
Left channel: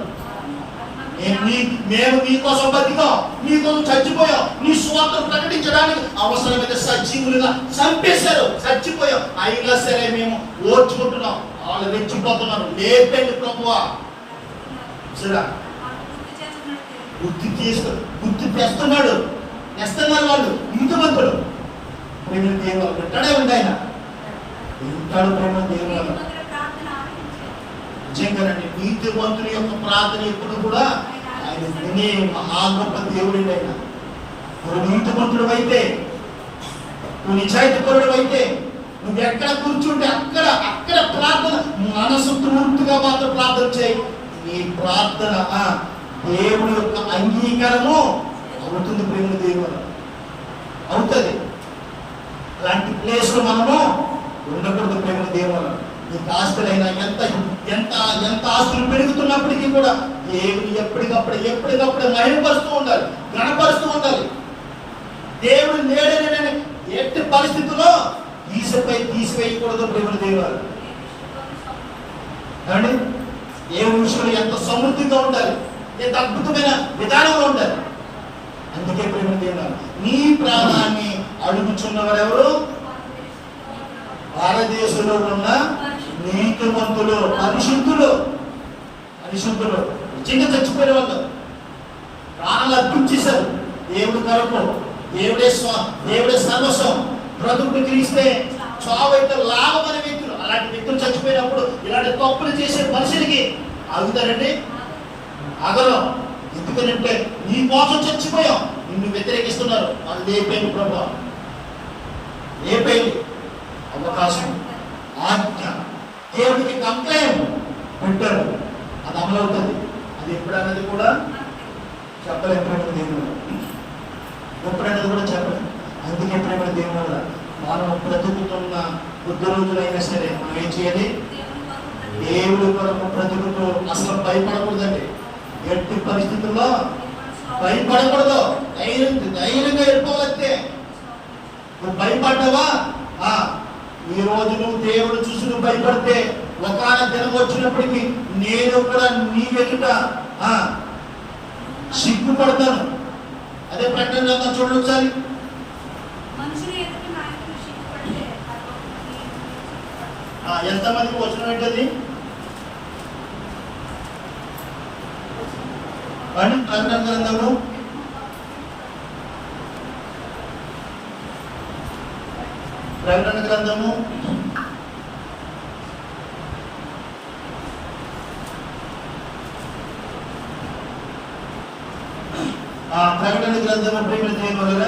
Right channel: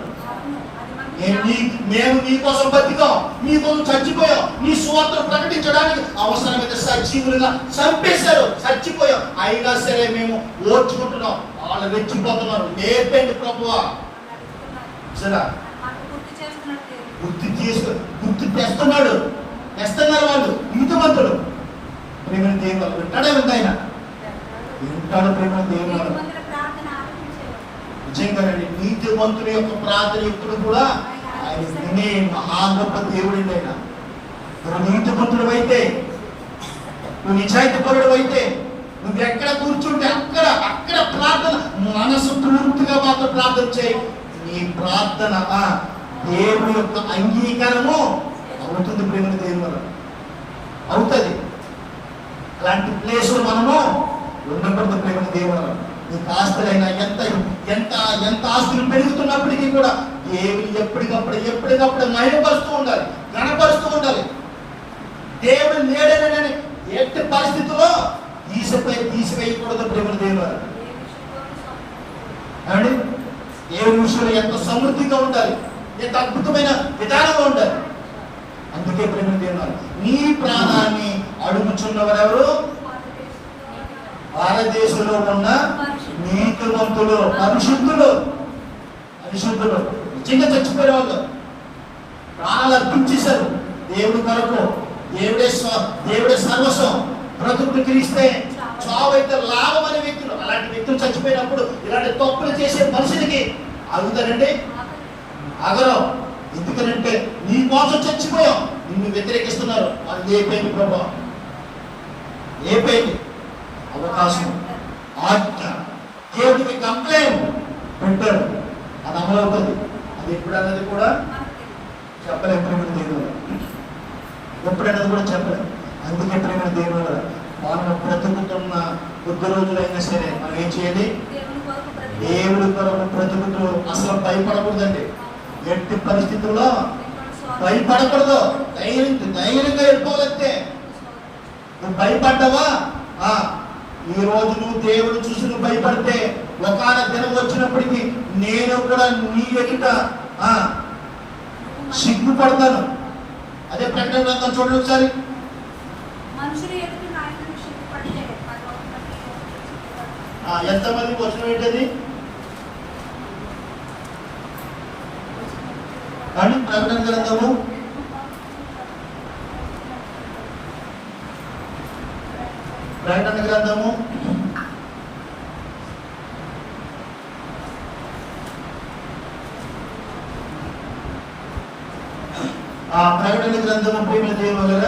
మేము మీకోసం బతికాం, మీకోసం చచ్చిపోయాం, నీ సువార్తను ప్రకటించడానికి అవసరమైతే సజీవులుగా చంపేశారు, చచ్చిపోయాం, అయినా సరే మేము ఓర్చుకుంటున్నాం. వాళ్ళు రెచ్చిపోతున్నారు. లేపండి ప్రభువా. సరే గుర్తు తెస్తున్నారు వాళ్ళు నీతిమంతుడు. ప్రేమ దేవుడు వింటాడే ఉంది ఆయన, వింటాడు ప్రేమ దేవుడు. నిజంగానండి నీతిమంతుని యొక్క ప్రార్థన ఎప్పుడు కూడా ఆయన ఆయన వినే మహా గొప్ప దేవుడండి. ఆయన నువ్వు నీతిమంతుడు అయితే, నువ్వు నిజాయితీపరుడు అయితే, నువ్వు ఎక్కడ కూర్చుంటే అక్కడ ప్రార్థన మనసు పూర్తిగా మాతో ప్రార్థన చేయి. నీ ప్రార్థన దేవుని యొక్క అంగీకారము అవుతుంది. ప్రేమ దేవుని వల్ల అవుతుంది. అలాంటి ప్లేస్లో మనము ఉండకూడదు. ప్రేమ దేవుని వల్ల నీకు ఆస్తులైనా ఎంత ఆస్తులు పెరుగుతున్నప్పటికీ కూడా దేవుని ఎప్పటికప్పుడు మహిమపరుస్తూ ఉండాలి, గణపరుస్తూ ఉండాలి. దేవుడు లేడనని ఎట్టి పరిస్థితుల్లో తీసివేయకూడదు. ప్రేమ దేవుని వల్ల ఏమండి, దేవుని విషయంలో ఎంత సమృద్ధిగా ఉండాలి, ఎంత అద్భుతమైన విధానంలో ఉండాలి. అందుకే ప్రేమ దేవుని నీ ప్రాణాన్ని అడుగుచున్నవారెవరు? భారతదేశంలో ఉన్న నీతిమంతులు, పరిశుద్ధులు నిజంగా చచ్చిపోయిన వాళ్ళు ప్రాణాలు అర్పించేశారు దేవుడి కొరకు. దేవుడే సర్వస్వం. బ్రతుకు క్రీస్తే చావైతే లాభం అనే వ్యక్తులు, అలాంటి వ్యక్తులు చచ్చిపోయినప్పుడు ఇలాంటి తప్పులు చేసే మనుషులకి ఆగుతారండి? ఆగరం. ఎందుకనంటే నీ కోసం చచ్చిపోయాం, నిన్ను వ్యతిరేకిస్తున్నారు. అది లేపేయండి ప్రభా, లేపేయండి. అవకాశం ఆజ్ఞ దేవుడికి కంప్లైంట్ పెట్టారు, అది అమలవుతుంది. అది ఎప్పుడన్నది కూడా చెప్పలేము. ప్రేమ దేవుడు ఎప్పుడన్నది కూడా చెప్పలేము. అందుకే ప్రేమ దేవుడు మనం బ్రతుకుతున్న కొద్ది రోజులైనా సరే మనం ఏం చేయాలి? దేవుడి కొరకు బ్రతుకుతూ అసలు భయపడకూడదండి. ఎట్టి పరిస్థితుల్లో భయపడకూడదు. ధైర్యంగా వెళ్ళిపోవాలంటే. నువ్వు భయపడ్డావా? ఈ రోజు నువ్వు దేవుని చూసి నువ్వు భయపడితే ఒకనొక దినం వచ్చినప్పటికీ నేను కూడా నీ ఎదుట సిగ్గుపడతాను. అదే ప్రకటన గ్రంథం చూడండి ఒకసారి. ఎంతమందికి వచ్చిన ఏంటది అని ప్రకటన గ్రంథము ప్రకటన గ్రంథము 3 దేవుని వలన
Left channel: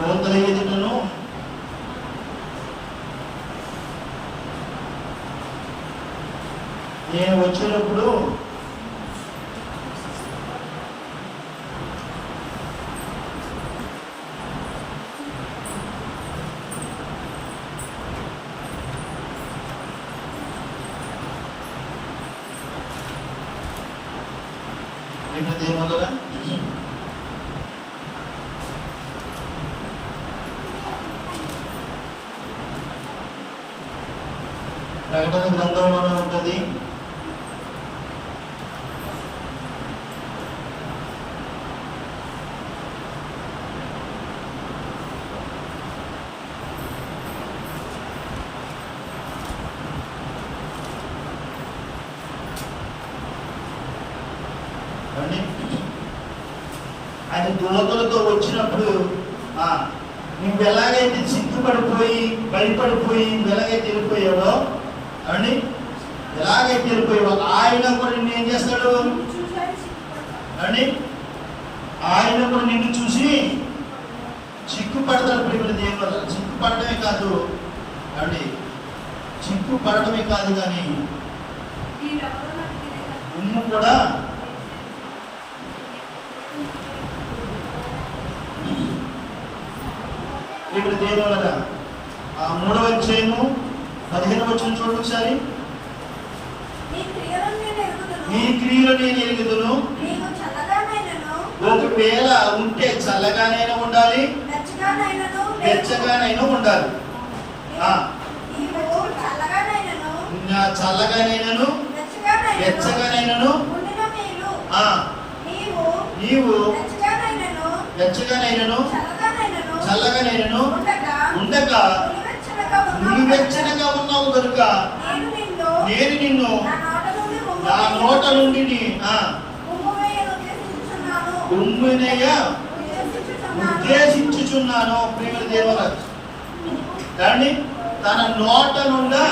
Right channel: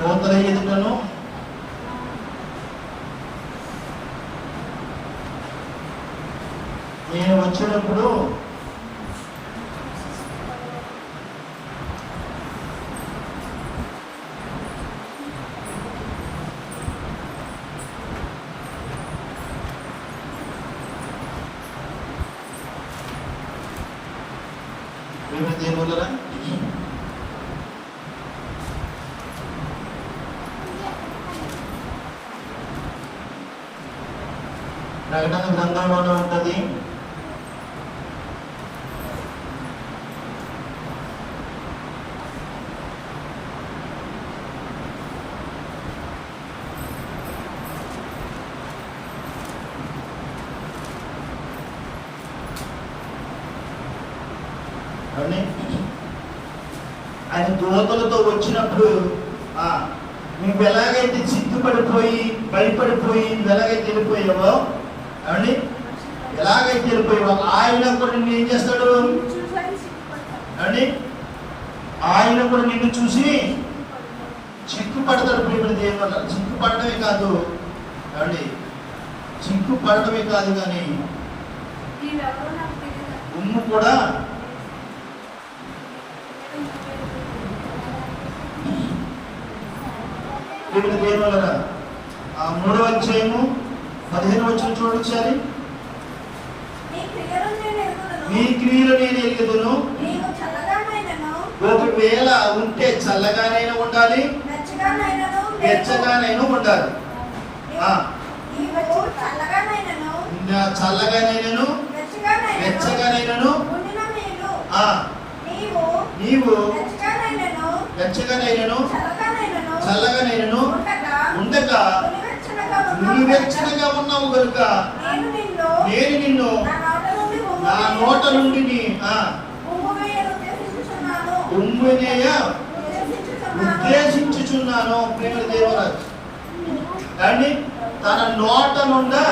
లోతల ఎదుటను నేను వచ్చినప్పుడు దేనివల్ల ప్రకటన గ్రంథంలోనే ఉంటుంది. ఆయన దూతలతో వచ్చినప్పుడు నువ్వు ఎలాగైతే సిగ్గుపడిపోయి భయపడిపోయి ఎలాగైతే వెళ్ళిపోయావో అండి, ఎలాగైతే వెళ్ళిపోయావో ఆయన కూడా నిన్ను ఏం చేస్తాడు అండి? ఆయన కూడా నిన్ను చూసి సిగ్గుపడతాడు. ప్రేమ దేవుని వల్ల సిగ్గుపడటమే కాదు అండి, సిగ్గుపడటమే కాదు కానీ ఉమ్ము కూడా ప్రేమ దేవుని వల్ల 3వ అధ్యాయము 15వ వచనం చూడండి ఒకసారి. నీ క్రియలు నేను ఎరుగుదును. ఒకవేళ ఉంటే చల్లగానైనా ఉండాలి, వెచ్చగానైనా ఉండాలి. చల్లగానైనాను వెచ్చగానైనాను నీవు వెచ్చగానైనాను చల్లగానైనాను ఉండగా నులివెచ్చనగా ఉన్నావు కనుక నేను నిన్ను నా నోట నుండి ఉమ్మినేయ ఉద్దేశించుచున్నాను. ప్రేమ దేవరాజు కానీ తన నోట నుండా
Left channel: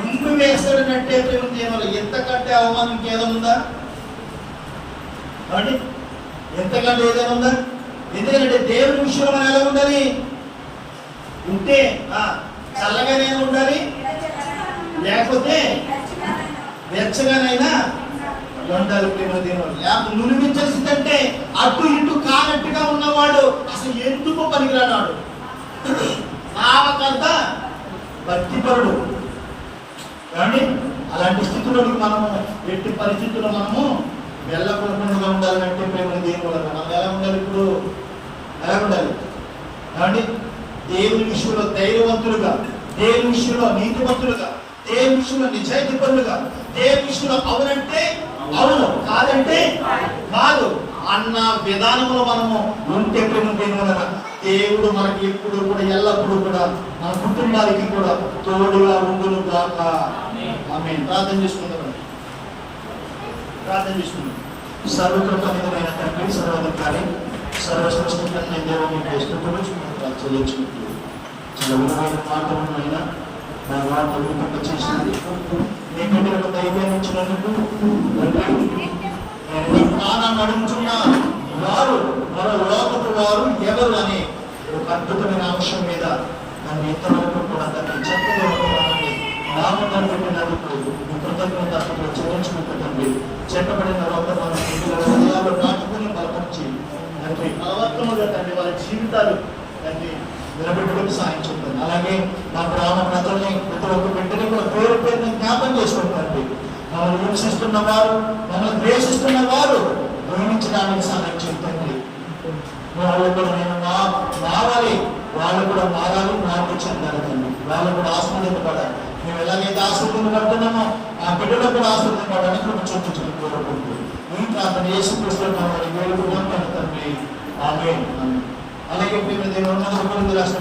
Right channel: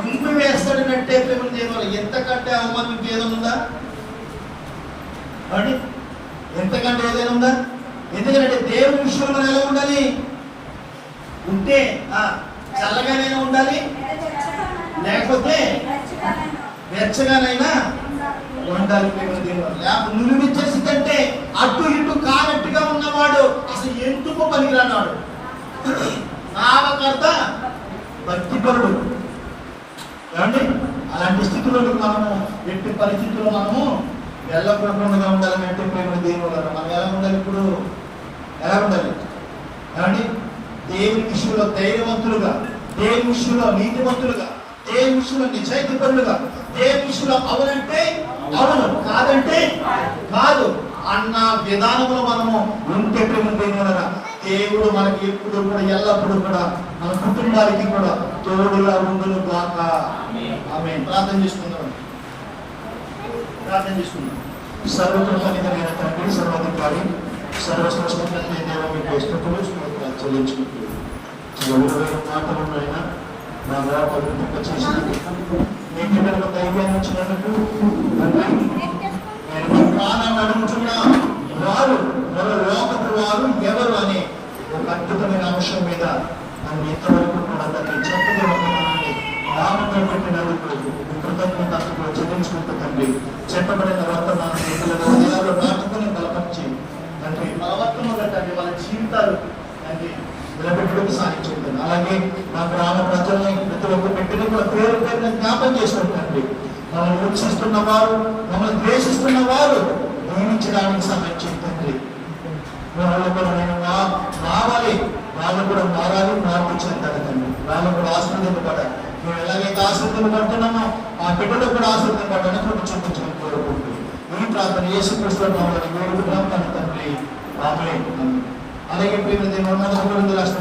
ఉమ్మి వేస్తాడనంటే ప్రేమ దేవరాజు ఎంతకంటే అవమానం ఇంకేదో ఉందా అండి? ఎంతకంటే ఏదైనా ఉందా? ఎందుకంటే దేవుని విషయంలో మనం ఎలా ఉండాలి? ఉంటే చల్లగానే ఉండాలి, లేకపోతే వెచ్చగానైనా ఉండాలి. ప్రేమ దేవుడు లేకపోతే నులివించేసిందంటే అటు ఇటు కానట్టుగా ఉన్నవాడు అసలు ఎందుకు పనికిరానాడు. నామకర్త భక్తిపరుడు ఏమండి? అలాంటి స్థితిలోకి మనము ఎట్టి పరిస్థితుల్లో మనము వెళ్ళకుండా ఉండాలంటే ప్రేమ దేవుడు మనం ఎలా ఉండాలి? ఇప్పుడు ఎలా ఉండాలి ఏమండి? దేవుని విషయంలో ధైర్యవంతులుగా, దేవుని విషయంలో నీతివంతులుగా, దేవుని విషయంలో నిజాయితీపరులుగా, దేవుని విషయంలో అవునంటే అవును, కాదంటే కాదు అన్న విధానంలో మనము ఉంటే ప్రేమ దేవుడు దేవుడు మనకి ఎప్పుడు కూడా ఎల్లప్పుడూ కూడా మన కుటుంబానికి కూడా తోడుగా ఉండును గాక. ఆమేన్. ప్రార్థన చేసుకుందాం. ప్రార్థన చేసుకుందాం. సర్వకృతజ్ఞతమైన తండ్రి, సర్వాధికారి, సర్వశ్రేష్ఠమైన దేవ మీకు స్తుతులు స్తోత్రాలు చెల్లించుకుంటూ చాలా విలువైన మాటలైనా నా మాట వినిపింప చేసినది మీ బిడ్డలకు ధైర్యాన్ని ఇచ్చినందుకు తండ్రి. నేను మీ ప్రాణాన్ని అడుగుతున్న వారు మరో లోకపు వారు ఎవరు అనే ఒక అద్భుతమైన అంశం మీద నన్ను ఇంతవరకు కూడా తండ్రి చెప్పదేవుతున్నానని నామంలో పెట్టినందుకు మీ కృతజ్ఞతతో చెల్లించుకుంటూ తండ్రి. చెప్పబడిన వర్తమానం పిల్లల హృదయాలు నాటుకుని బలపరిచి తండ్రి ప్రవర్తనగా తండ్రి వాళ్ళ జీవితాలు తండ్రి నిలబెట్టడానికి సాయం చేయండి. అలాగే మా గ్రామ ప్రజల్ని ప్రతి ఒక్క బిడ్డని కూడా పేరు పేరున జ్ఞాపకం చేసుకుంటుంది. మమ్మల్ని హింసిస్తున్న వారు, మమ్మల్ని ద్వేషిస్తున్న వారు దీవించడానికి సహాయం చేయండి. వాళ్ళు కూడా నేను మారాలి, వాళ్ళు కూడా మారాలి, మార్పు చెందాలి తండ్రి. వాళ్ళు కూడా ఆశీర్వదింపబడాలి. మేము ఎలాగైతే ఆశీర్వదింపబడుతున్నామో ఆ బిడ్డలో కూడా ఆశీర్వదింపబడాలని కృప చూపించడం కోరుకుంటూ ఈ ప్రార్థన యేసుక్రీస్తు నామమున వేడుకుంటున్నాం తండ్రి. ఆమేన్. అలాగే ప్రేమ దేవుని రాష్ట్రం